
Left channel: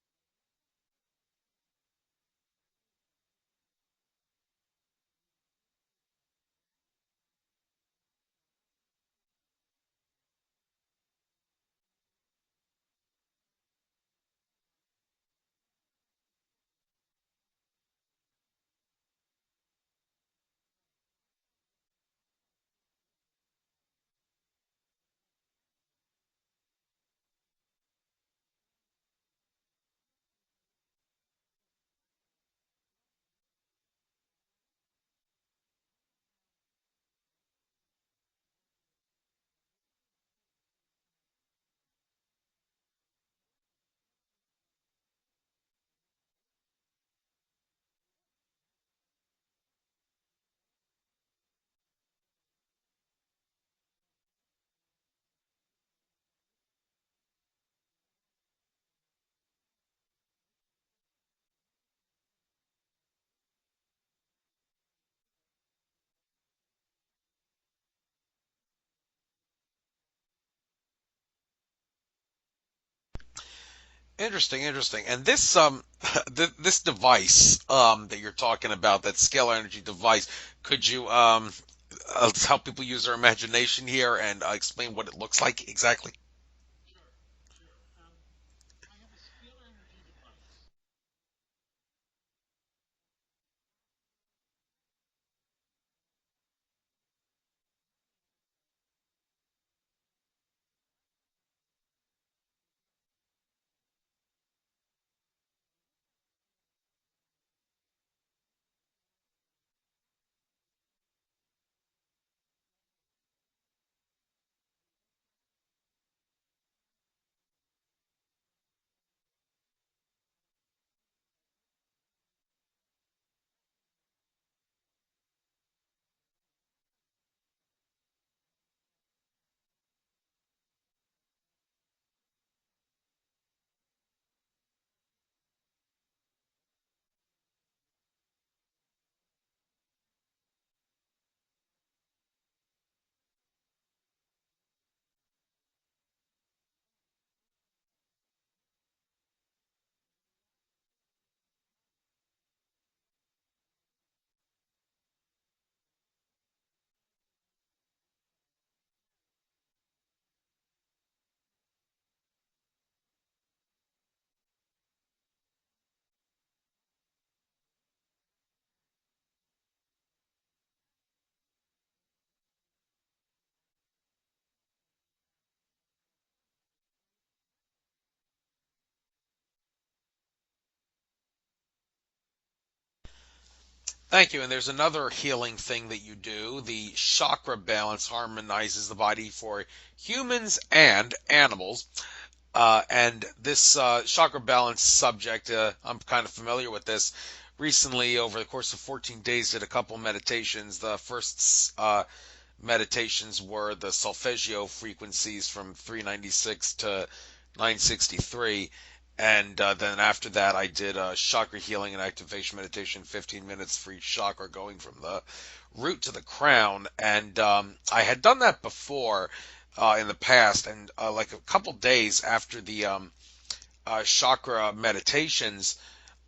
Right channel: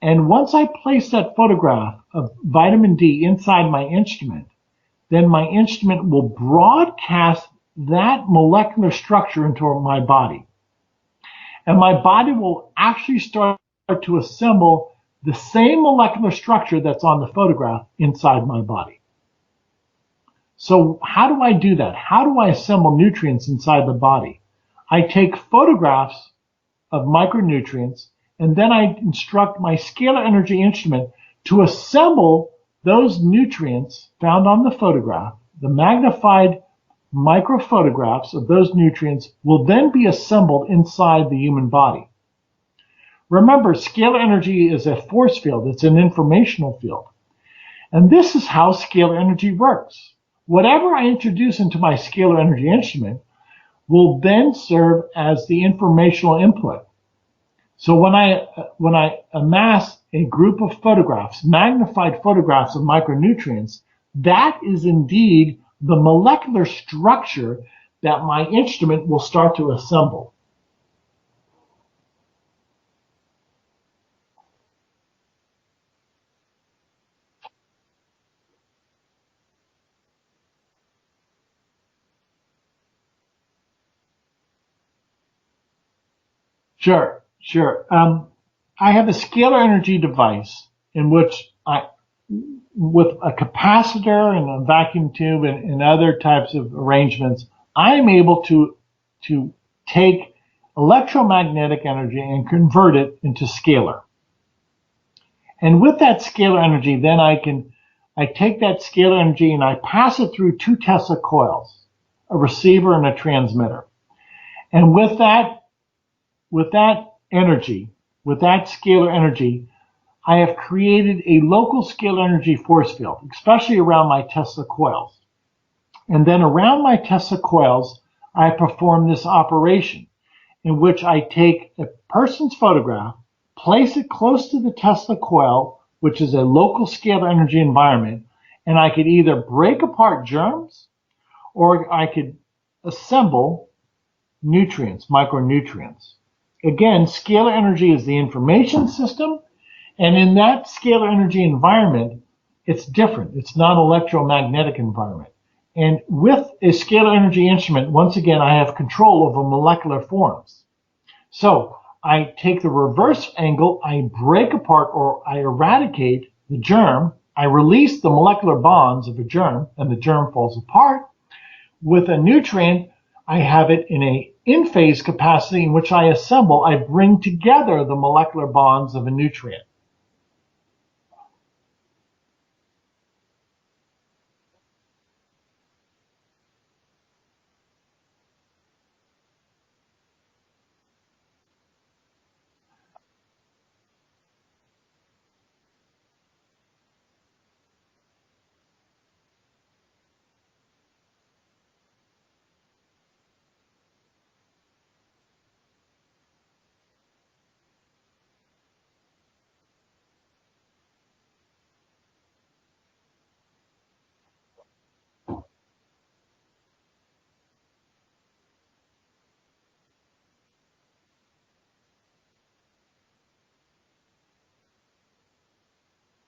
And once I place that photograph of vitamin D inside my instrument, then my instrument will broadcast that molecular structure into my body. And my body will actually start to assemble the same molecular structure that's on the photograph inside my body. So how do I do that? How do I assemble nutrients inside the body? I take photographs of micronutrients, and then I instruct my scalar energy instrument to assemble those nutrients found on the photograph. The magnified microphotographs of those nutrients will then be assembled inside the human body. Remember, scalar energy is a force field. It's an informational field. And this is how scalar energy works. Whatever I introduce into my scalar energy instrument will then serve as the informational input. So when I amass a group of photographs, magnified photographs of micronutrients, that is indeed the molecular structure that my instrument will start to assemble. Interesting, interesting. And this this device that you're talking about, that scalar energy device, could you help people use their imagination here and explain what it looks like exactly? Sure, sure. I have a scalar energy device in which with a capacitor and a vacuum tube and other types of arrangements, I am able to take electromagnetic energy and convert it into scalar. And with that scalar energy, then I take that scalar energy and I pass it through two Tesla coils, a receiver and a transmitter. And with that energy, with that scalar energy, I have created a local scalar energy force field, especially around my Tesla coils. And then around my Tesla coils, I perform this operation in which I take a person's photograph, place it close to the Tesla coil, which is a local scalar energy environment, and I could either break apart germs or I could assemble nutrients, micronutrients. Again, scalar energy is the information system, and in that scalar energy environment, it's different. It's not an electromagnetic environment. And with a scalar energy instrument, once again, I have control over molecular forms. So I take the reverse angle, I break apart or I eradicate the germ, I release the molecular bonds of a germ, and the germ falls apart. With a nutrient, I have it in a in-phase capacity in which I assemble, I bring together the molecular bonds of a nutrient. Thank you. And there's another healing thing that you do. The chakra balance harmonizes the body for humans and animals. And this chakra balance subject, I'm kind of familiar with this. Recently, over the course of 14 days, did a couple meditations. The first meditations were the solfeggio frequencies from 396 to 963. And then after that, I did a chakra healing and activation meditation, 15 minutes for each chakra, going from the root to the crown. And I had done that before in the past. And like a couple days after the chakra meditations,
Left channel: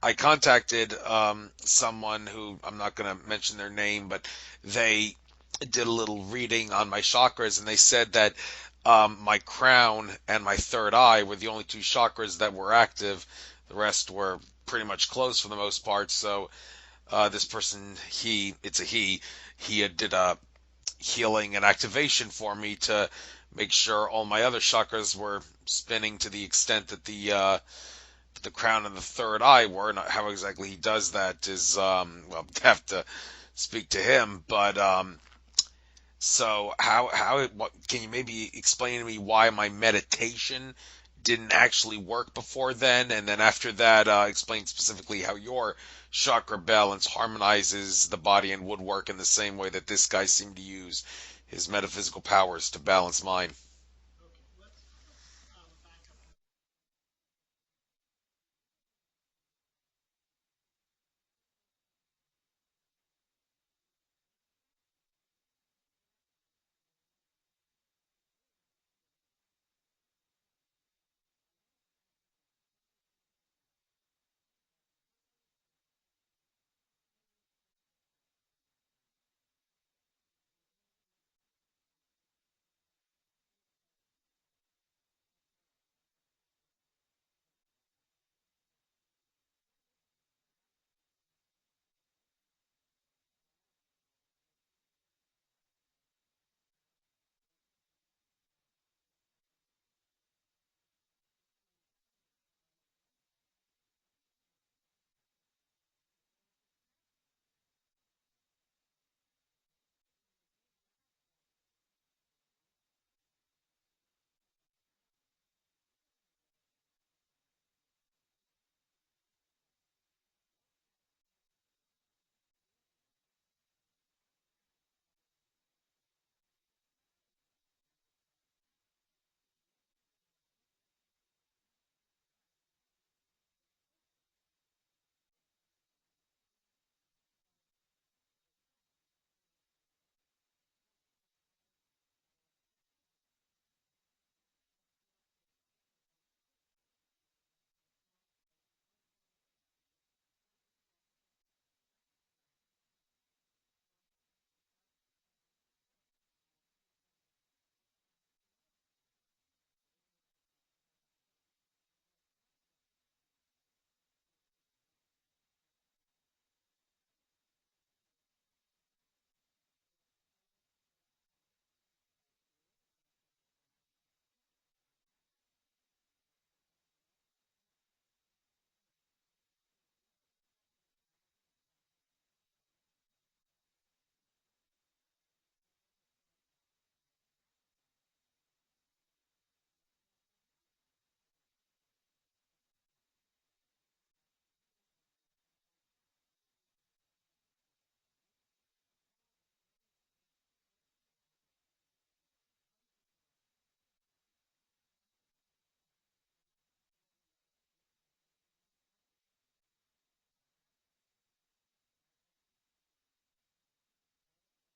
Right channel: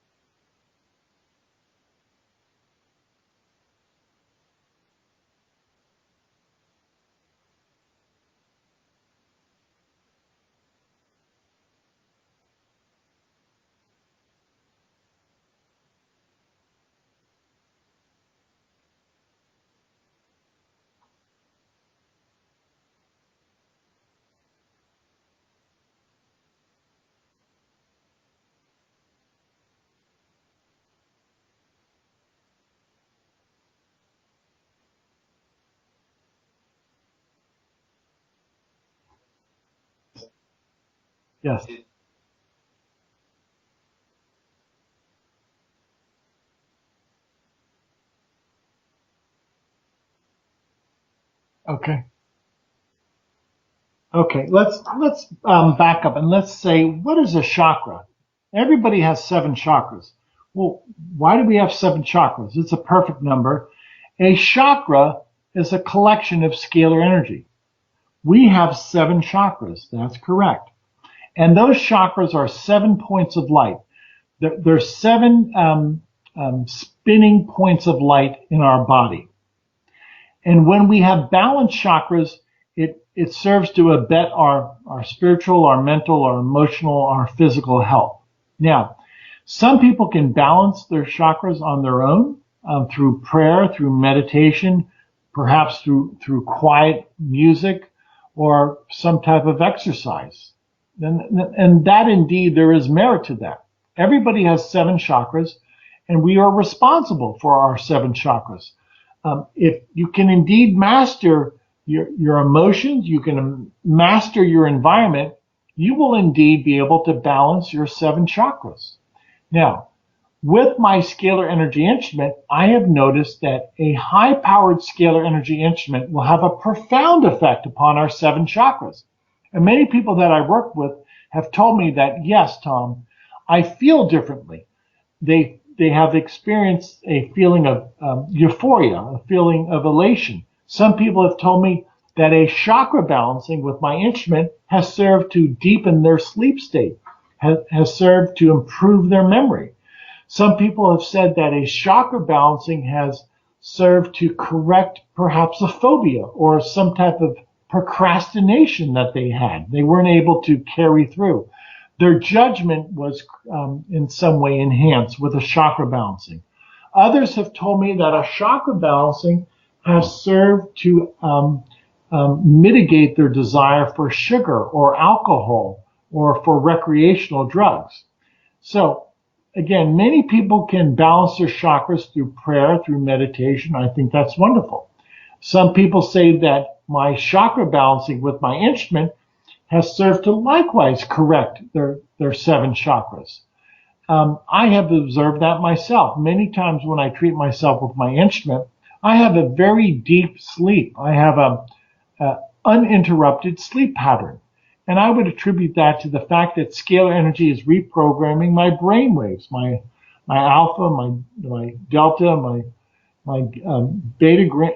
I contacted someone who I'm not going to mention their name, but they did a little reading on my chakras, and they said that my crown and my third eye were the only two chakras that were active. The rest were pretty much closed for the most part. So this person, it's a he did a healing and activation for me to make sure all my other chakras were spinning to the extent that the crown and the third eye were. Not how exactly he does that is well, have to speak to him. But so what can you maybe explain to me why my meditation didn't Yeah. actually work before then, and then after that, explain specifically how your chakra balance harmonizes the body and would work in the same way that this guy seemed to use his Okay. metaphysical powers to balance mine. Okay. Let's back up and let's say, what is a chakra? Everybody has seven chakras. Well, why do we have seven chakras? It's a perfect number. A chakra is a collection of scalar energy. We have seven chakras. That's correct. And those chakras are 7 points of light. There's seven spinning points of light in our body. And when we have balanced chakras, it serves to abet our spiritual, our mental, our emotional, our physical health. Now, some people can balance their chakras on their own through prayer, through meditation, perhaps through quiet music or some type of exercise. And that indeed, there is merit to that. Everybody has seven chakras, and we are responsible for our seven chakras. If you can indeed master your emotions, you can master your environment, you will indeed be able to balance your seven chakras. Now, with my scalar energy instrument, I have noticed that a high powered scalar energy instrument will have a profound effect upon our seven chakras. And many people that I work with have told me that, yes, Tom, I feel differently. They have experienced a feeling of euphoria, a feeling of elation. Some people have told me that a chakra balancing with my instrument has served to deepen their sleep state, has served to improve their memory. Some people have said that a chakra balancing has served to correct perhaps a phobia or some type of procrastination that they had. They weren't able to carry through. Their judgment was in some way enhanced with a chakra balancing. Others have told me that a chakra balancing has served to mitigate their desire for sugar or alcohol or for recreational drugs. So again, many people can balance their chakras through prayer, through meditation. I think that's wonderful. Some people say that my chakra balancing with my instrument has served to likewise correct their seven chakras. I have observed that myself. Many times when I treat myself with my instrument, I have a very deep sleep. I have a uninterrupted sleep pattern. And I would attribute that to the fact that scalar energy is reprogramming my brain waves, my alpha, my delta, my beta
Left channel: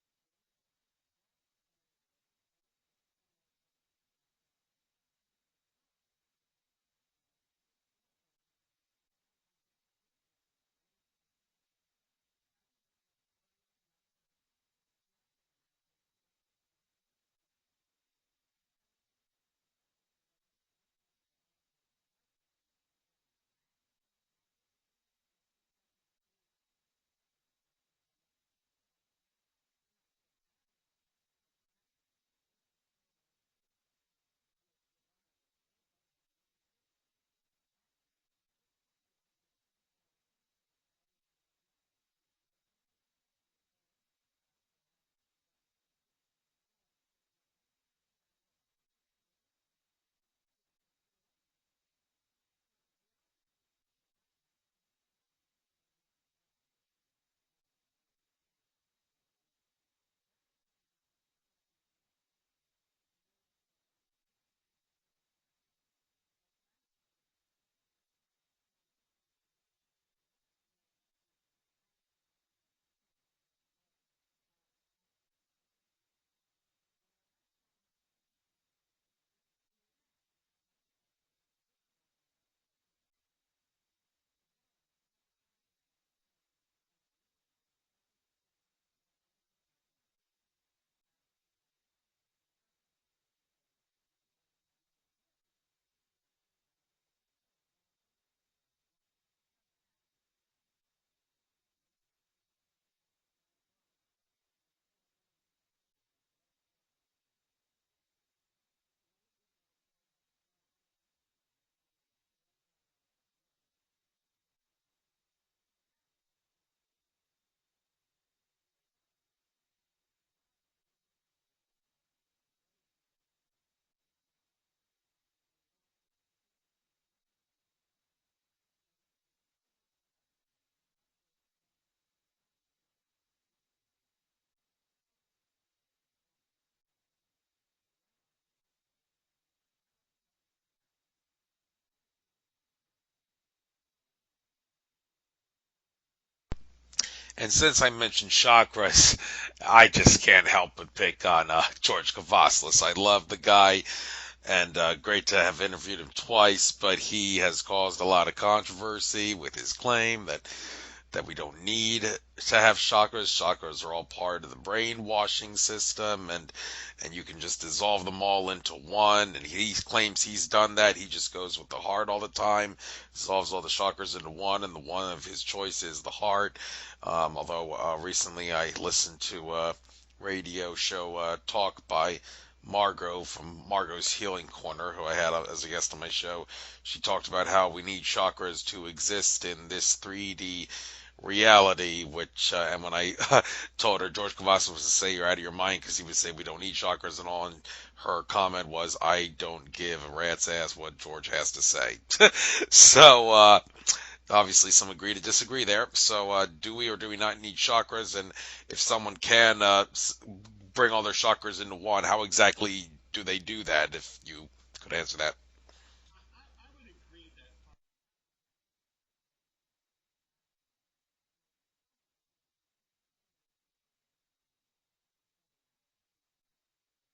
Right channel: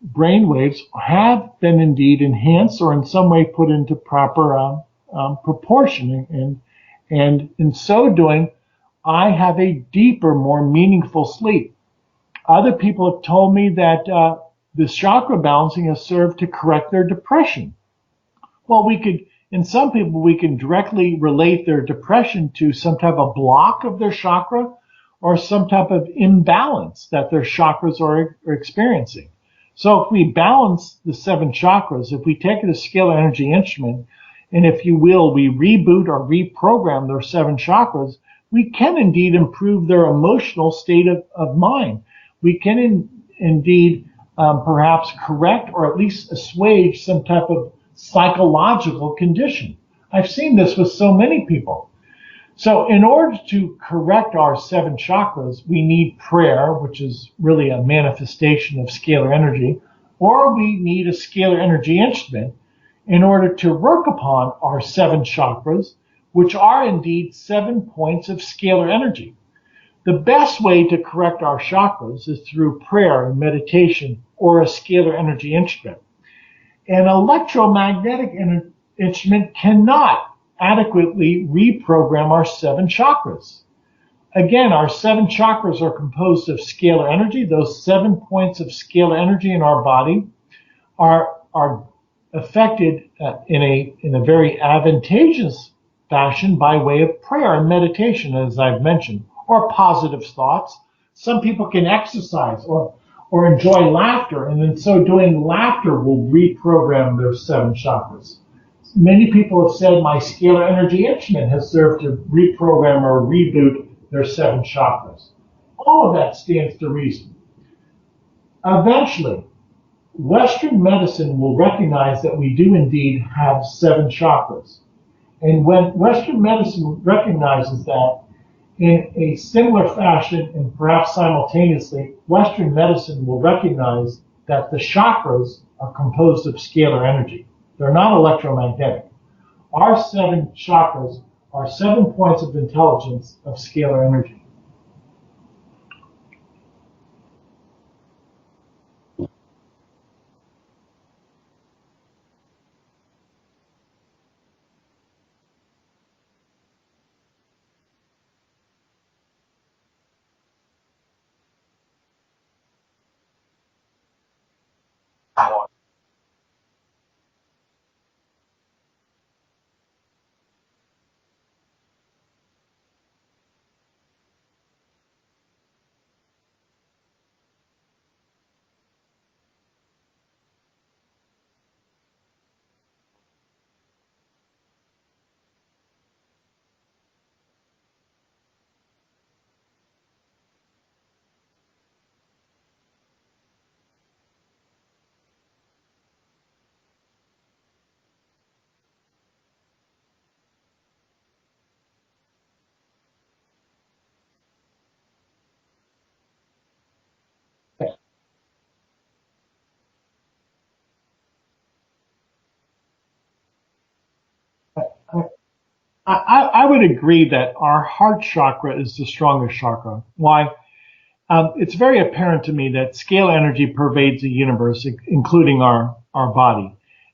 brain waves have been indeed enhanced or in some way put into proper proportion. And in so doing, I have a deeper, more meaningful sleep. Other people have told me that this chakra balancing has served to correct their depression. Well, in some people, we can directly relate their depression to some type of block of their chakra or some type of imbalance that their chakras are experiencing. So if we balance the seven chakras, if we take a scalar energy instrument, and if you will, we reboot or reprogram their seven chakras, we can indeed improve their emotional state of mind. We can indeed perhaps correct or at least assuage some type of psychological condition. I've seen this with so many people. So in order to correct our 7 chakras, we need prayer, which is really a manifestation of scalar energy, or we need a scalar energy instrument in order to work upon our 7 chakras, which are indeed 7 points of scalar energy. The best way to correct our chakras is through prayer and meditation or a scalar energy instrument. An electromagnetic instrument cannot adequately reprogram our 7 chakras. Again, our 7 chakras are composed of scalar energy. Those 7 points of scalar energy in our body are affected in a very advantageous fashion by way of prayer and meditation, as I've mentioned, or positive thoughts. Some people can exercise or enjoy laughter, and in so doing, laughter will reprogram their 7 chakras. Many people have said my scalar energy instrument has served to reprogram or reboot their 7 chakras. All of that stands to reason. Eventually, Western medicine will recognize that we do indeed have 7 chakras. And when Western medicine recognizes that, in a similar fashion and perhaps simultaneously, Western medicine will recognize that the chakras are composed of scalar energy. They're not electromagnetic. Our 7 chakras are 7 points of intelligence of scalar energy. And since I mentioned chakras, I just can't help but pick on George Kavaslis. I love the guy, and great to have interviewed him twice, but he has caused a lot of controversy with his claim that we don't need to have chakras. Chakras are all part of the brainwashing system, and you can just dissolve them all into one. And he claims he's done that. He just goes with the heart all the time, dissolves all the chakras into one, and the one of his choice is the heart. Although recently I listened to a radio show talk by Margot from Margot's Healing Corner, who I had as a guest on my show. She talked about how we need chakras to exist in this 3D reality, which, and when I told her George Kavaslis was to say you're out of your mind because he would say we don't need chakras and all, and her comment was, I don't give a rat's ass what George has to say. So, obviously some agree to disagree there. So, do we or do we not need chakras? And if someone can bring all their chakras into one, how exactly do they do that, if you could answer that? I would agree that our heart chakra is the strongest chakra. Why? It's very apparent to me that scalar energy pervades the universe, including our body,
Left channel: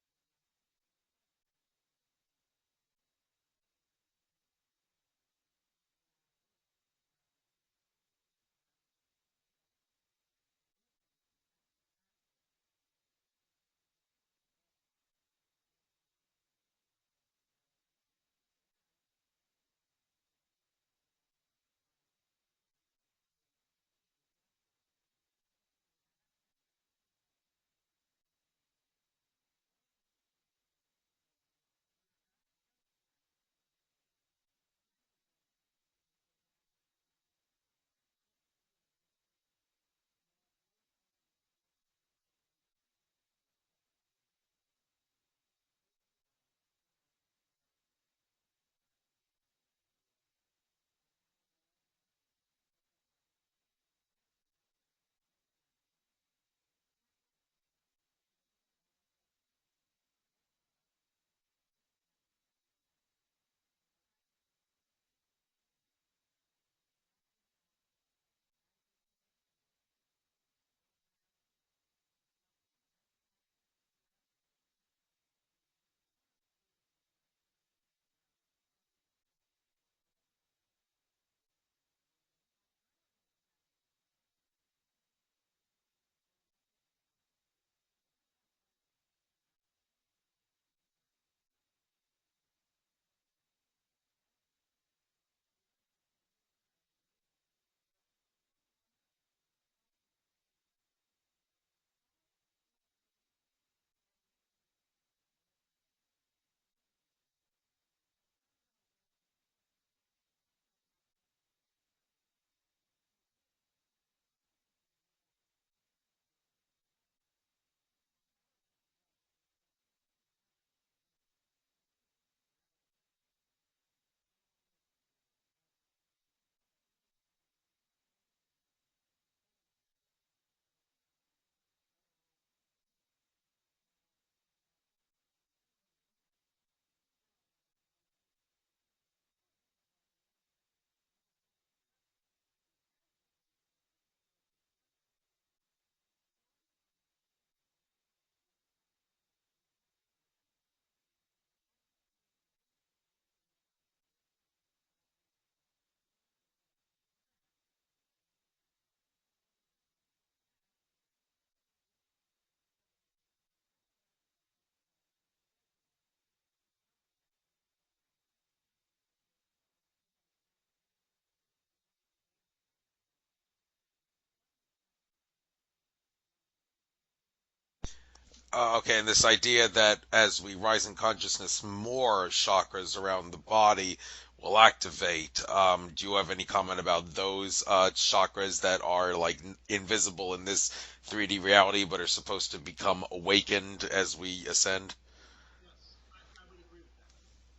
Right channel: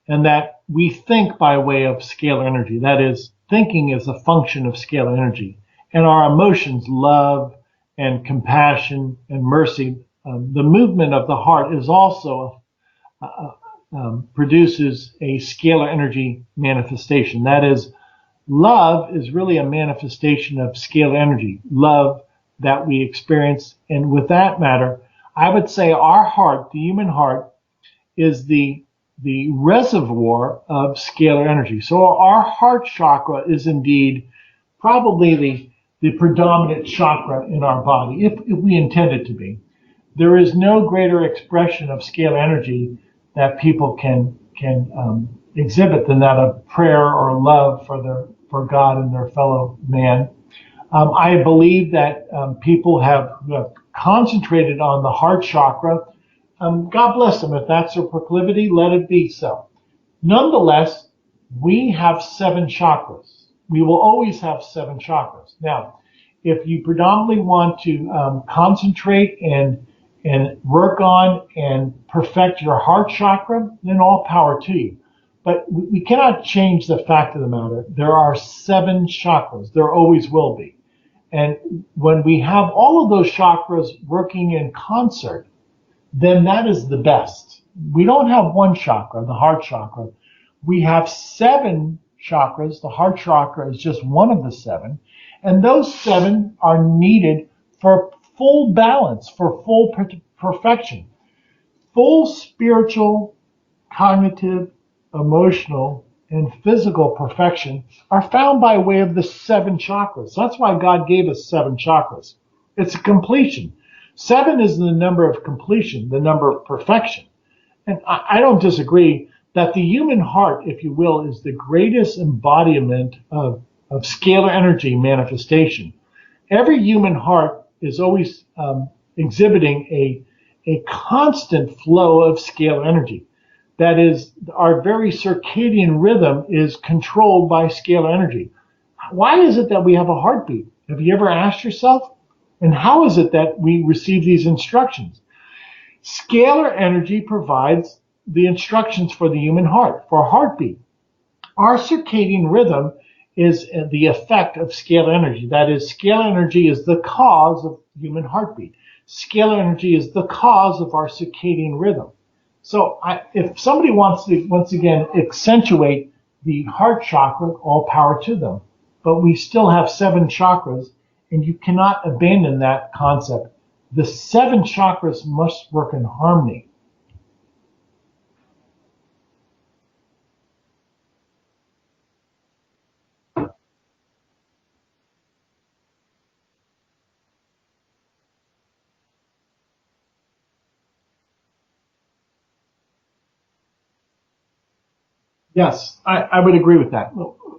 and that we think by way of scalar energy. That is, thinking is a function of scalar energy. And our emotions, love and compassion and mercy, the movement of the heart is also produces a scalar energy manifestation. That is, love is really a manifestation of scalar energy, love that we experience. And with that matter, I would say our heart, the human heart, is the reservoir of scalar energy. So our heart chakra is indeed probably the predominant chakra in our body, if we intend it to be. There is no greater expression of scalar energy that people can exhibit than that of prayer or love for God and their fellow man. I believe that people have concentrated on the heart chakra. God bless them. If that's their proclivity, let it be so. Nonetheless, we have 7 chakras. We will always have 7 chakras. Now, if you predominantly want to concentrate and work on and perfect your heart chakra, then all power to you. But we cannot change the fact of the matter. There are 7 chakras. There always will be. And when we have all of those chakras working in concert, then that is the best. We don't have one chakra, the heart chakra. We have 7 chakras. The heart chakra is just one of the 7. And those 7 are needed for full balance, for full perfection. Full spiritual, cognitive, emotional, and physical perfection are found by way of the 7 chakras. That's why God gave us 7 chakras. It's a completion. 7 is the number of completion, the number of perfection. And I don't disagree that the human heart, if you will, is the greatest embodiment of scalar energy manifestation. Every human heart is always exhibiting a constant flow of scalar energy. That is, our very circadian rhythm is controlled by scalar energy. Why is it that we have a heartbeat? Have you ever asked yourself? And how is it that we receive these instructions? Scalar energy provides the instructions for the human heart, for a heartbeat. Our circadian rhythm is the effect of scalar energy. That is, scalar energy is the cause of human heartbeat. Scalar energy is the cause of our circadian rhythm. So if somebody wants to, once again, accentuate the heart chakra, all power to them. But we still have 7 chakras, and you cannot abandon that concept. The 7 chakras must work in harmony. Okay, and this idea that as we rise in consciousness, more chakras around the body will activate. Do you have any comment about those chakras that are like invisible in this 3D reality, but are supposed to become awakened as we ascend? Yes, I would agree with that.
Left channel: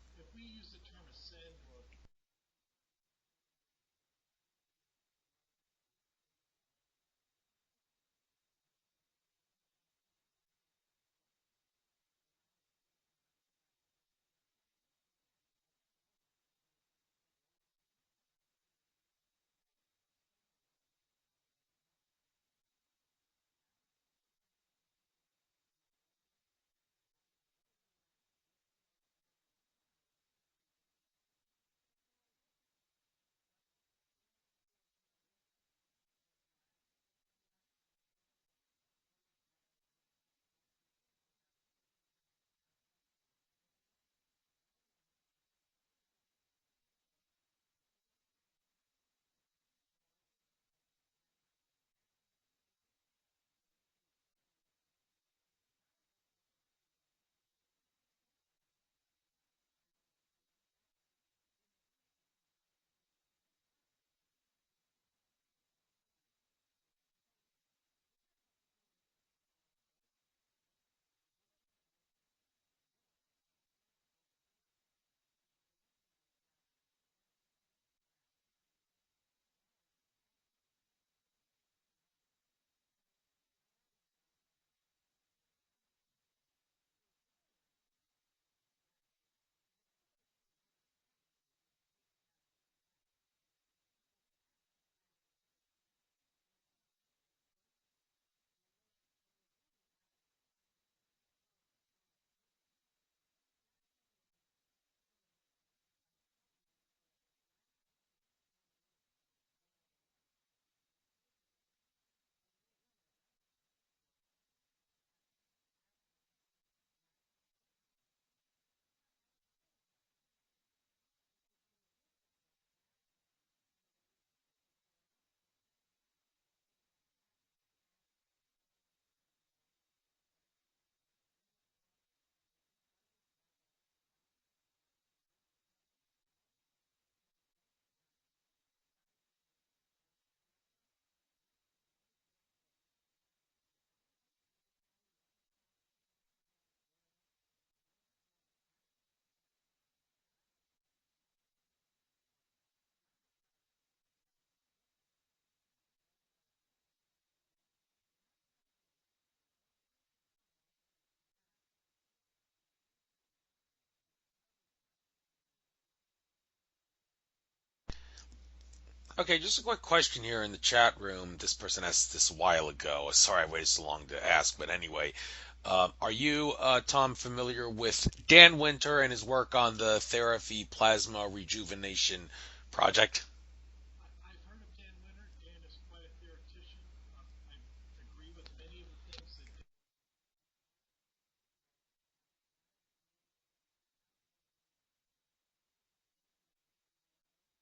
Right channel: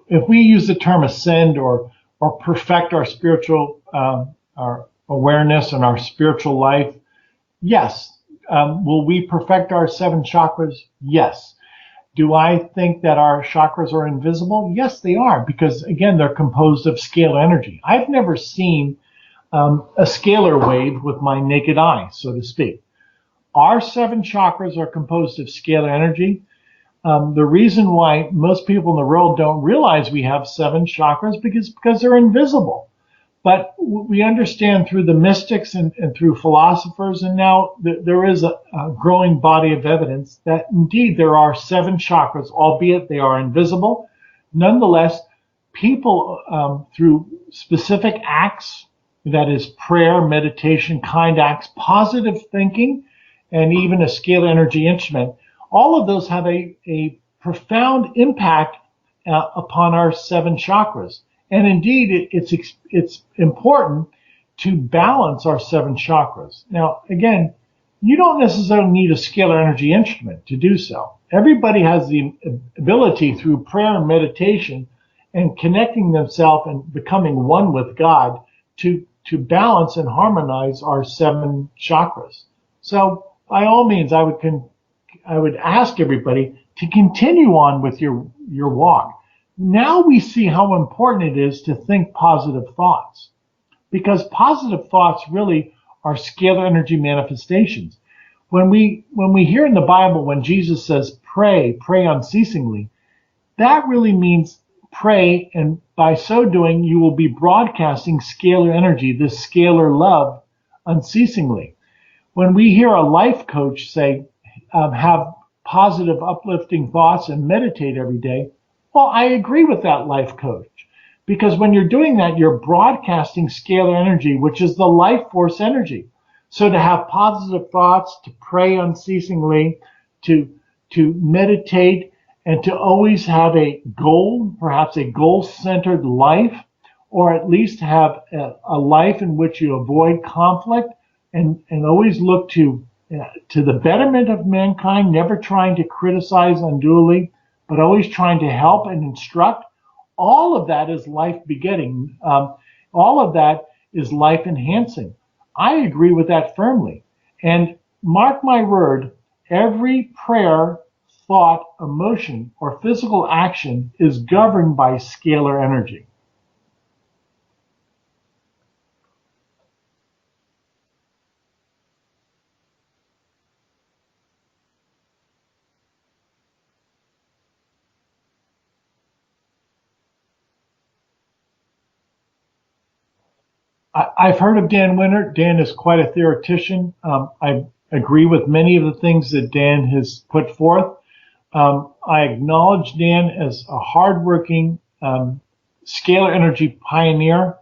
If we use the term ascend or perfect our spiritual our awareness and our spiritual life, yes. Will we perfect our 7 chakras? Yes. Do I think that our chakras are invisible? Yes, they are, because again, they're composed of scalar energy. I've never seen a scalar wave with my naked eye, so to speak. Our 7 chakras are composed of scalar energy. The reason why most people in the world don't realize we have 7 chakras because they're invisible. But we understand through the mystics and through philosophers, and now there is a growing body of evidence that indeed there are 7 chakras, albeit they are invisible. Nonetheless, people through specific acts, that is prayer, meditation, kind acts, positive thinking, and even a scalar energy instrument, all of those have a profound impact upon our 7 chakras. And indeed, it's important to balance our 7 chakras. Now, again, you don't necessarily need a scalar energy instrument to do so. Everybody has the ability through prayer and meditation and connecting themselves and becoming one with God to balance and harmonize our 7 chakras. So, by all means, I would ask everybody to continue on with your walk. Now we see how important it is to think positive thoughts, because positive thoughts really are scalar energy manifestations. When we hear in the Bible when Jesus says pray unceasingly, that really means pray, and by so doing you will be broadcasting scalar energy, this scalar love, unceasingly. When we hear a life coach say have positive uplifting thoughts and meditate every day, well, I agree with that life coach, because when you're doing that, you're broadcasting scalar energy, which is the life force energy. So to have positive thoughts, to pray unceasingly, to meditate, and to always have a goal, perhaps a goal-centered life, or at least have a life in which you avoid conflict and always look to the betterment of mankind, never trying to criticize unduly, but always trying to help and instruct. All of that is life begetting. All of that is life enhancing. I agree with that firmly. And mark my word, every prayer, thought, emotion, or physical action is governed by scalar energy. Okay, just a quick question here in the chat room. This person asked this a while ago. Sorry I waited so long to ask, but anyway. Are you, Tom, familiar with Dan Winter and his work on the therapy plasma rejuvenation project? I've heard of Dan Winter. Dan is quite a theoretician. I agree with many of the things that Dan has put forth. I acknowledge Dan as a hardworking scalar energy pioneer.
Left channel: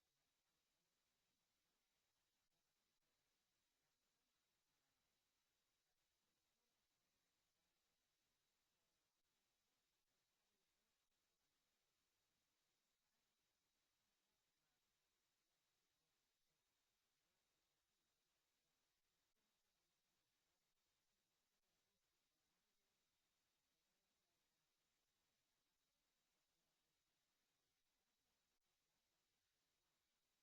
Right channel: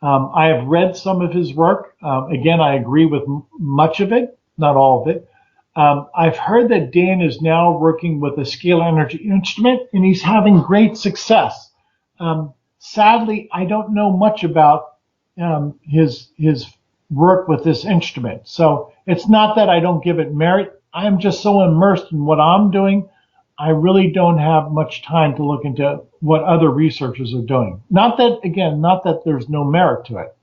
I have read some of his work. Again, I agree with much of it, not all of it. I've heard that Dan is now working with a scalar energy instrument, and he's having great success. Sadly, I don't know much about his work with this instrument. So it's not that I don't give it merit. I am just so immersed in what I'm doing. I really don't have much time to look into what other researchers are doing. Not that, again, not that there's no merit to it.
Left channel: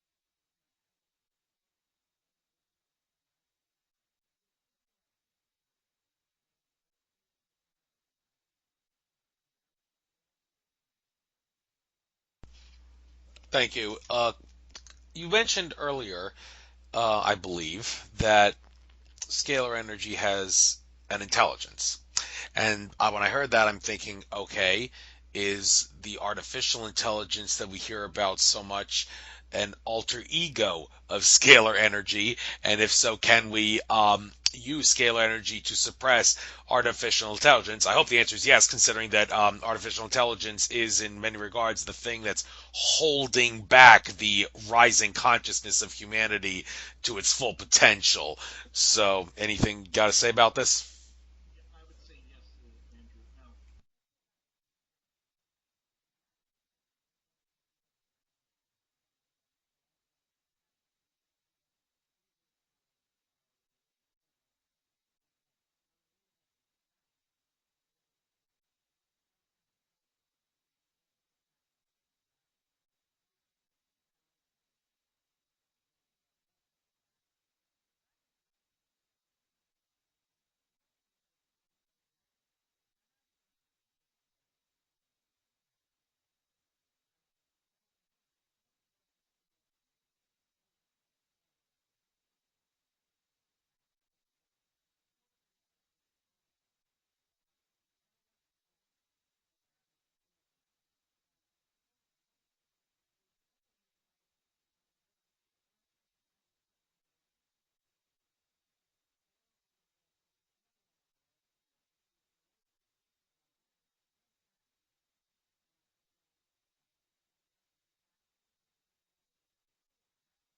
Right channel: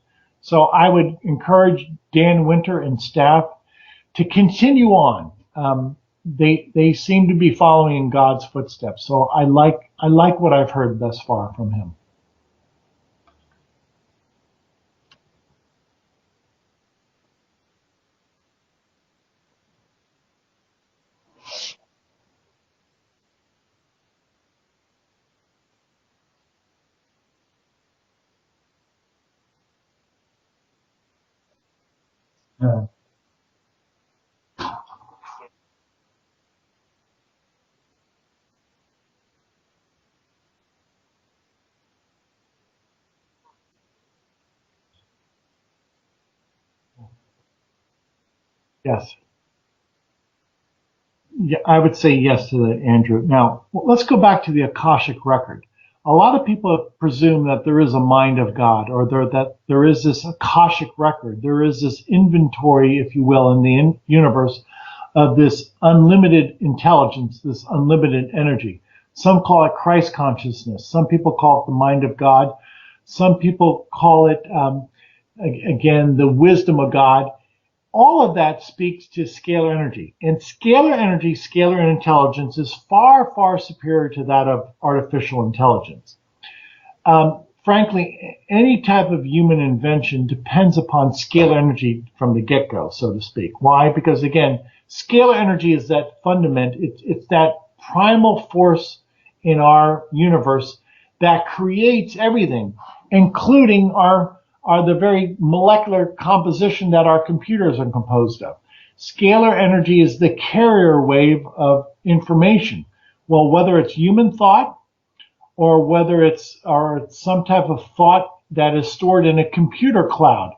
So I would encourage Dan Winter and staff to continue on. They seem to be following in God's footsteps. So I like what I've heard thus far from him. Thank you. You mentioned earlier, I believe, that scalar energy has an intelligence. And when I heard that, I'm thinking, okay, is the artificial intelligence that we hear about so much an alter ego of scalar energy? And Uh, if so, can we use scalar energy to suppress artificial intelligence? I hope the answer is yes, considering that artificial intelligence is, in many regards, the thing that's holding back the rising consciousness of humanity to its full potential. yes. So, anything you got to say about this? Yeah, I would say yes to that, Andrew. Now, let's go back to the Akashic record. A lot of people presume that there is a mind of God, or that there is this Akashic record. There is this inventory, if you will, in the universe of this unlimited intelligence, this unlimited energy. Some call it Christ consciousness. Some people call it the mind of God. Some people call it, again, the wisdom of God. All of that speaks to scalar energy. And scalar energy, scalar intelligence is far, far superior to that of artificial intelligence. Frankly, any type of human invention depends upon scalar energy from the get-go, so to speak. Why? Because again, scalar energy is that fundament. It's that primal force in our universe that creates everything, including our the very molecular composition that our computers are composed of. Scalar energy is the carrier wave of information. Well, whether it's human thought or whether it's some type of thought that is stored in a computer cloud.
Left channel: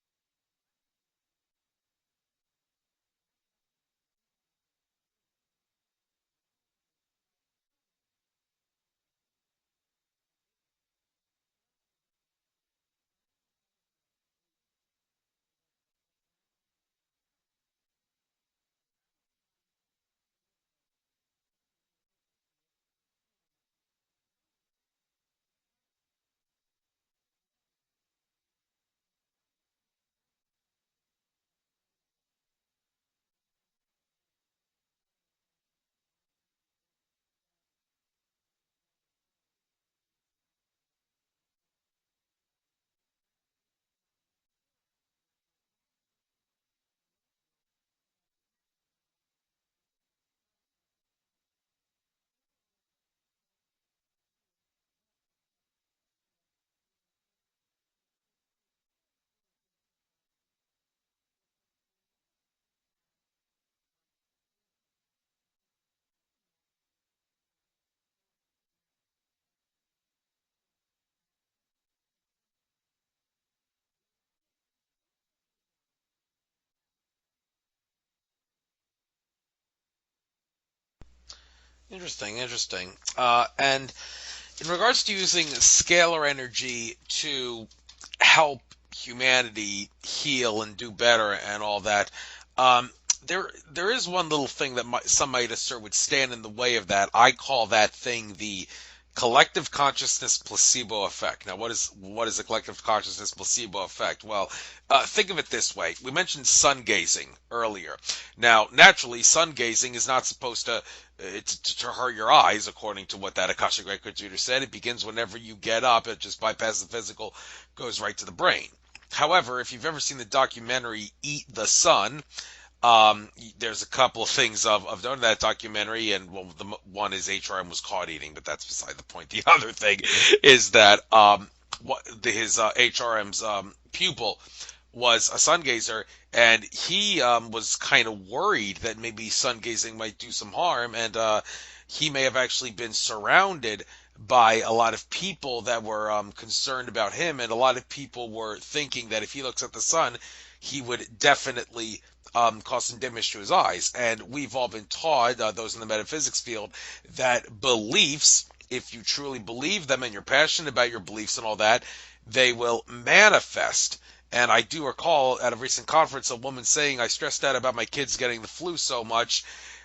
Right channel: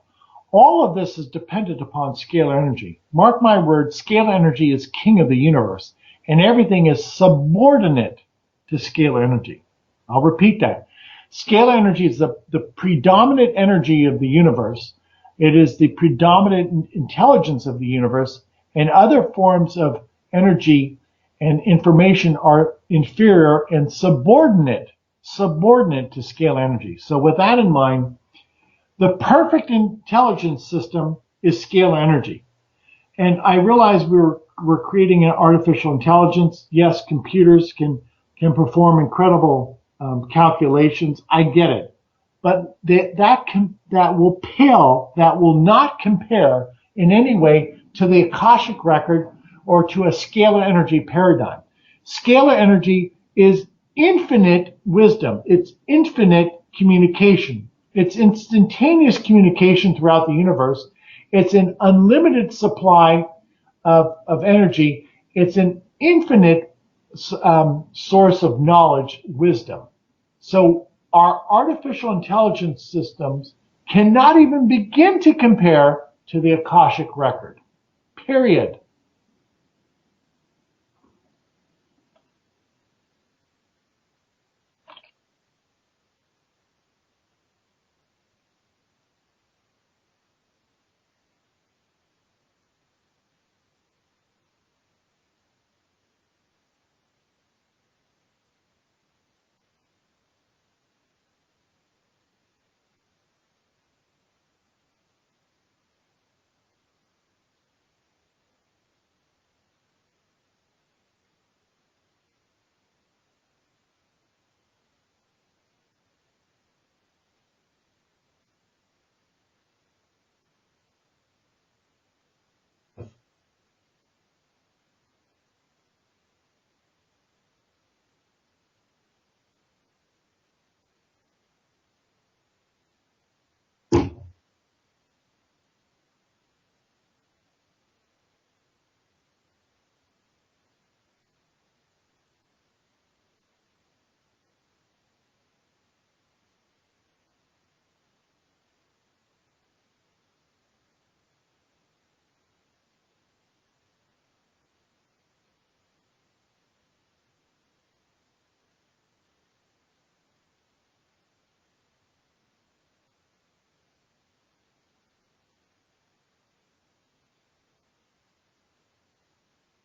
All of this is dependent upon scalar energy. Mark my words, scalar energy is king of the universe, and everything is subordinate to scalar energy. I'll repeat that. Scalar energy is the predominant energy of the universe. It is the predominant intelligence of the universe, and other forms of energy and information are inferior and subordinate to scalar energy. So with that in mind, the perfect intelligence system is scalar energy. And I realize we're creating an artificial intelligence. Yes, computers can perform incredible calculations. I get it, but that will not compare in any way to the Akashic record or to a scalar energy paradigm. Scalar energy is infinite wisdom. It's infinite communication. It's instantaneous communication throughout the universe. It's an unlimited supply of energy. It's an infinite source of knowledge, wisdom. So our artificial intelligence systems cannot even begin to compare to the Akashic record. Period. Interesting, interesting. And in regards to using scalar energy to help humanity heal and do better and all that, um, there is one little thing that some might assert would stand in the way of that. I call that thing the collective consciousness placebo effect. Now, what is the collective consciousness placebo effect? Well, think of it this way. We mentioned sun gazing earlier. Now, naturally, sun gazing is not supposed to hurt your eyes, according to what that Akashic Records reader said. It begins whenever you get up. It just bypasses the physical, goes right to the brain. However, if you've ever seen the documentary Eat the Sun, there's a couple of things of done that documentary, and one is HRM was caught eating, but that's beside the point. The other thing is that his HRM's pupil was a sun gazer, and he was kind of worried that maybe sun gazing might do some harm, and he may have actually been surrounded by a lot of people that were concerned about him, and a lot of people were thinking that if he looks at the sun, he would definitely cause some damage to his eyes. And we've all been taught, those in the metaphysics field, that beliefs, if you truly believe them and you're passionate about your beliefs and all that, they will manifest. And I do recall at a recent conference a woman saying, I stressed out about my kids getting the flu so much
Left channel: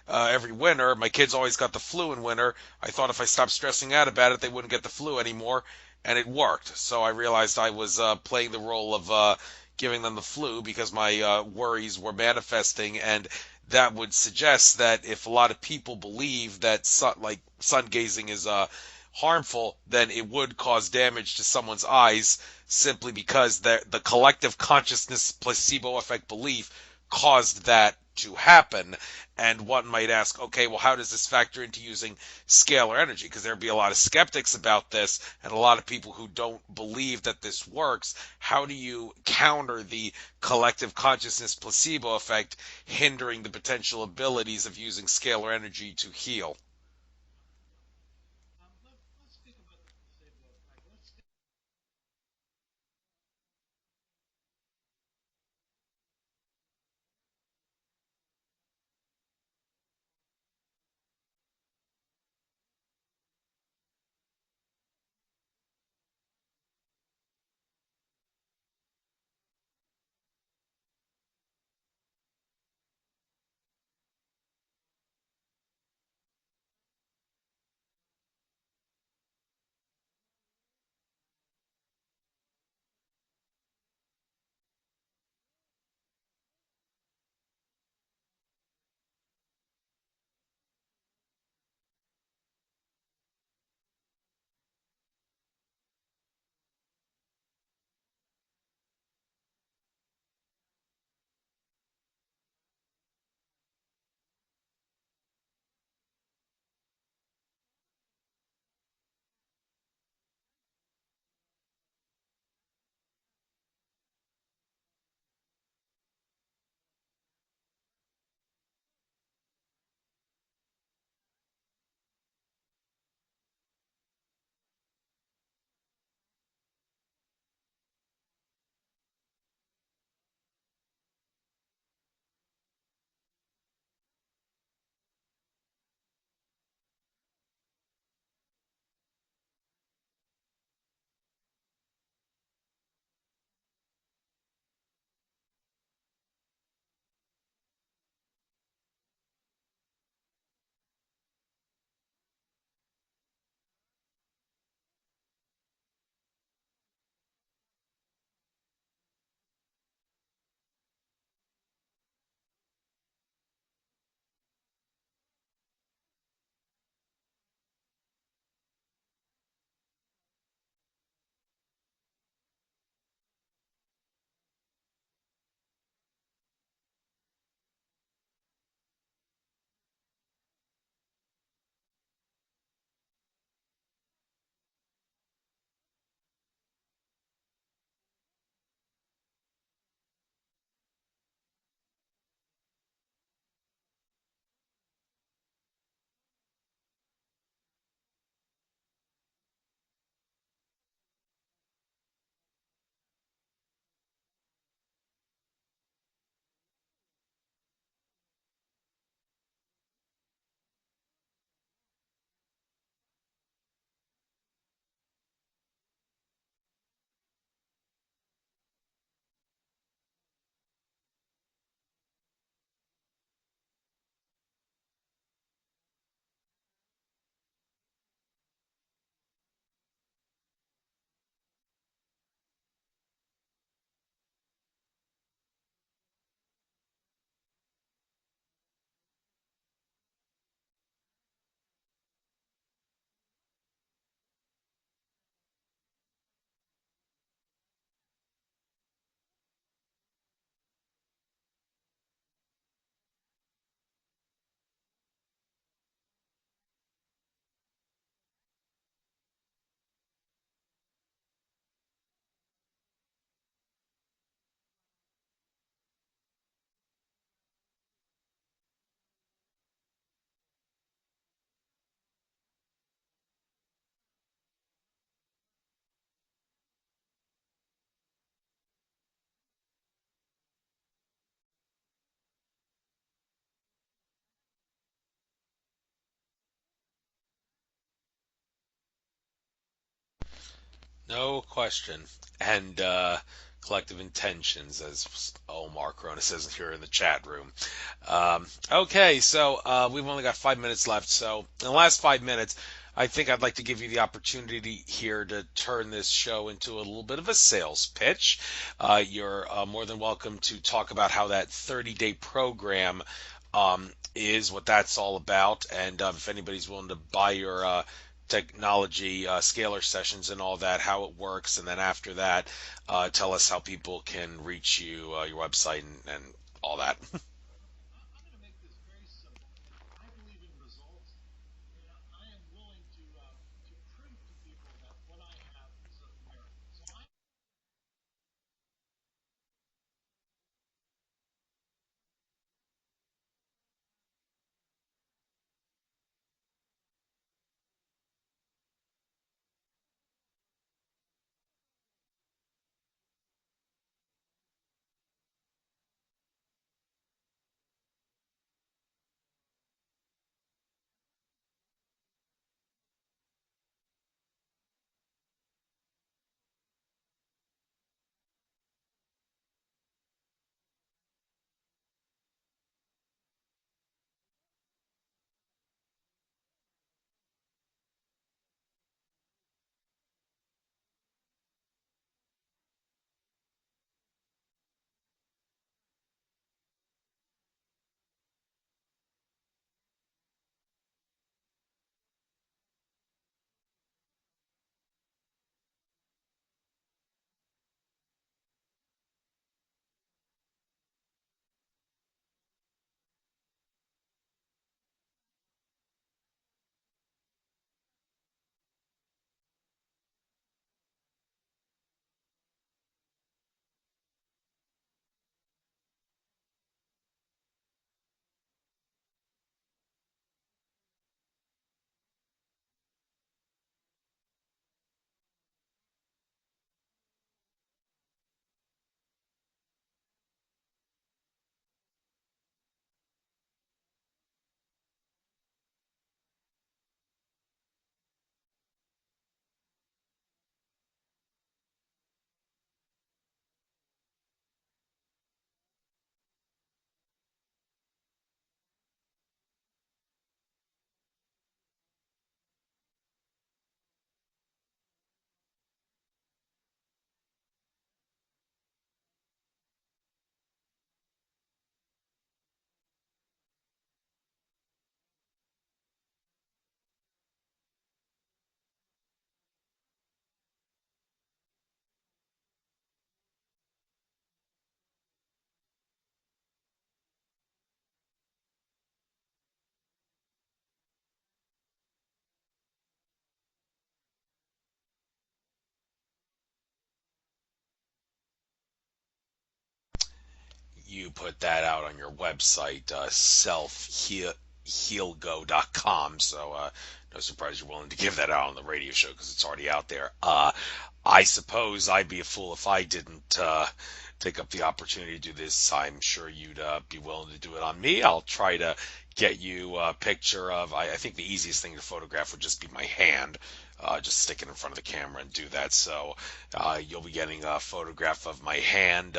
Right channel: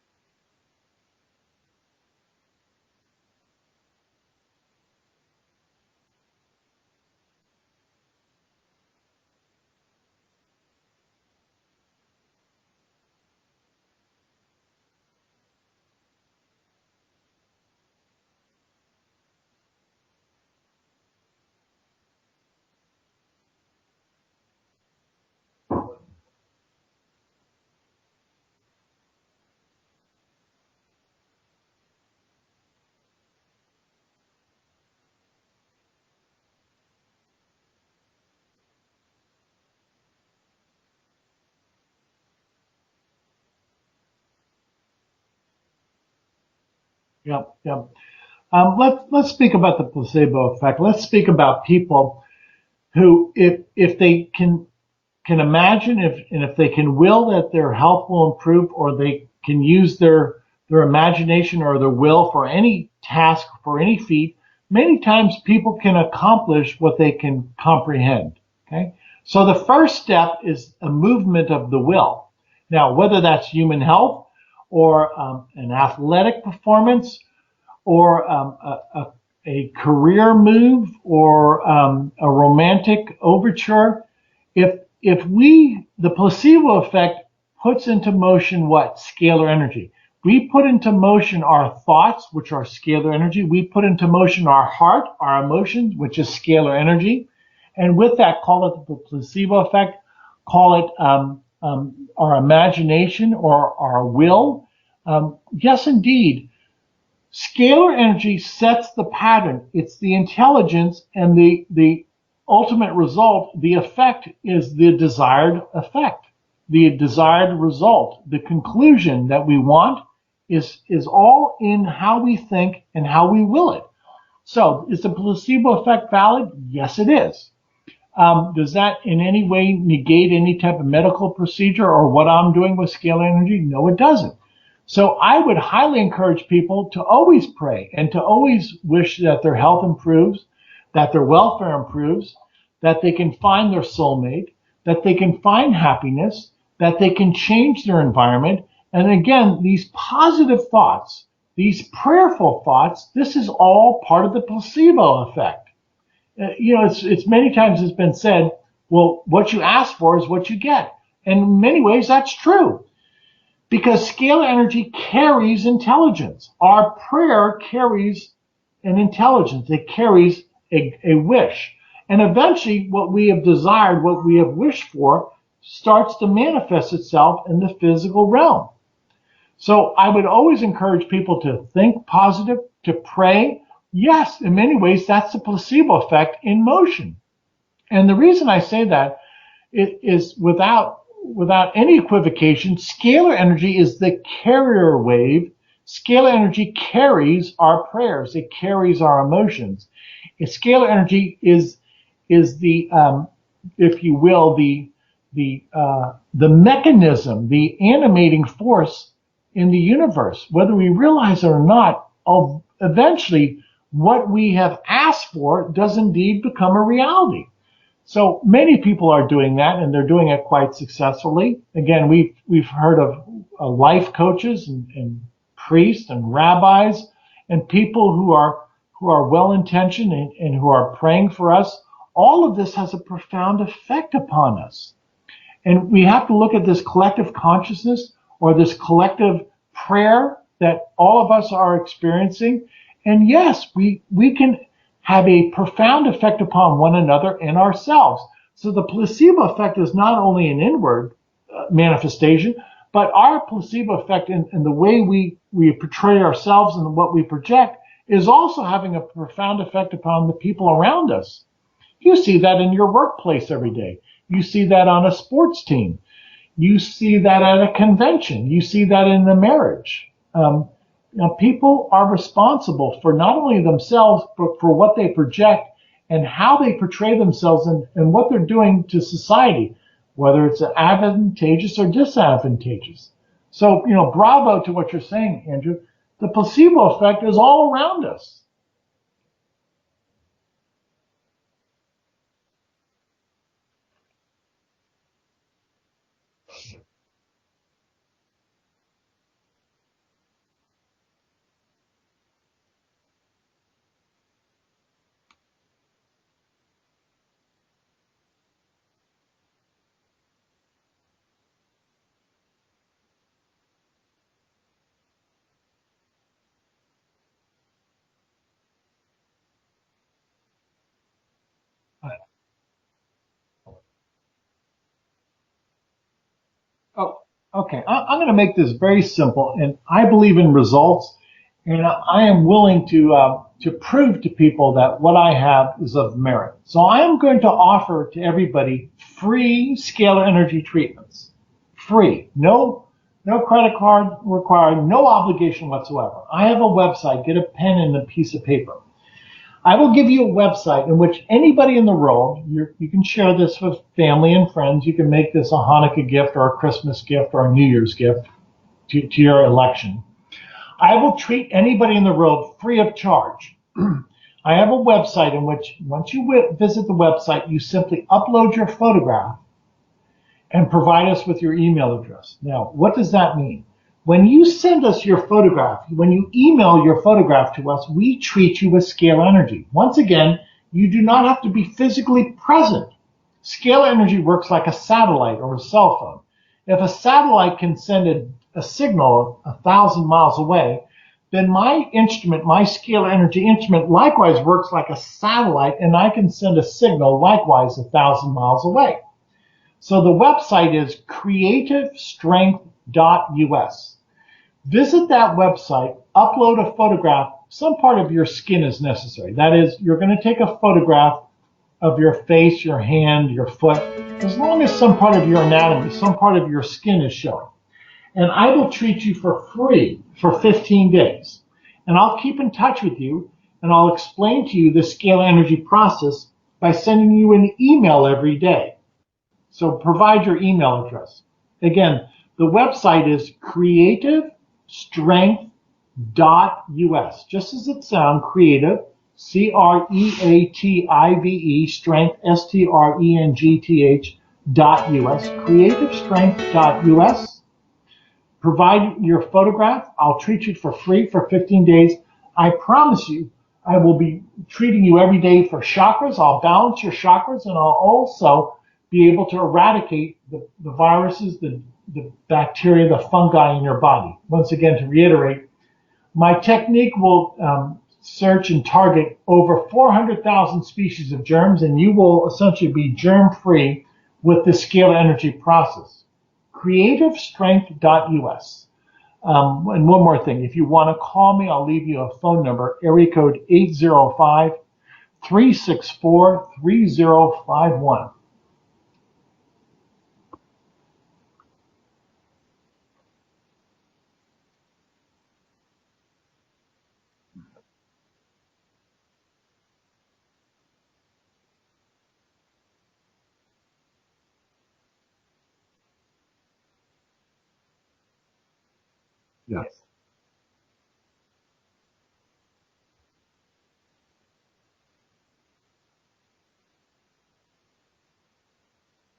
every winter. My kids always got the flu in winter. I thought if I stopped stressing out about it, they wouldn't get the flu anymore, and it worked. So I realized I was playing the role of giving them the flu because my worries were manifesting, and that would suggest that if a lot of people believe that sun gazing is harmful, then it would cause damage to someone's eyes simply because the collective consciousness placebo effect belief caused that to happen. And one might ask, okay, well, how does this factor into using scalar energy? Because there'd be a lot of skeptics about this and a lot of people who don't believe that this works. How do you counter the collective consciousness placebo effect hindering the potential abilities of using scalar energy to heal? Yep, yep. Let's speak about the placebo effect. Let's speak about people who, if they can imagine, if they can will that their health will improve, or they can use their imagination or their will for any task, for any feat, many times people can accomplish what they can comprehend. Okay, so the first step is a movement of the will. Now, whether that's human health or an athletic performance or a career move or a romantic overture, the placebo effect puts into motion what? Scalar energy. We put into motion our thoughts, which are scalar energy. We put into motion our heart, our emotions, which is scalar energy. And with that, call it the placebo effect, call it our imagination or our will. Yes, indeed. Scalar energy sets the pattern. It's the intelligence, and the ultimate result, the effect is the desired effect, the desired result. The conclusion that we want is all in how we think and how we will it. So is the placebo effect valid? Yes, it is. Does that in any way negate any type of medical procedure or what I'm doing with scalar energy? No, it doesn't. So I would highly encourage people to always pray and to always wish that their health improves, that their welfare improves, that they can find their soulmate, that they can find happiness, that they can change their environment. And again, these positive thoughts, these prayerful thoughts, this is all part of the placebo effect. It's many times it's been said, well, what you ask for is what you get. And in many ways, that's true. Because scalar energy carries intelligence. Our prayer carries an intelligence. It carries a wish. And eventually, what we have desired, what we have wished for, starts to manifest itself in the physical realm. So I would always encourage people to think positive, to pray. Yes, in many ways, that's the placebo effect in motion. And the reason I say that is without any equivocation, scalar energy is the carrier wave. Scalar energy carries our prayers. It carries our emotions. Scalar energy is the, if you will, the mechanism, the animating force in the universe. Whether we realize it or not, eventually what we have asked for does indeed become a reality. So many people are doing that, and they're doing it quite successfully. Again, we've heard of life coaches and priests and rabbis and people who are well intentioned and who are praying for us. All of this has a profound effect upon us, and we have to look at this collective consciousness or this collective prayer that all of us are experiencing. And yes, we can have a profound effect upon one another and ourselves. So the placebo effect is not only an inward manifestation, but our placebo effect in the way we portray ourselves and what we project is also having a profound effect upon the people around us. You see that in your workplace every day. You see that on a sports team. You see that at a convention. You see that in the marriage. People are responsible for not only themselves, but for what they project and how they portray themselves and what they're doing to society, whether it's advantageous or disadvantageous. So, bravo to what you're saying, Andrew. The placebo effect is all around us. No question. And collective intentions, as Omar Corona says here in the chat room. Okay, so we've only got 5 minutes left. So in the last 5 minutes, I think I'd like to give you the opportunity here to turn this show into a little bit of a sales pitch. You're more than welcome to talk about how that 30-day program is, what that's all about, and if anybody's willing to buy your technology scalar sessions and all that, how it works, and then after that, tell us how people can reach you, your website, and all that. Oh, okay. I'm going to make this very simple, and I believe in results, and I am willing to prove to people that what I have is of merit. So I am going to offer to everybody free scalar energy treatments, free, no credit card required, no obligation whatsoever. I have a website. Get a pen and a piece of paper. I will give you a website in which anybody in the world, you can share this with family and friends. You can make this a Hanukkah gift or a Christmas gift or a New Year's gift to your election. I will treat anybody in the world free of charge. I have a website in which once you visit the website, you simply upload your photograph and provide us with your email address. Now, what does that mean? When you send us your photograph, when you email your photograph to us, we treat you with scalar energy. Once again, you do not have to be physically present. Scalar energy works like a satellite or a cell phone. If a satellite can send a signal 1,000 miles away, then my instrument, my scalar energy instrument, likewise works like a satellite, and I can send a signal likewise 1,000 miles away. So the website is creativestrength.us. Visit that website, upload a photograph. Some part of your skin is necessary. That is, you're going to take a photograph of your face, your hand, your foot, as long as some part of your anatomy, some part of your skin is showing. And I will treat you for free for 15 days. And I'll keep in touch with you, and I'll explain to you the scalar energy process by sending you an email every day. So provide your email address. Again, the website is creativestrength.us. Just as it sounds, creative, CREATIVE, strength, STRENGTH.us, creativestrength.us. Provide your photograph. I'll treat you for free for 15 days. I promise you, I will be treating you every day for chakras. I'll balance your chakras, and I'll also be able to eradicate the viruses, the bacteria, the fungi in your body. Once again, to reiterate, my technique will search and target over 400,000 species of germs, and you will essentially be germ-free with the scalar energy process. creativestrength.us. And one more thing, if you want to call me, I'll leave you a phone number, area code 805-364-3051. You put that out on your website, selfhealgo.com. So no surprise you're willing to give that out on the radio show because it's already out there. I suppose I'd be a fool if I didn't take up the opportunity to do this. I'm sure you'd be willing to do it on me. I'll try to get you a picture of, I think the easiest thing to photograph would just be my hand. Just stick it in front of the camera and do that. So you'll be getting a photograph of my hand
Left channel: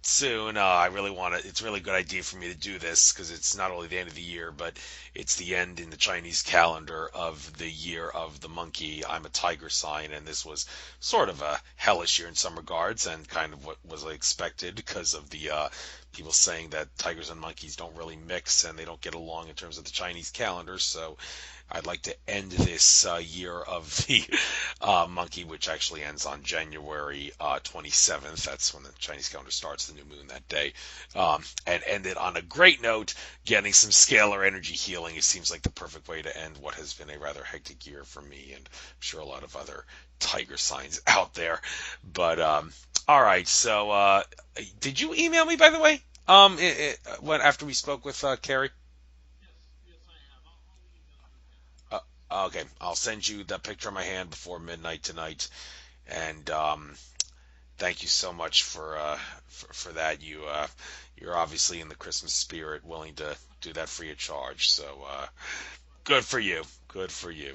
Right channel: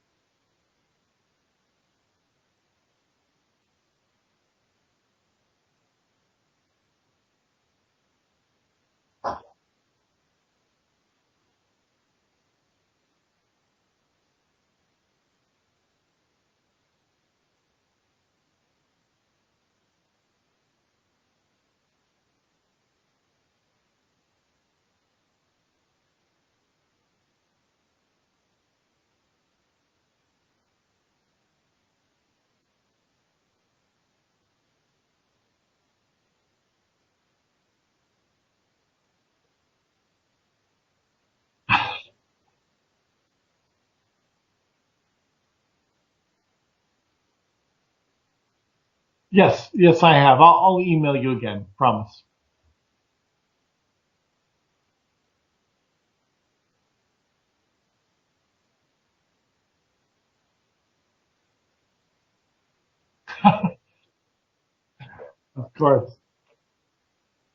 soon. I really want to, it's a really good idea for me to do this because it's not only the end of the year, but it's the end in the Chinese calendar of the year of the monkey. I'm a tiger sign, and this was sort of a hellish year in some regards and kind of what was expected because of the people saying that tigers and monkeys don't really mix and they don't get along in terms of the Chinese calendar. So I'd like to end this year of the monkey, which actually ends on January 27th. That's when the Chinese calendar starts, the new moon that day. And end it on a great note, getting some scalar energy healing. It seems like the perfect way to end what has been a rather hectic year for me, and I'm sure a lot of other tiger signs out there. But all right, so did you email me, by the way, after we spoke with Carrie? Yes, I have. I'll email you again. Promise. Okay, I'll send you the picture of my hand before midnight tonight, and thank you so much for that. You're obviously in the Christmas spirit, willing to do that free of charge. So Sure. good for you. Good for you.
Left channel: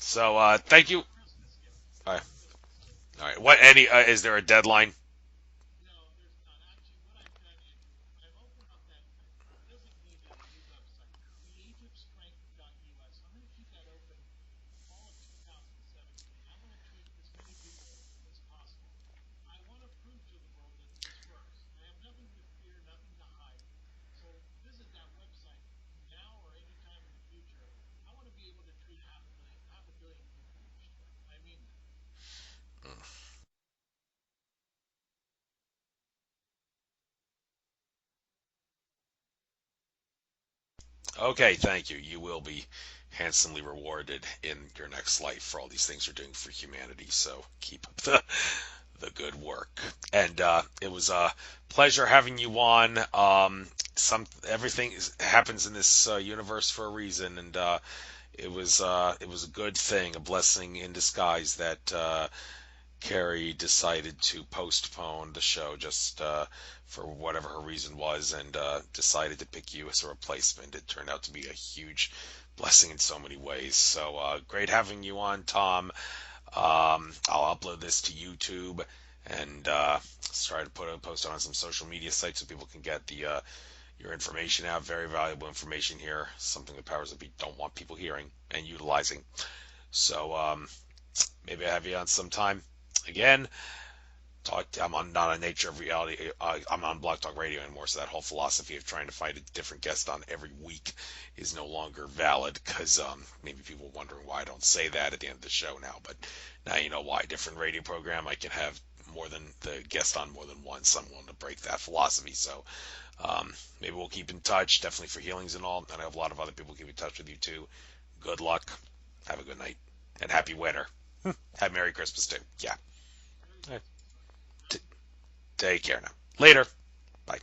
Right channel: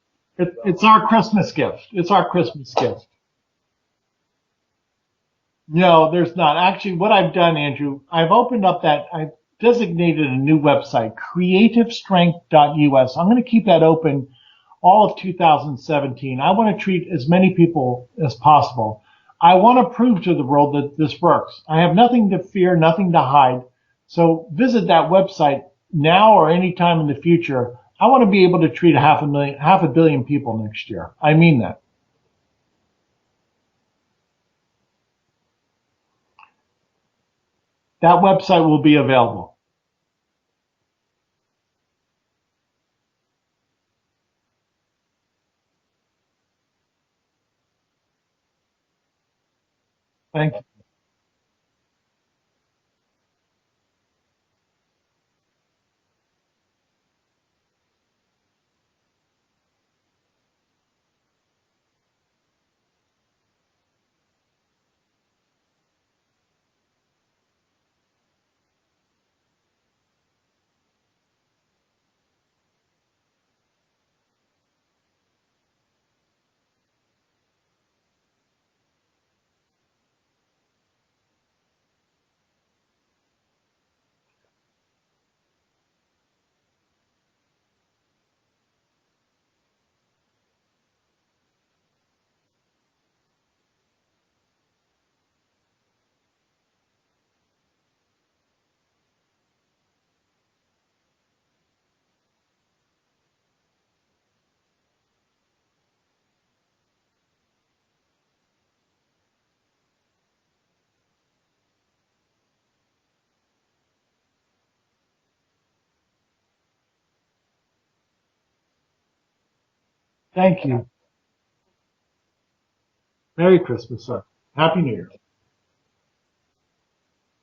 So It's thank you. our Christmas gift. It's All our right. Christmas gift. All right. What any is there a deadline? No, there's not. Actually, what I've done, Andrew, I've designated a new website, creativestrength.us. I'm going to keep that open all of 2017. I want to treat as many people as possible. I want to prove to the world that this works. I have nothing to fear, nothing to hide. So visit that website now or anytime in the future. I want to be able to treat half a billion people next year. I mean that. That website will be available. Okay, thank you. You will be handsomely rewarded in your next life for all these things you're doing for humanity. So keep up the good work. And Thank it was a pleasure having you on. Everything happens in this universe for a reason, and it was a good thing, a blessing in disguise that Carrie decided to postpone the show just for whatever her reason was, and decided to pick you as a replacement. It turned out to be a huge blessing in so many ways. So great having you on, Tom. I'll upload this to YouTube and try to put a post on some social media sites so people can get the your information out. Very valuable information here. Something the powers that be don't want people hearing and utilizing. So maybe I have you on sometime again. I'm on not on Nature of Reality. I'm on Blog Talk Radio anymore, so that whole philosophy of trying to find a different guest on every week is no longer valid because maybe people are wondering why I don't say that at the end of the show now. But now you know why. Different radio program, I can have more than the guest on more than once. I'm willing to break that philosophy. So maybe we'll keep in touch, definitely for healings and all. And I have a lot of other people keep in touch with you too. Good luck. Have a good night and happy Thank you. winter. Have Merry Christmas too. Yeah. Merry All right. Christmas, sir. Happy New Year. Take care now. Later. Bye.